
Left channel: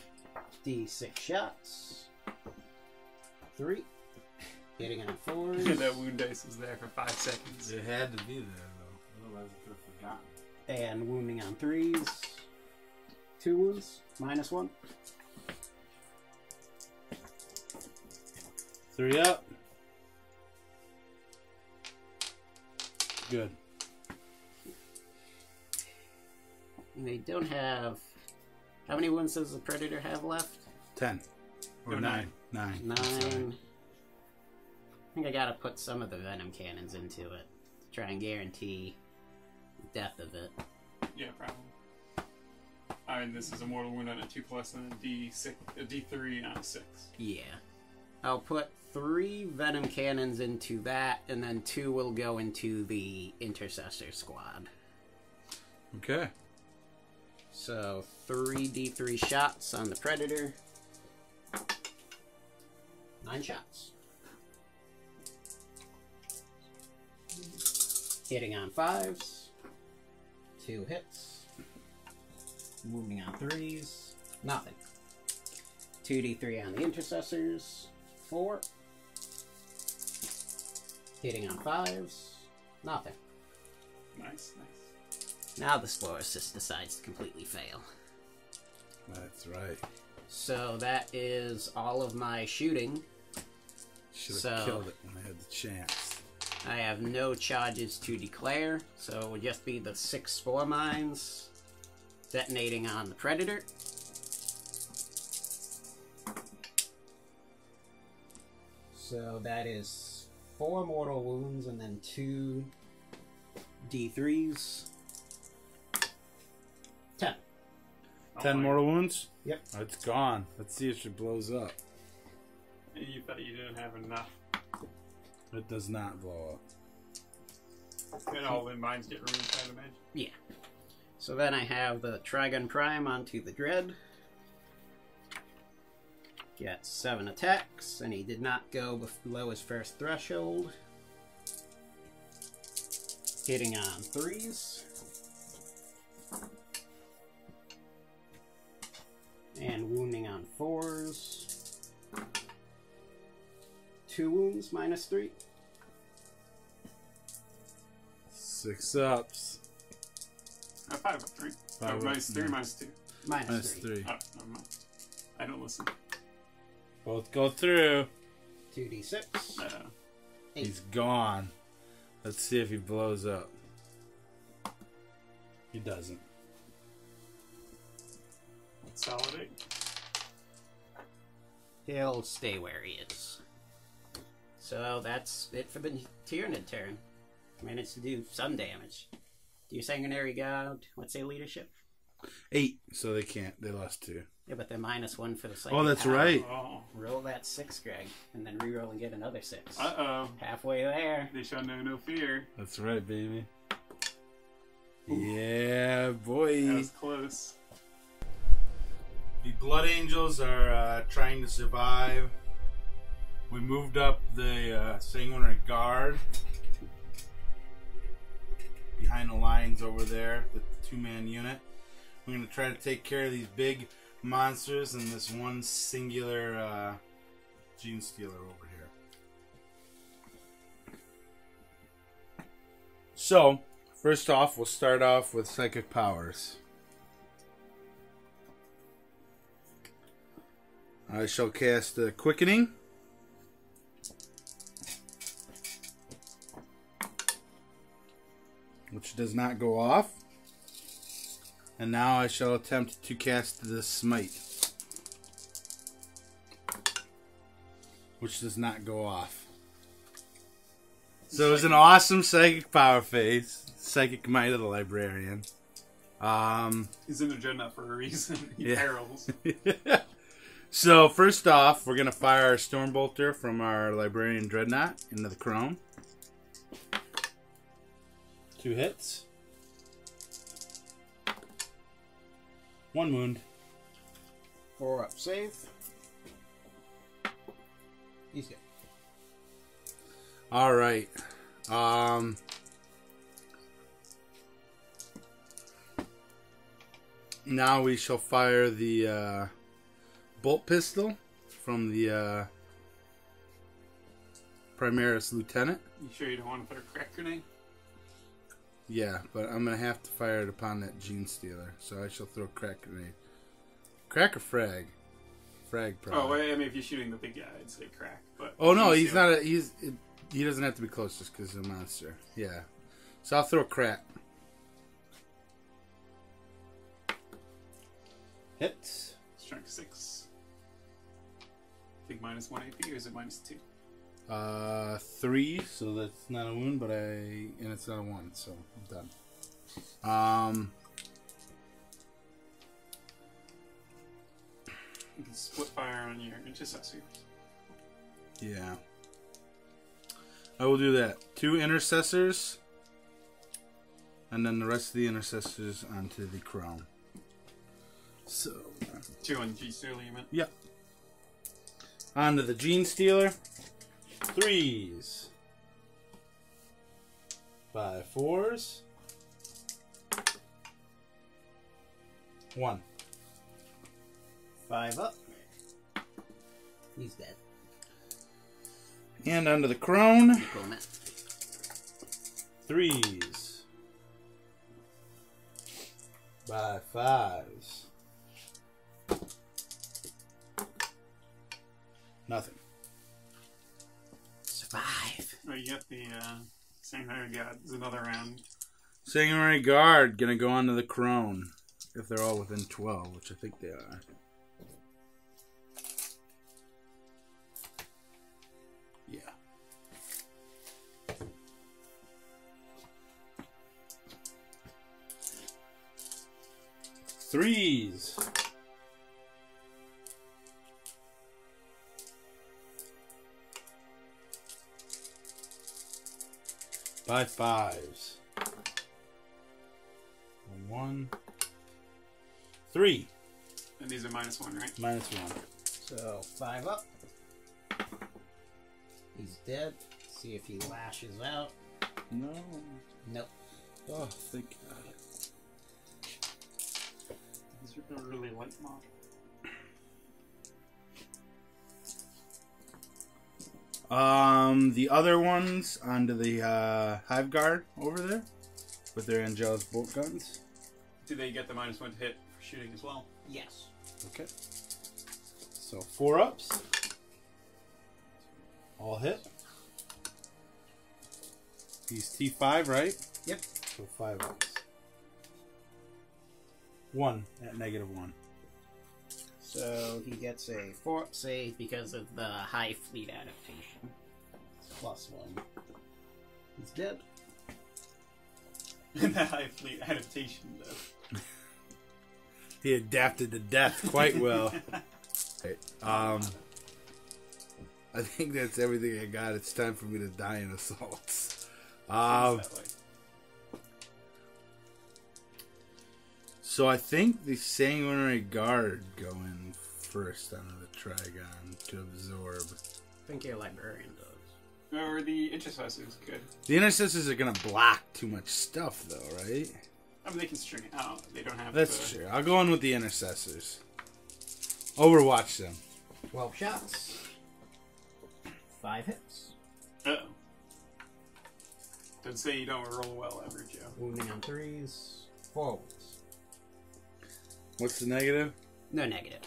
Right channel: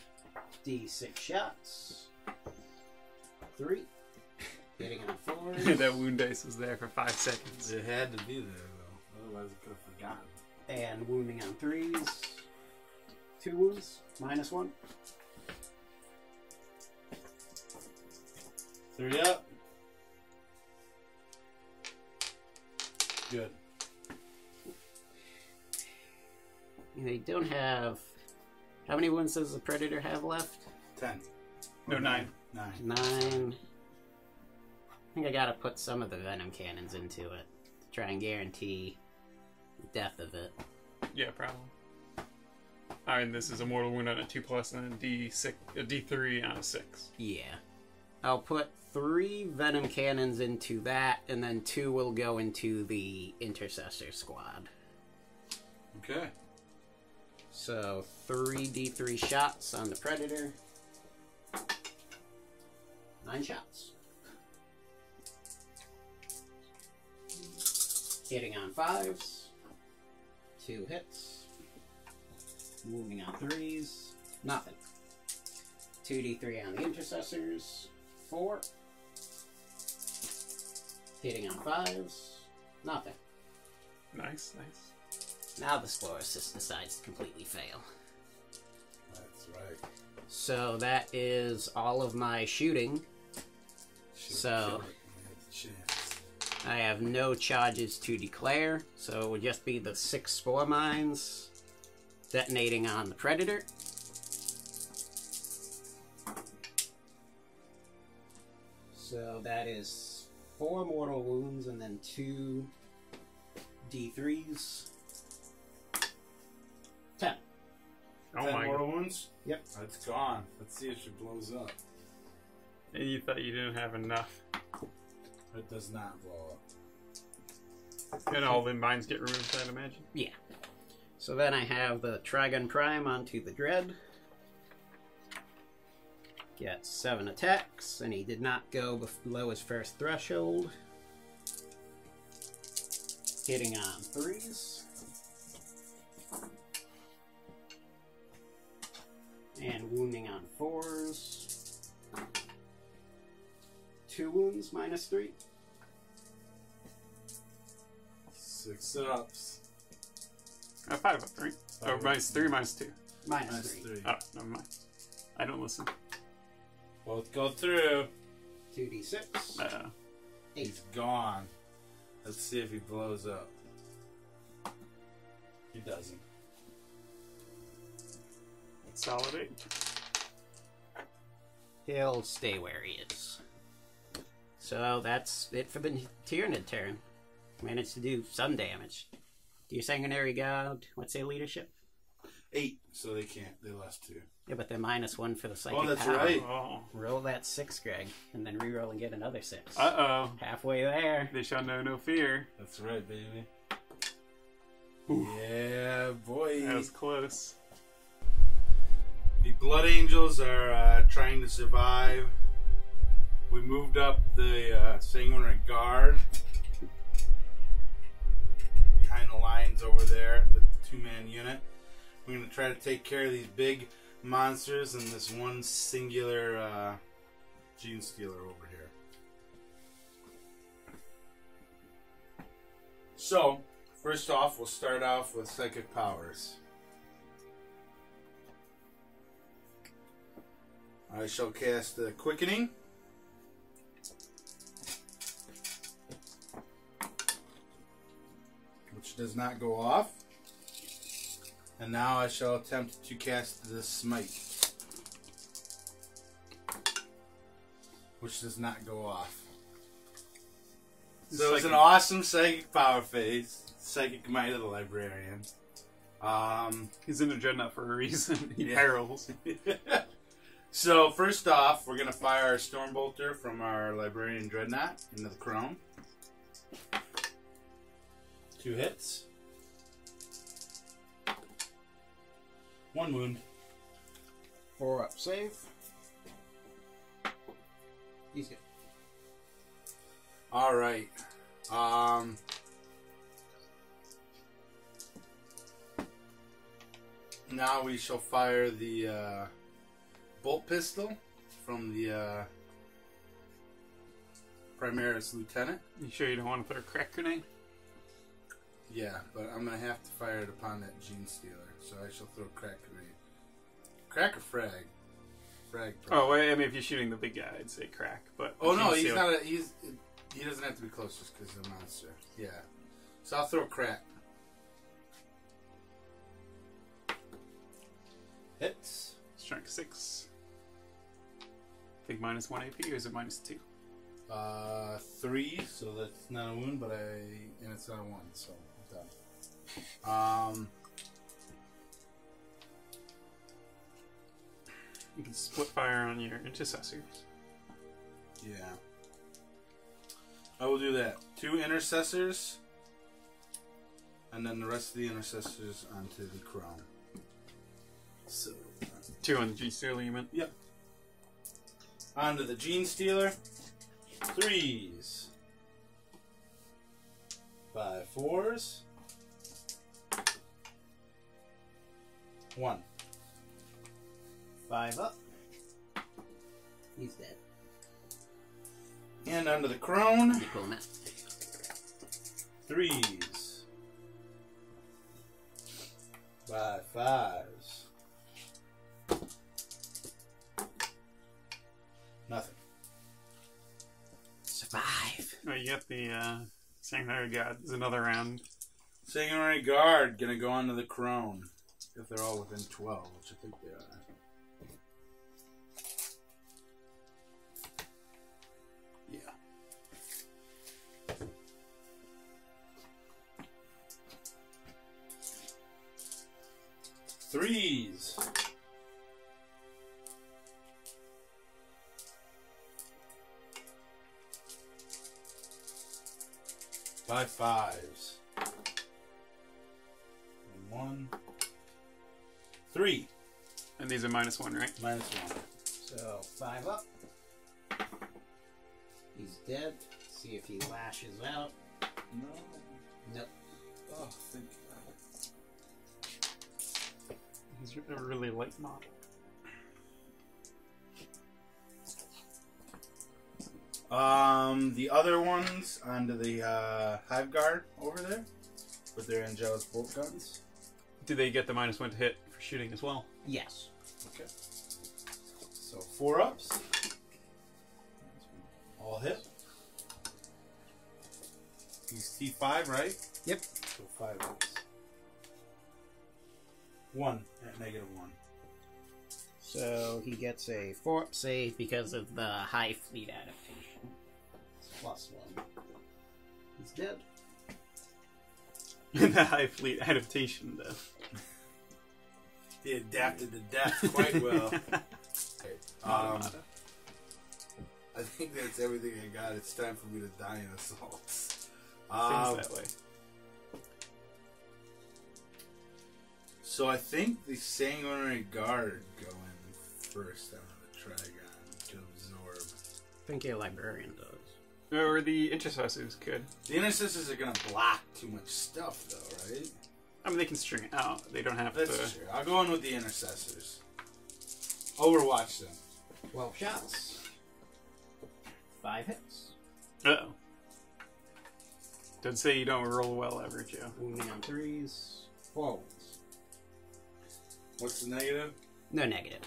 D6 shots. 3. Hitting on 4s. That wound dice was there for 5 seconds. It had to be there, though. Otherwise, I could have forgotten. And wounding on 3s. 2 wounds, -1. 3 up. Good. They don't have... How many wounds does the Predator have left? 10. Or No, 9. 9. 9. I think I gotta put some of the Venom Cannons into it to try and guarantee the death of it. Yeah, probably. And this is a mortal wound on a 2+ and a D3 on a 6. Yeah. I'll put 3 Venom Cannons into that, and then 2 will go into the Intercessor Squad. Okay. So 3 D3 shots on the Predator. 9 shots. Hitting on 5s. 2 hits. Moving on 3s. Nothing. 2d3 on the Intercessors. 4. Hitting on 5s. Nothing. Nice. Now the Spore Assist decides to completely fail. That's right. So that is all of my shooting. Should have So- killed it when I had the chance. I have no charges to declare, so it would just be the 6 Spore Mines detonating on the Predator. So that is 4 mortal wounds and then 2 D3s. 10. 10 mortal wounds? Yep. It's gone. Let's see if it blows up. And you thought you didn't have enough. It does not blow up. And all the mines get ruined, I'd imagine. Yeah. So then I have the Trigun Prime onto the Dread. Gets 7 attacks, and he did not go below his first threshold. Hitting on 3s. And wounding on 4s. 2 wounds, -3. 6 ups. 5 up, right? Oh, minus 3, minus 2. Minus 3. Oh, never mind. I don't listen. Both go through. 2d6. He's gone. Let's see if he blows up. He doesn't. Solid 8. He'll stay where he is. So that's it for the Tyranid turn. Managed to do some damage. Do your Sanguinary God, what's their leadership? 8, so they can't. They lost 2. Yeah, but they're -1 for the psychic Oh, that's power. right. Oh. Roll that 6, Greg, and then reroll and get another 6. Uh-oh. Halfway there. They shall know no fear. That's right, baby. Yeah, boy. That was close. The Blood Angels are trying to survive. We moved up the Sanguinary Guard behind the lines over there, the 2-man unit. We're going to try to take care of these big monsters and this one singular Gene Stealer over here. So, first off, we'll start off with Psychic Powers. I shall cast the Quickening. Which does not go off. And now I shall attempt to cast the Smite. Which does not go off. So it was an awesome Psychic Power phase. Psychic Might of the Librarian. He's in a Dreadnought for a reason. He Yeah. perils. So, first off, we're going to fire our Stormbolter from our Librarian Dreadnought into the Chrome. 2 hits. 1 wound. 4 up, save. He's good. Alright. Now we shall fire the bolt pistol from the Primaris Lieutenant. You sure you don't want to put a crack grenade? Yeah, but I'm going to have to fire it upon that Gene Stealer. So I shall throw crack grenade. Crack or frag? Frag, probably. Oh, well, I mean, if you're shooting the big guy, I'd say crack. But Oh, no, Gene he's Stealer- not he doesn't have to be close just because he's a monster. Yeah. So I'll throw crack. Hits. Strength 6. I think -1 AP, or is it -2? 3, so that's not a wound, but and it's not a 1, so I'm done. You can split fire on your intercessors. Yeah. I will do that. 2 intercessors, and then the rest of the intercessors onto the crown. So, 2 on the G Stealer, you meant? yep. Onto the Gene Stealer. 3s. 5 4s. 1. 5 up. He's dead. And onto the crone. Equal amount. 3s. By 5s. Nothing. Survive. Oh, you got the Sanguinary God. There's another round. Sanguinary Guard gonna go onto the crone. If they're all within 12, which I think they are. Yeah. Threes. By 5s. 1. 3. And these are -1, right? -1. So 5 up. He's dead. See if he lashes out. No. Nope. Oh, thank God. He's a really light model. The other ones onto the Hive Guard over there with their Angelus bolt guns. do they get the -1 to hit for shooting as well? Yes. Okay. So 4 ups. All hit. He's T5, right? Yep. So 5 ups. 1 at -1. So he gets a 4-up save because of the Hive Fleet adaptation. +1. He's dead. The Hive Fleet adaptation, though. He adapted to death quite well. I think that's everything I got. It's time for me to die in assaults. Seems that way. So I think the Sanguinary Guard go in first on the Trigon to absorb. I think your Librarian does. Or the Intercessors could. The Intercessors are going to block too much stuff, though, right? I mean, they can string it out. They don't have That's to... true. I'll go in with the Intercessors. Overwatch them. 12 shots. 5 hits. Uh-oh. Don't say you don't roll well ever, Joe. Wounding on 3s. 4 wounds. What's the negative? No negative.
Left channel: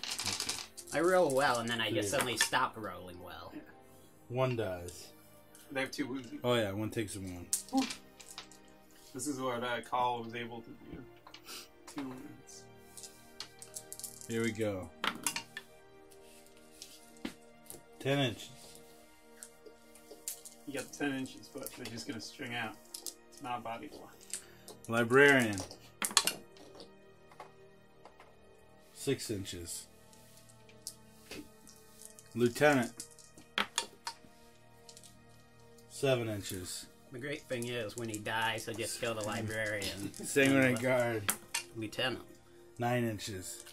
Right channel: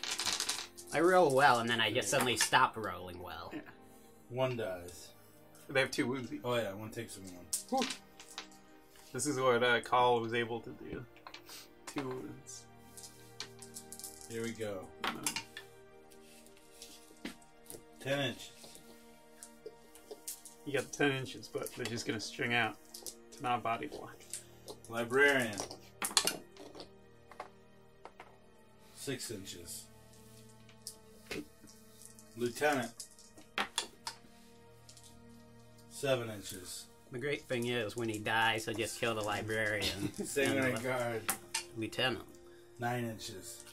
I roll well, and then I just suddenly stop rolling well. Yeah. 1 dies. They have 2 wounds each. Oh yeah, 1 takes a 1. This is what Call was able to do. 2 wounds. Here we go. 10 inch. You got the 10 inches, but they're just going to string out. It's not body block. Librarian. 6 inches. Lieutenant. 7 inches. The great thing is, when he dies, I just kill the Librarian. Sanguinary Guard. Lieutenant. 9 inches.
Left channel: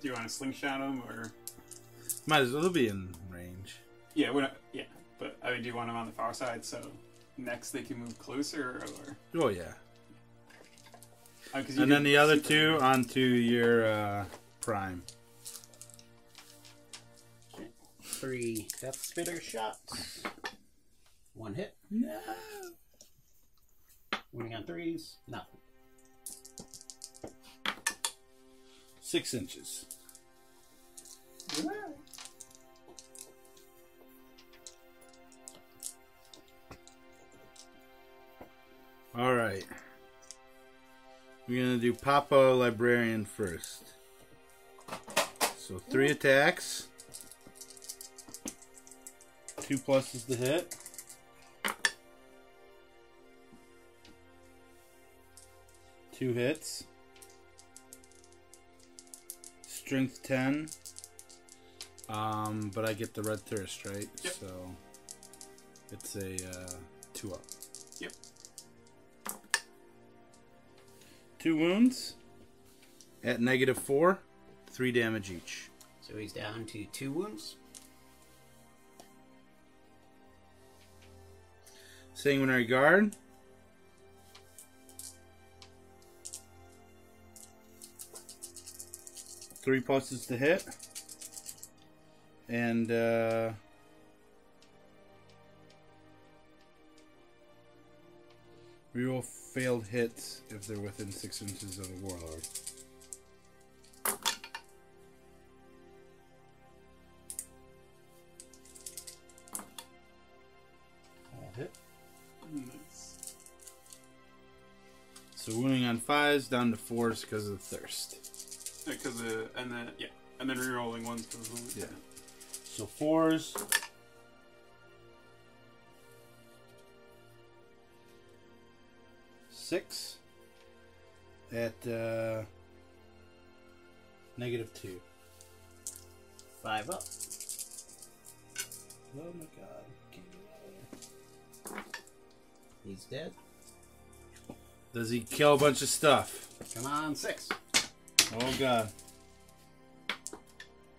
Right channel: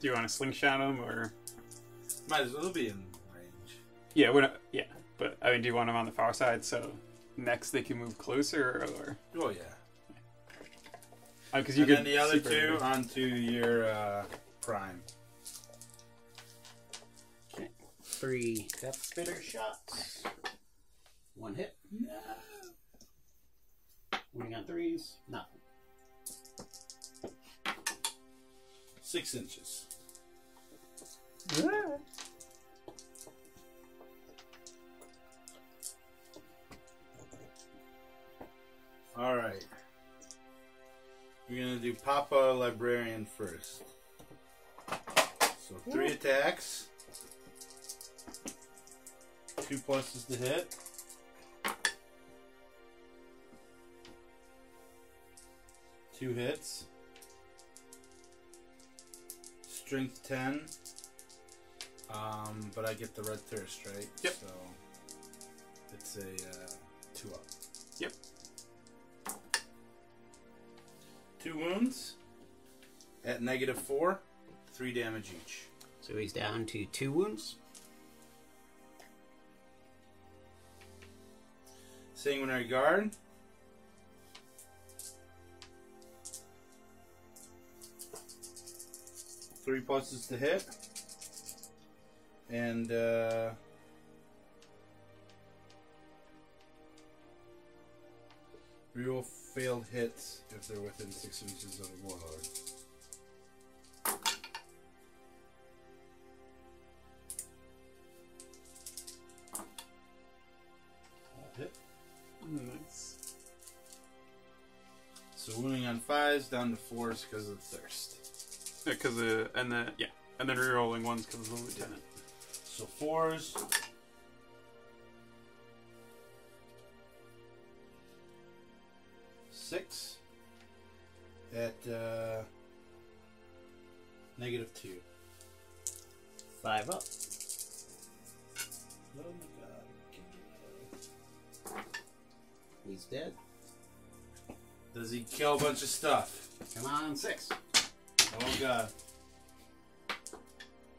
Do you want to slingshot him, or... Might as well be in range. Yeah, yeah. But, I mean, do you want him on the far side, so next they can move closer, or... Oh yeah. And then the other 2 onto your prime. Okay. 3 Death Spitter shots. 1 hit. No. Wounding on 3s. Nothing. 6 inches. All right. We're gonna do Papa Librarian first. So 3 attacks. 2 pluses to hit. Two hits. Strength 10. But I get the red thirst, right? Yep. So it's a 2 up. Yep. 2 wounds at -4, 3 damage each. So he's down to 2 wounds. Sanguinary Guard. Three pluses to hit. And reroll failed hits if they're within 6 inches of a warlord. All hit. Nice. So wounding on 5s down to 4s because of thirst. Because and then rerolling 1s because of the lieutenant. So 4s. Six at -2. 5 up. Oh my god. He's dead. Does he kill a bunch of stuff? Come on, 6. Oh god.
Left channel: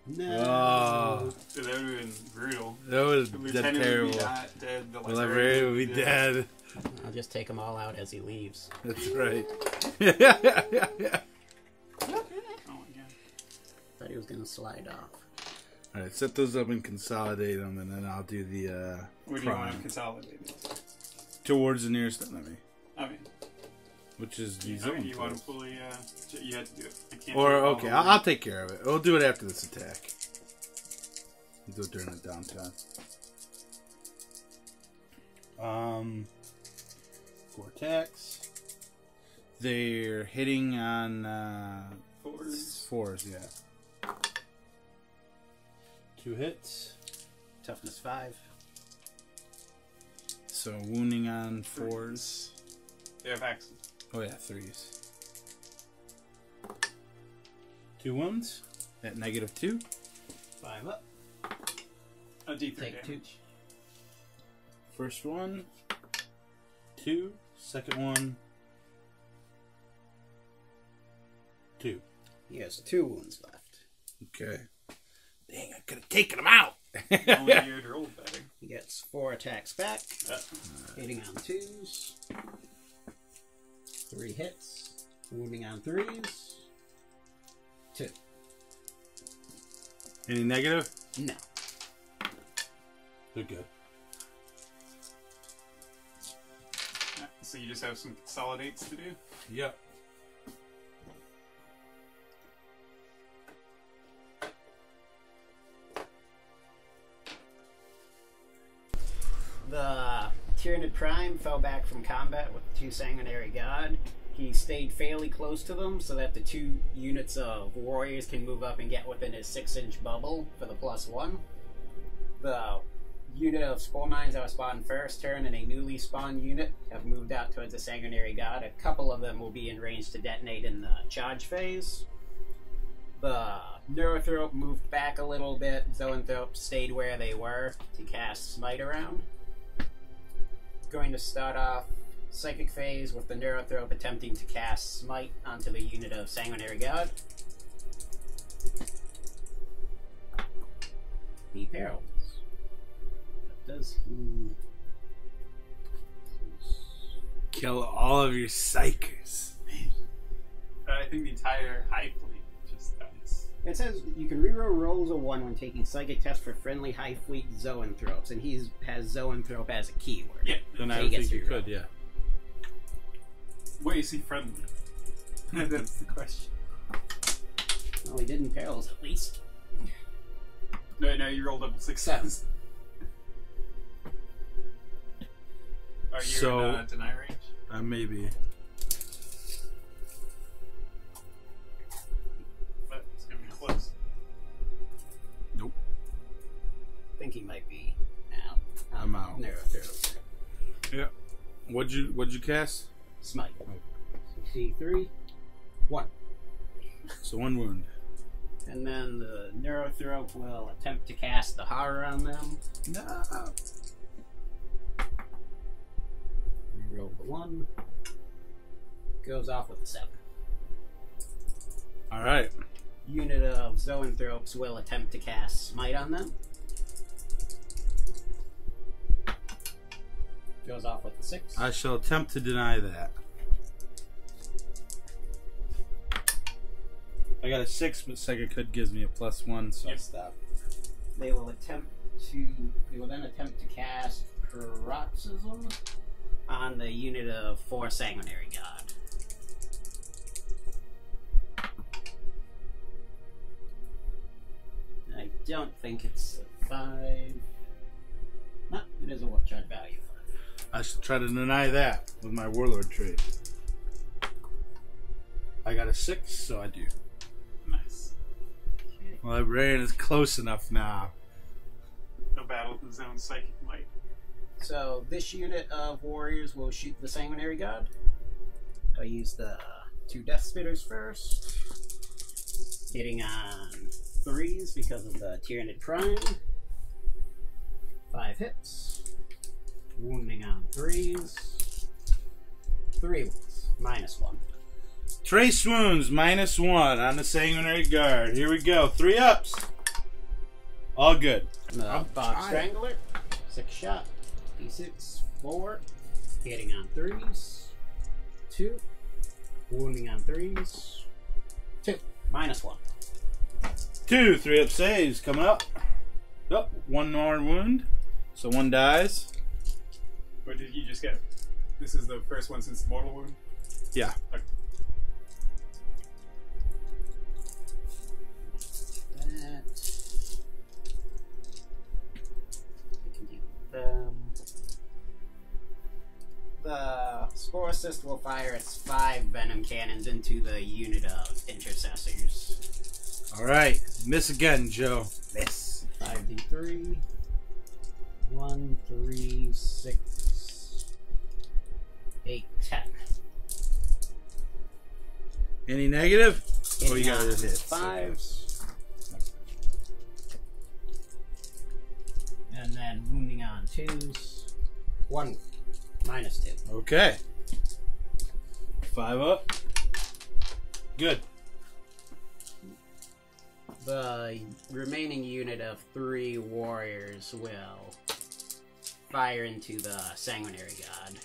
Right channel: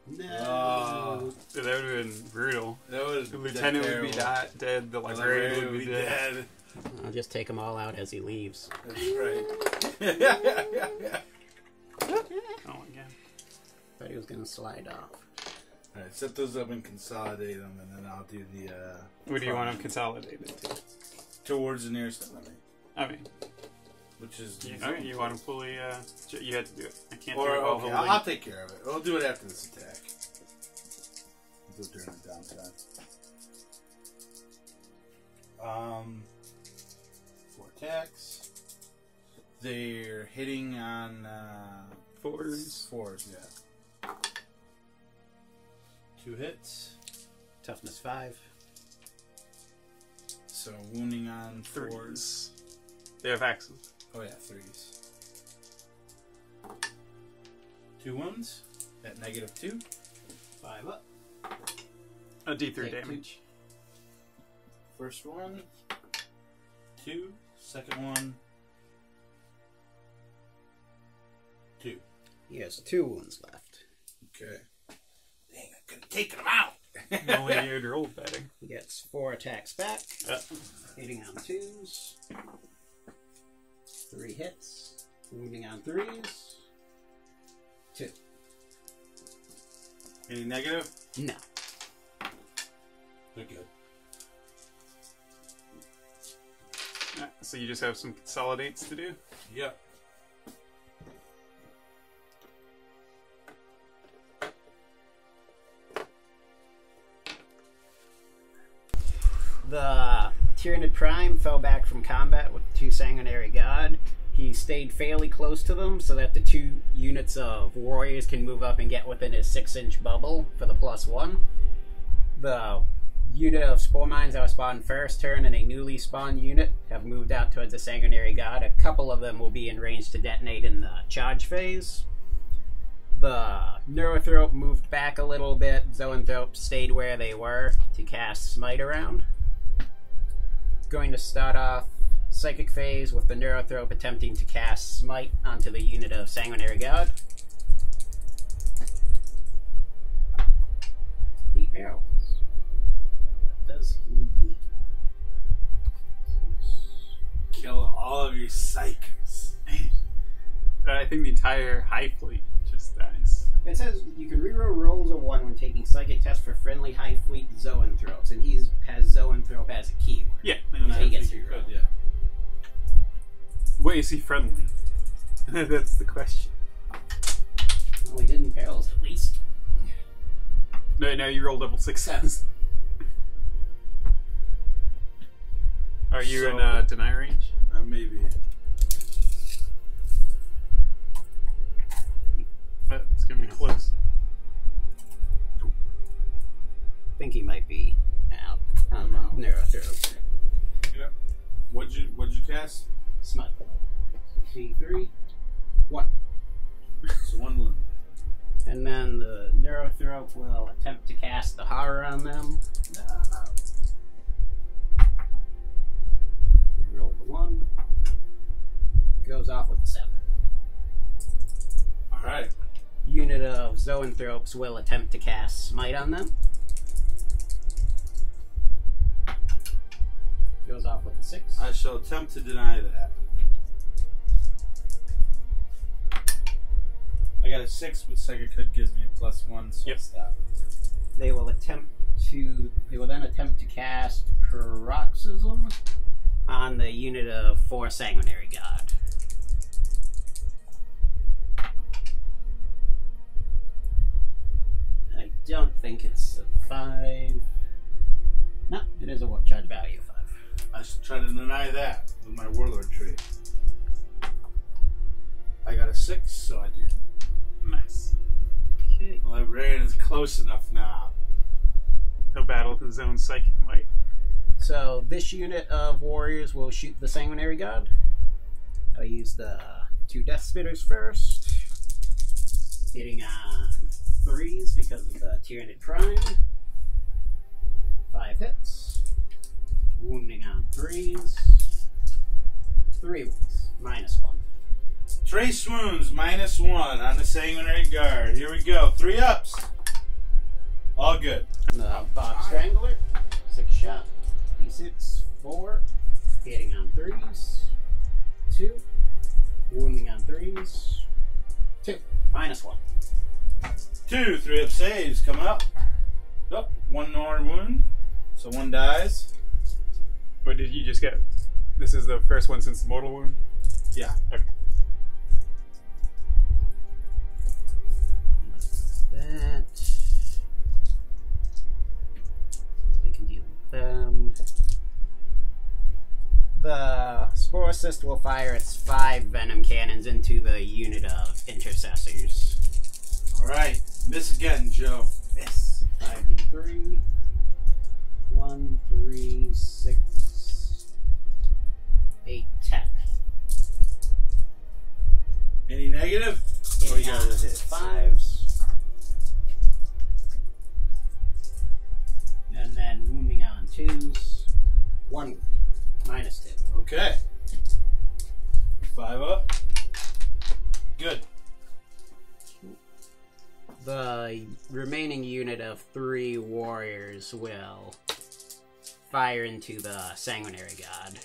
No. Oh, That would have been brutal. that was The lieutenant would be terrible. dead. The The librarian would be dead. dead. I'll just take them all out as he leaves. That's right. Oh my god. Thought he was going to slide off. Alright, set those up and consolidate them, and then I'll do the What do you want prime. them consolidated to? Towards the nearest enemy. I mean, which is You zone want to throw. fully, you had to do it. I can't Or do it all okay, the way. I'll take care of it. We'll do it after this attack. We'll do it during the downtime. 4 attacks. They're hitting on 4s. 4s, yeah. 2 hits. Toughness 5. So wounding on 4s. 4s. They have axes. Oh yeah, 3s. 2 wounds at -2. 5 up. A D3 Take damage. First one, 2. Second one, 2. He has 2 wounds left. Okay. Dang, I could have taken them out. Only you rolled better. He gets 4 attacks back. Yeah. Hitting on 2s. 3 hits. Wounding on 3s. 2. Any negative? No. They're good. So you just have some consolidates to do? Yep. The Tyranid Prime fell back from combat with the 2 Sanguinary God. He stayed fairly close to them so that the 2 units of warriors can move up and get within his 6-inch bubble for the +1. The unit of Spore Mines that was spawned first turn and a newly spawned unit have moved out towards the Sanguinary God. A couple of them will be in range to detonate in the charge phase. The Neurothrope moved back a little bit. Zoanthrope stayed where they were to cast Smite around. Going to start off Psychic phase with the Neurothrope attempting to cast Smite onto the unit of Sanguinary God. He paralyzed. What does he... Kill all of your psychers. I think the entire Hive Fleet just dies. It says you can reroll rolls of 1 when taking Psychic tests for friendly Hive Fleet Zoanthropes, and he has Zoanthrope as a keyword. Yeah. Then So I he think gets you to could, reroll. yeah. Wait, is he friendly? That's the question. Well, he didn't paralyze at least. No, you roll double success. Are you So- in deny range? Maybe. But it's gonna be close. Nope. I think he might be out. I'm out. Neurothrope. Yeah. What'd you cast? Smite. C3. 1. So 1 wound. And then the Neurothrope will attempt to cast the Horror on them. No. Reroll the 1. Goes off with a 7. All right. Unit of Zoanthropes will attempt to cast Smite on them. Goes off with a 6. I shall attempt to deny that. I got a 6, but Psychic Hood gives me a +1, so Yep. I'll stop. They will then attempt to cast Paroxysm on the unit of 4 Sanguinary God. I don't think it's a 5. No, it is a warp charge value of 5. I should try to deny that with my Warlord trait. I got a 6, so I do. Nice. Okay. My librarian is close enough now. No battle with his own psychic might. So this unit of warriors will shoot the Sanguinary God. I'll use the 2 Death Spitters first. Hitting on 3s because of the Tyranid Prime. 5 hits. Wounding on 3s. 3 wounds. -1. Trace wounds, -1 on the Sanguinary Guard. Here we go. 3 ups. All good. The Bob Strangler. 6 shot. D6. 4. Hitting on 3s. 2. Wounding on 3s. 2. -1. 2 3-up saves coming up. Oh, 1 more wound. So 1 dies. What did you just get? This is the first one since the mortal wound? Yeah. That. We can deal with them. The Spore Assist will fire its 5 Venom Cannons into the unit of Intercessors. Alright. Miss again, Joe. This 5d3. 1, 3, 6, 8, 10. Any negative? Oh, you got it. Fives. And then wounding on 2s. 1 minus 2. Okay. 5 up. Good. The remaining unit of 3 warriors will fire into the Sanguinary God.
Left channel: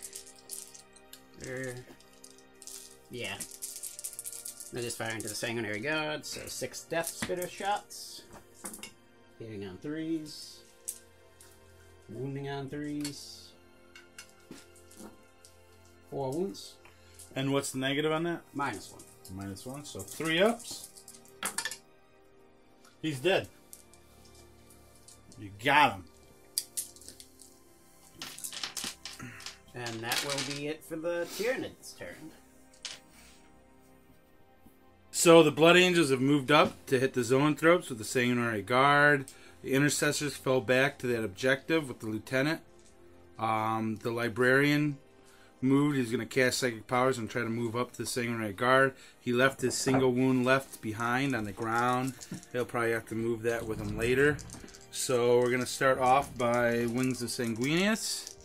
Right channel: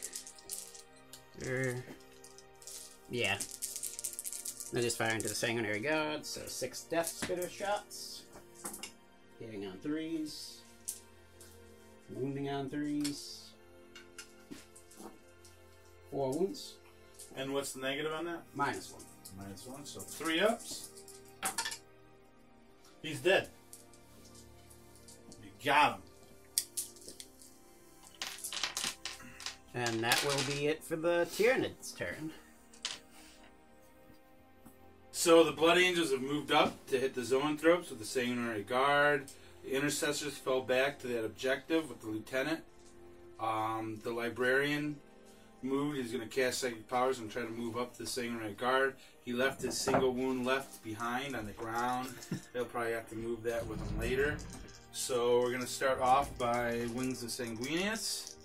Yeah. They'll just fire into the Sanguinary God, so 6 Death Spitter shots. Hitting on 3s. Wounding on 3s. 4 wounds. And what's the negative on that? Minus 1. Minus 1, so 3 ups. He's dead. You got him. And that will be it for the Tyranids' turn. So the Blood Angels have moved up to hit the Zoanthropes with the Sanguinary Guard. The Intercessors fell back to that objective with the Lieutenant. The Librarian moved. He's going to cast Psychic Powers and try to move up to the Sanguinary Guard. He left his single wound left behind on the ground. He'll probably have to move that with him later. So we're going to start off by Wings of Sanguinius.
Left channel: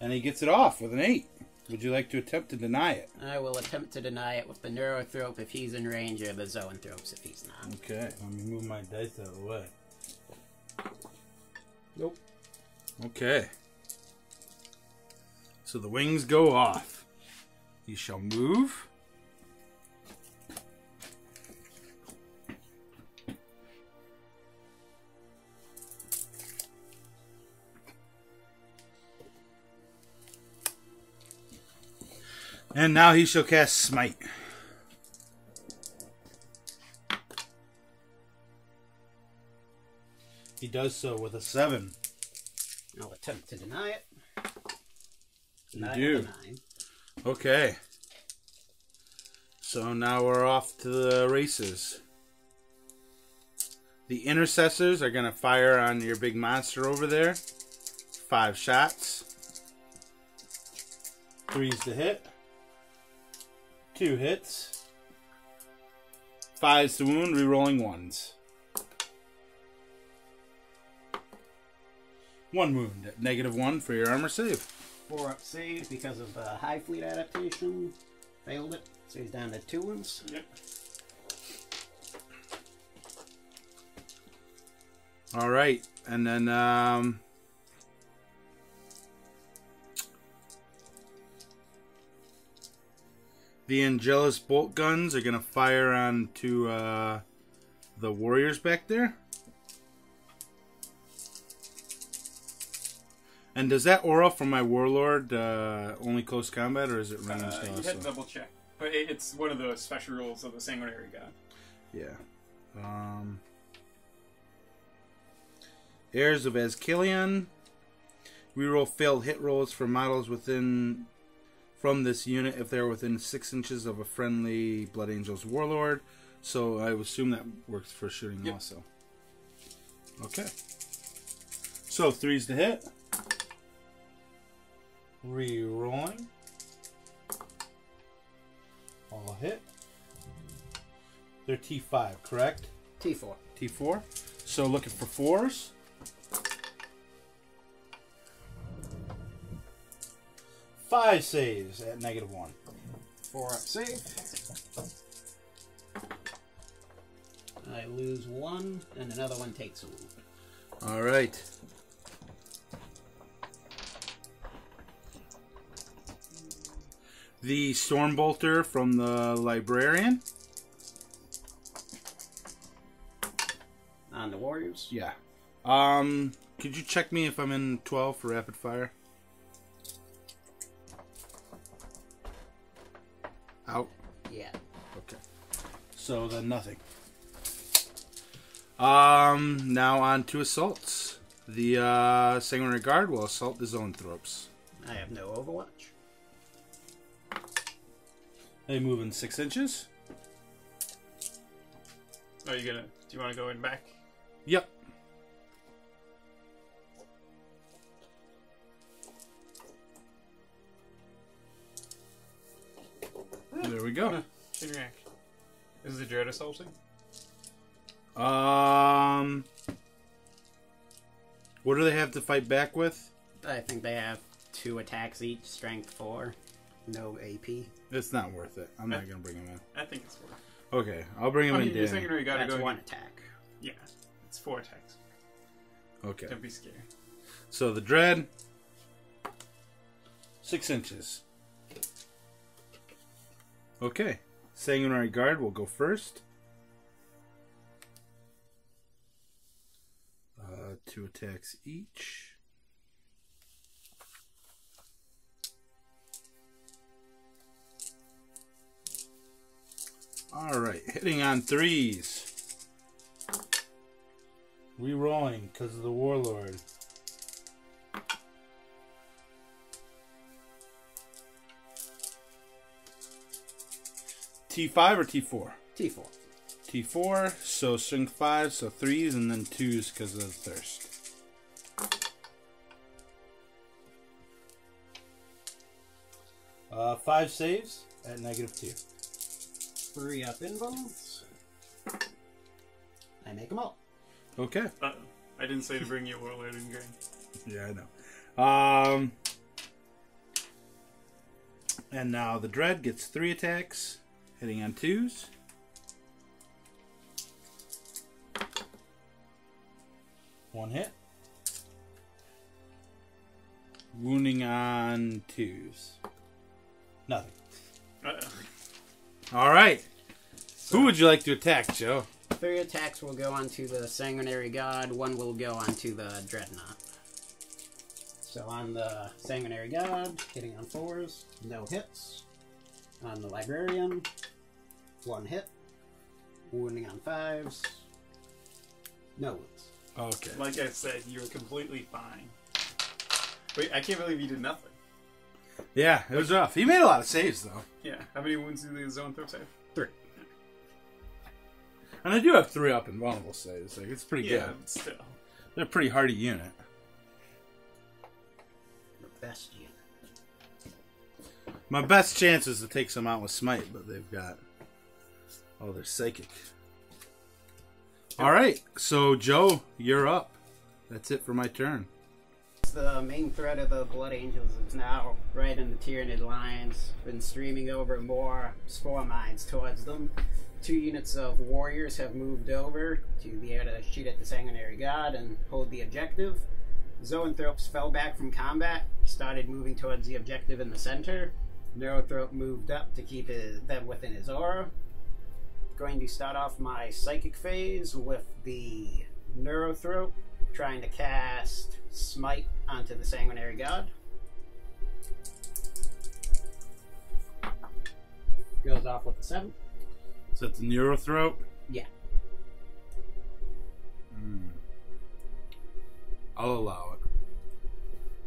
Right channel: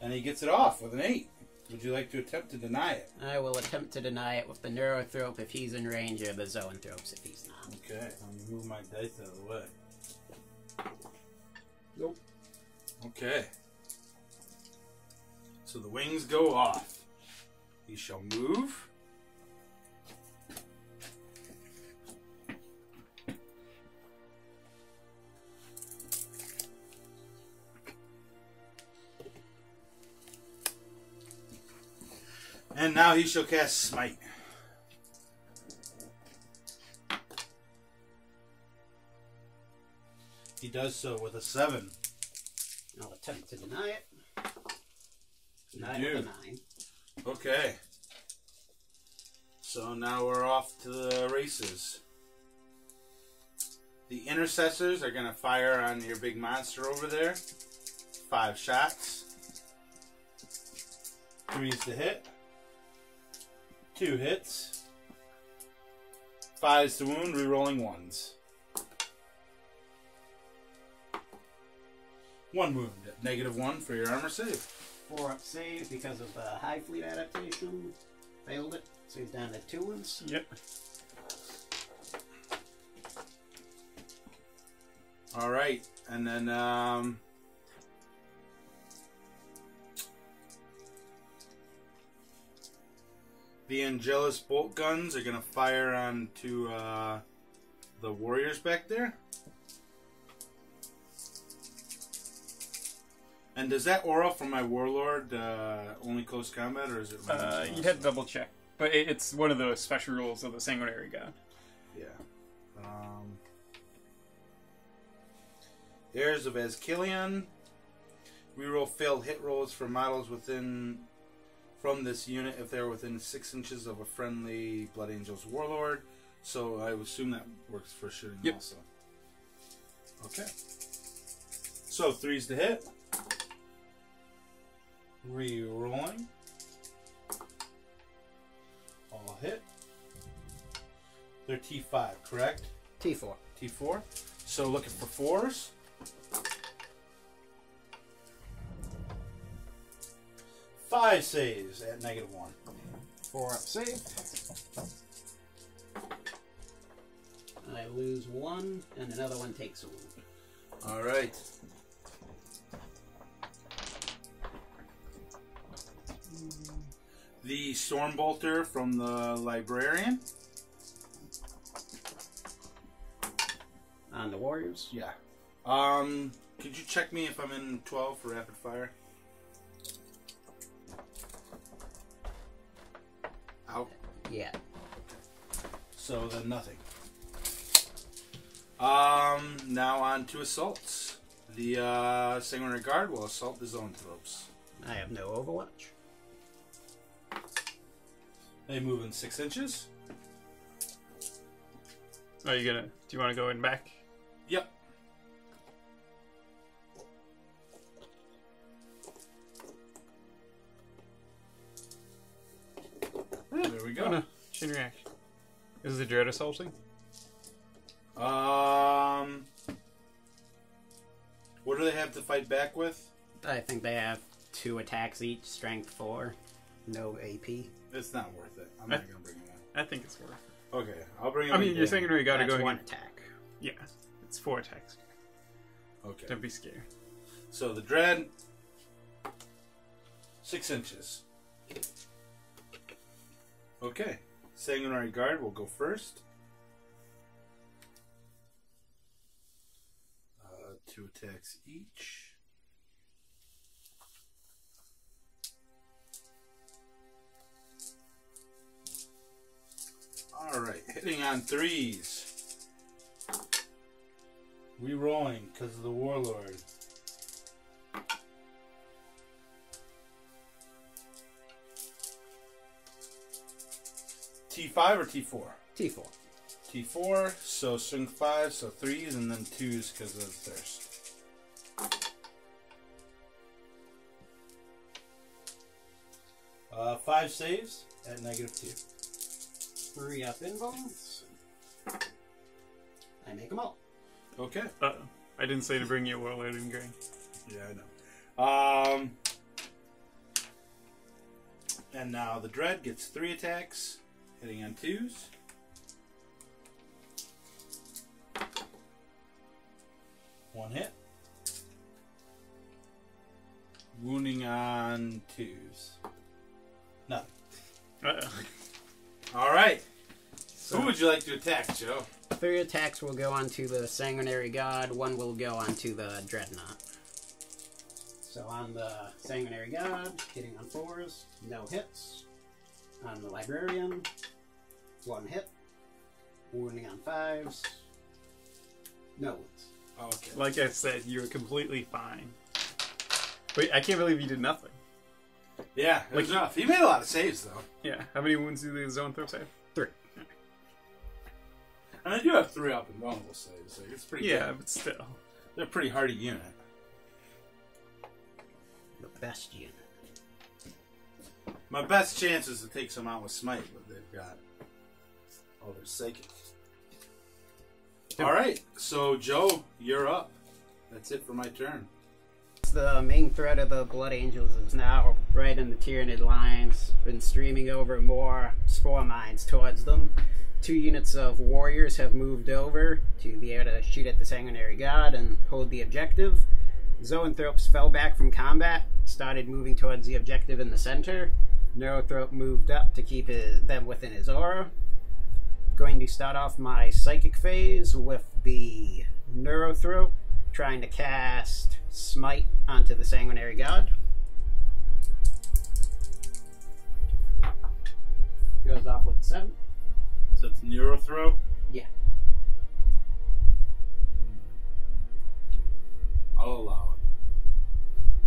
And he gets it off with an 8. Would you like to attempt to deny it? I will attempt to deny it with the Neurothrope if he's in range, or the Zoanthropes if he's not. Okay, let me move my dice out of the way. Nope. Okay. So the wings go off. He shall move. And now he shall cast Smite. He does so with a 7. I'll attempt to deny it. You Deny do. with a 9. Okay. So now we're off to the races. The Intercessors are going to fire on your big monster over there. 5 shots. 3's to hit. 2 hits. 5's to wound, rerolling 1s. 1 wound. -1 for your armor save. 4 up save because of the Hive Fleet adaptation. Failed it. So he's down to 2 wounds. Yep. Alright. And then, the Angelus bolt guns are going to fire onto the warriors back there. And does that aura from my warlord only close combat, or is it ranged? You had to double check, but it's one of the special rules of the Sanguinary God. Yeah. Heirs of Azkilion. Reroll failed hit rolls for models from this unit if they're within 6 inches of a friendly Blood Angels warlord. So I would assume that works for shooting also. Okay. So 3's to hit. Rerolling. All hit. They're T5, correct? T4. T4. So looking for 4s. Five saves at -1. 4 up save. I lose 1, and another one takes a wound. All right. The Stormbolter from the Librarian. On the Warriors. Yeah. Could you check me if I'm in 12 for rapid fire? Yeah. Okay. So then nothing. Now on to assaults. The Sanguinary Guard will assault the Zoanthropes. I have no Overwatch. They move in 6 inches. Are you gonna? Do you want to go in back? Yep. There we go. No. Chain reaction. Is the Dread assaulting? What do they have to fight back with? I think they have 2 attacks each, strength 4, no AP. It's not worth it. I'm not gonna bring him in. I think it's 4. Okay, I'll bring him I in. mean, your Sanguinary Guard That's going 1 attack. Yeah, it's 4 attacks. Okay. Don't be scared. So the Dread, 6 inches. Okay. Sanguinary Guard will go first. 2 attacks each. Alright, hitting on 3s. Rerolling because of the Warlord. T5 or T4? T4. T4, so strength 5, so 3s, and then 2s because of thirst. Five saves at -2. 3 up invulns. I make them all. Okay. I didn't say to bring you a Warlord in Grey. Yeah, I know. And now the Dread gets 3 attacks, hitting on 2s. One hit. Wounding on 2s. Nothing. All right. Who would you like to attack, Joe? 3 attacks will go onto the Sanguinary God, 1 will go onto the Dreadnought. So on the Sanguinary God, hitting on 4s, no hits. On the Librarian, 1 hit. Wounding on 5s, no wounds. Okay. Like I said, you were completely fine. Wait, I can't believe you did nothing. Yeah, it was rough. He made a lot of saves, though. Yeah. How many wounds do the Zoanthropes have? 3. And I do have 3 up and vulnerable saves, so it's pretty Yeah, good. but still. They're a pretty hardy unit. The best unit. My best chance is to take some out with Smite, but they've got... Oh, they're psychic. Alright, so Joe, you're up. That's it for my turn. The main threat of the Blood Angels is now right in the Tyranid lines. Been streaming over more spore mines towards them. 2 units of warriors have moved over to be able to shoot at the Sanguinary God and hold the objective. Zoanthropes fell back from combat, started moving towards the objective in the center. Neurothrope moved up to keep them within his aura. Going to start off my psychic phase with the Neurothrope, trying to cast Smite onto the Sanguinary God. Goes off with the 7. So that's Neurothrope? Yeah. I'll allow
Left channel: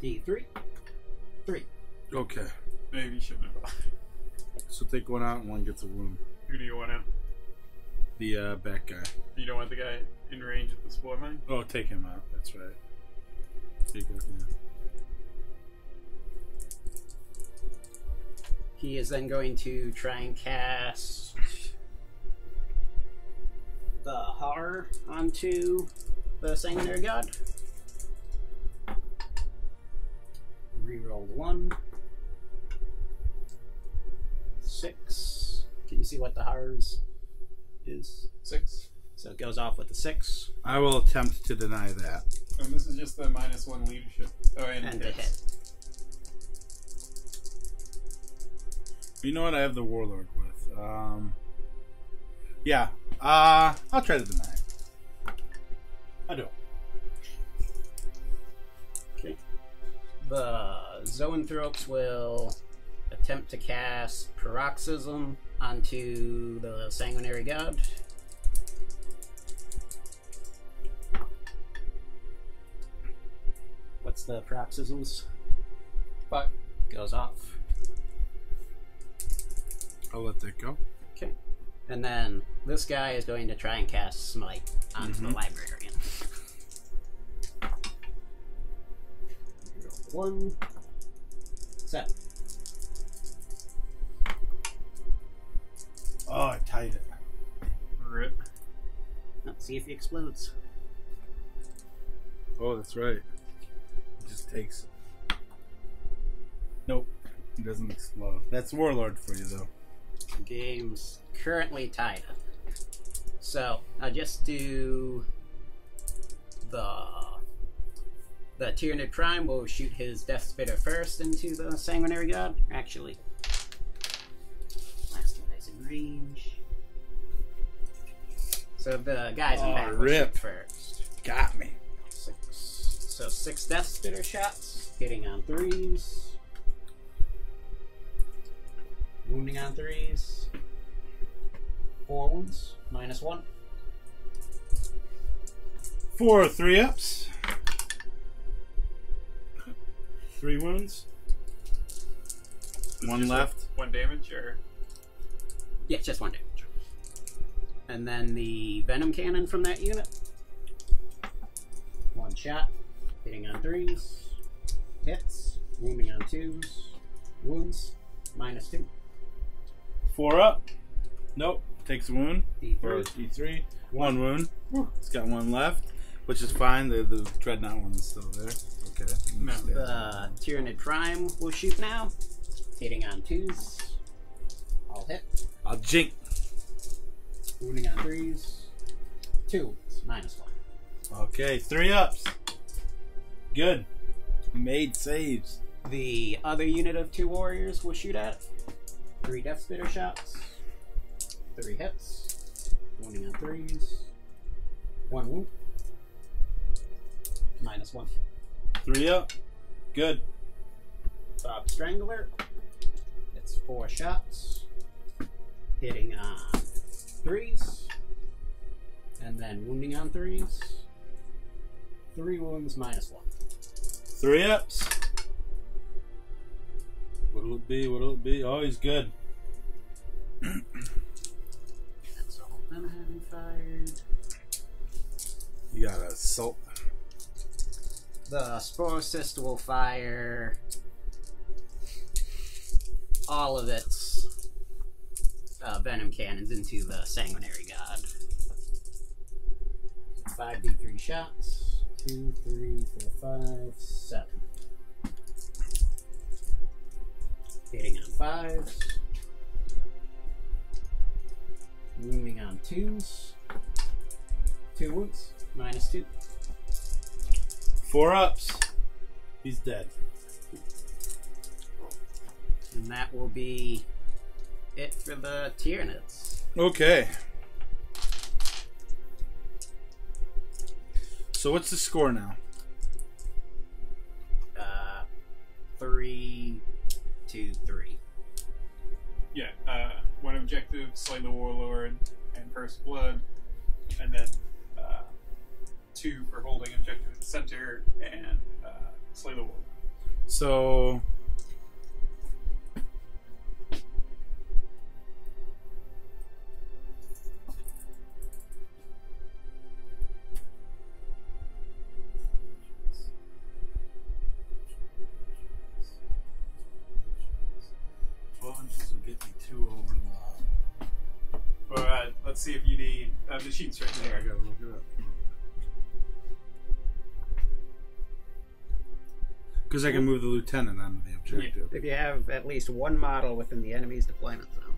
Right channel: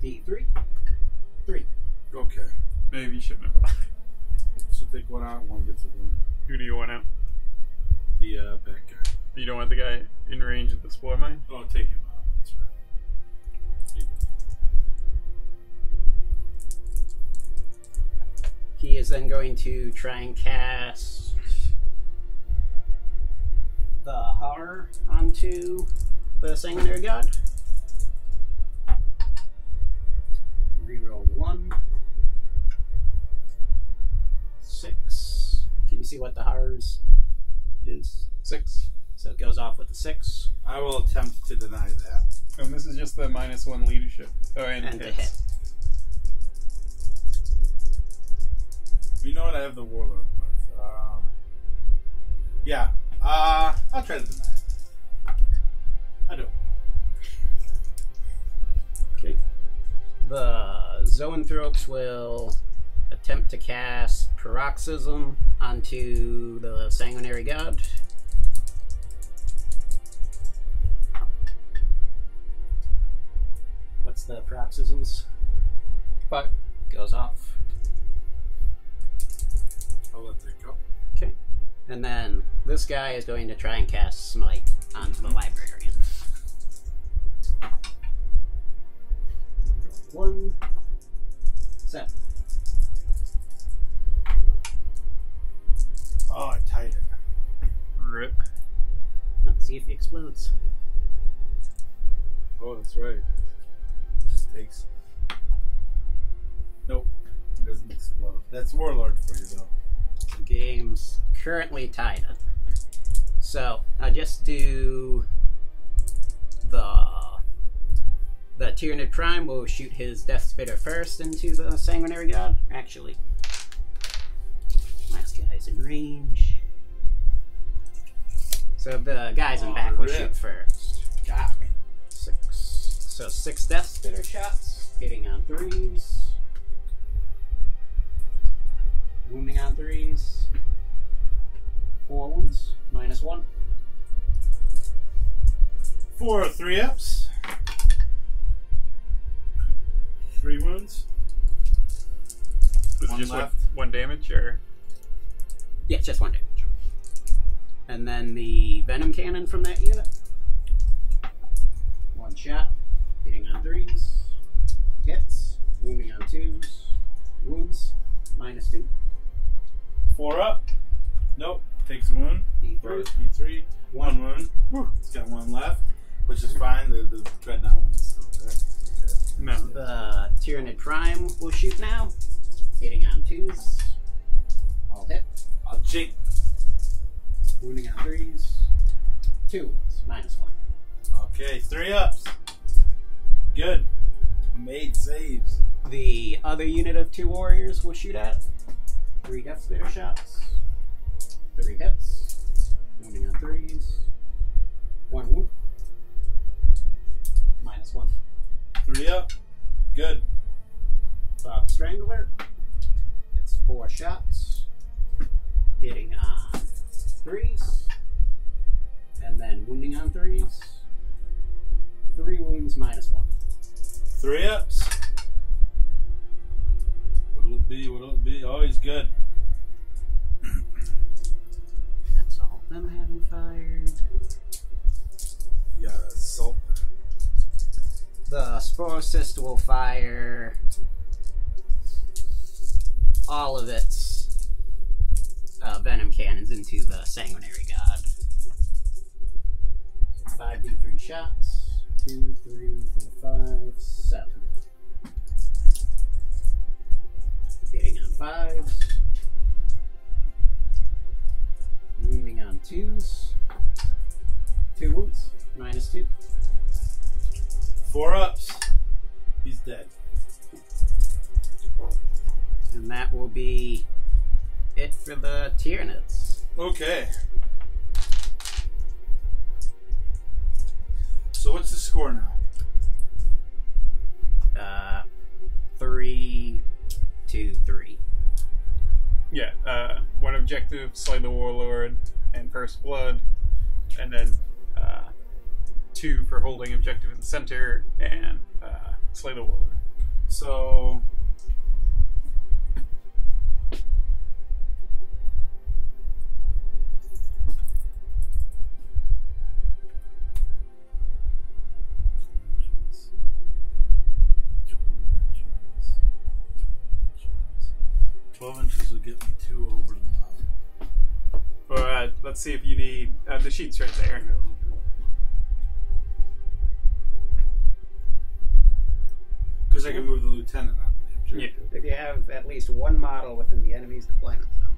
it. D3. 3. Okay. Maybe you shouldn't have. So take 1 out and 1 gets a wound. Who do you want out? The back guy. You don't want the guy in range of the spore mine? Oh, take him out. That's right. Take it, yeah. He is then going to try and cast the Horror onto the Sanguinary God. Reroll 1. 6. Can you see what the Horrors is? 6. So it goes off with the 6. I will attempt to deny that. And this is just the -1 leadership. Oh, and the hits. hit. You know what I have the Warlord with? Yeah. I'll try to deny it. I do. Okay. The Zoanthropes will attempt to cast Paroxysm onto the Sanguinary God. What's the Paroxysms? 5. Goes off. I'll let that go. Okay. And then this guy is going to try and cast Smite onto the Librarian. 1, 7. Oh, I tied it. Rip. Let's see if he explodes. Oh, that's right. It just takes. Nope. It doesn't explode. That's Warlord for you, though. Game's currently tied up. So I'll just do the Tyranid Prime will shoot his Death Spitter first into the Sanguinary God. Actually, last guy's in range. So the guys in back will shoot first. Got me. 6. So 6 Death Spitter shots, hitting on 3s. Wounding on 3s. 4 wounds, -1. 4 3-ups. 3 wounds. Was it One just left. One damage, or Yeah, just 1 damage. And then the Venom Cannon from that unit. 1 shot, hitting on 3s. Hits, wounding on 2s. Wounds, -2. 4 up. Nope. Takes a wound. D3. D3. 1 wound. It's got 1 left, which is fine. The Dreadnought one's still there. Okay. No. The Tyranid Prime will shoot now, hitting on 2s. All hit. I'll jink. Wounding on 3s. 2 wounds, -1. Okay, 3 ups. Good. Made saves. The other unit of 2 warriors will shoot at 3 Death Spitter shots. 3 hits. Wounding on 3s. 1 wound. -1. 3 up. Good. Bob Strangler. It's 4 shots. Hitting on 3s. And then wounding on 3s. 3 wounds, -1. 3 ups. What'll it be? What'll it be? Oh, he's good. That's all them having fired. You got assault. The Sporocyst will fire all of its venom cannons into the Sanguinary God. 5d3 shots. 2, 3, 4, 5, 7. Hitting on 5s. Wounding on 2s. 2 wounds. -2. 4 ups. He's dead. And that will be it for the Tyranids. Okay. So what's the score now? 3-2-3. yeah, one objective, slay the Warlord and First Blood, and then 2 for holding objective in the center and slay the Warlord. So inches will get me 2 over the line. Or let's see if you need the sheets right I there. gotta look it up. Because I can move the lieutenant onto the objective. If you have at least 1 model within the enemy's deployment zone.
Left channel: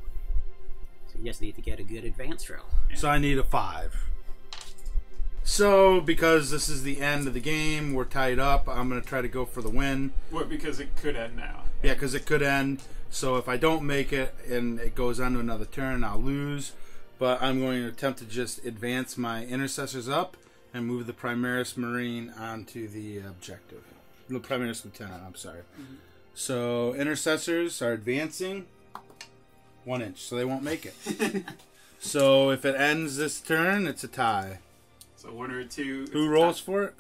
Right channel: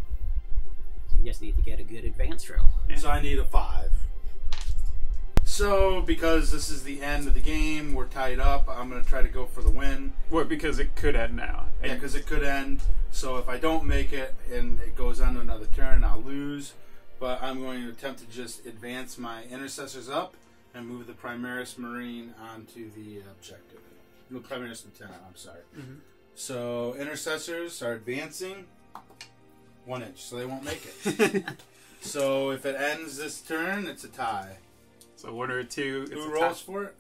So you just need to get a good advance roll. Yeah. So I need a 5. So, because this is the end of the game, we're tied up, I'm going to try to go for the win. Well, because it could end now. Yeah, because it could end. So if I don't make it and it goes on to another turn, I'll lose. But I'm going to attempt to just advance my intercessors up and move the Primaris Marine onto the objective. The Primaris Lieutenant, I'm sorry. So intercessors are advancing 1 inch, so they won't make it. So if it ends this turn, it's a tie. So 1 or 2. Who rolls for it?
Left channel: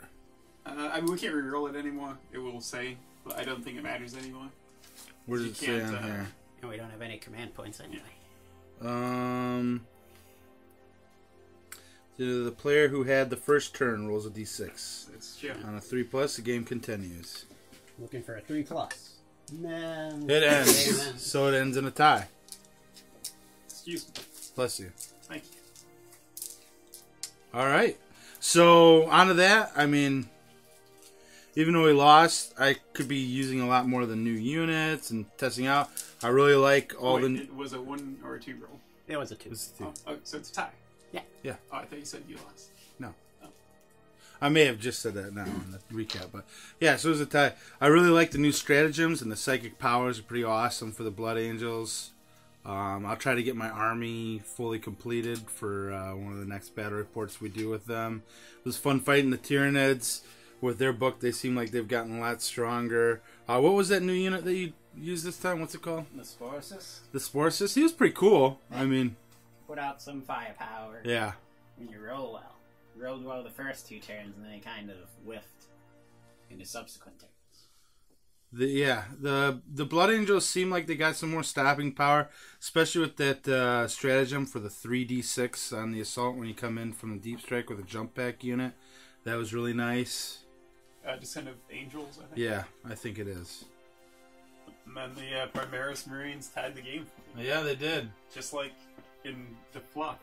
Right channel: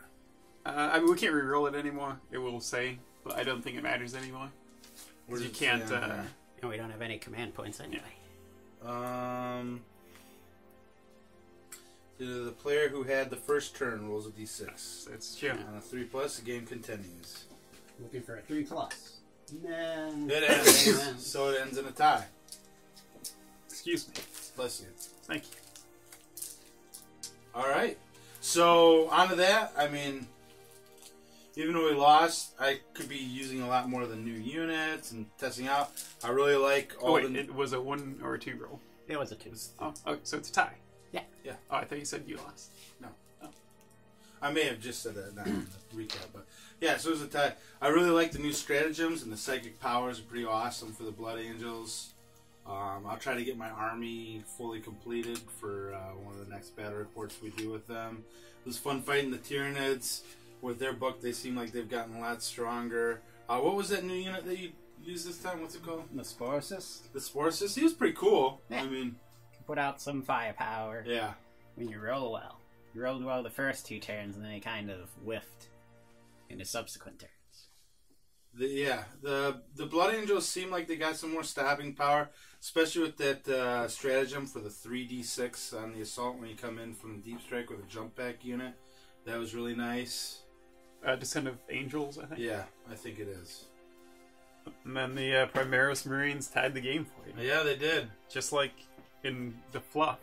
I mean, we can't re-roll it anymore. It will say, but I don't think it matters anymore. Where does You it say can't. on here? And we don't have any command points anyway. The player who had the first turn rolls a d6. It's true. On a 3+, the game continues. Looking for a 3+. No. It ends. So it ends in a tie. Excuse me. Bless you. Thank you. All right. So on to that. I mean, even though we lost, I could be using a lot more of the new units and testing out. I really like all the. It was a 1 or a 2 roll. It was a 2. Oh, okay, so it's a tie. Yeah. Oh, I thought you said you lost. No. Oh. I may have just said that now in the recap, but yeah, so it was a tie. I really like the new stratagems, and the psychic powers are pretty awesome for the Blood Angels. I'll try to get my army fully completed for one of the next battle reports we do with them. It was fun fighting the Tyranids. With their book, they seem like they've gotten a lot stronger. What was that new unit that you used this time? What's it called? The Sporus. The Sporus. He was pretty cool. Yeah. I mean, Put out some firepower. yeah. When you roll well. You rolled well the first 2 turns, and then it kind of whiffed in the subsequent turns. The Blood Angels seem like they got some more stopping power, especially with that stratagem for the 3d6 on the assault when you come in from the deep strike with a jump back unit. That was really nice. Descent of Angels, I think. Yeah, I think it is. And then the Primaris Marines tied the game for you. Yeah, they did. Just like in the fluff.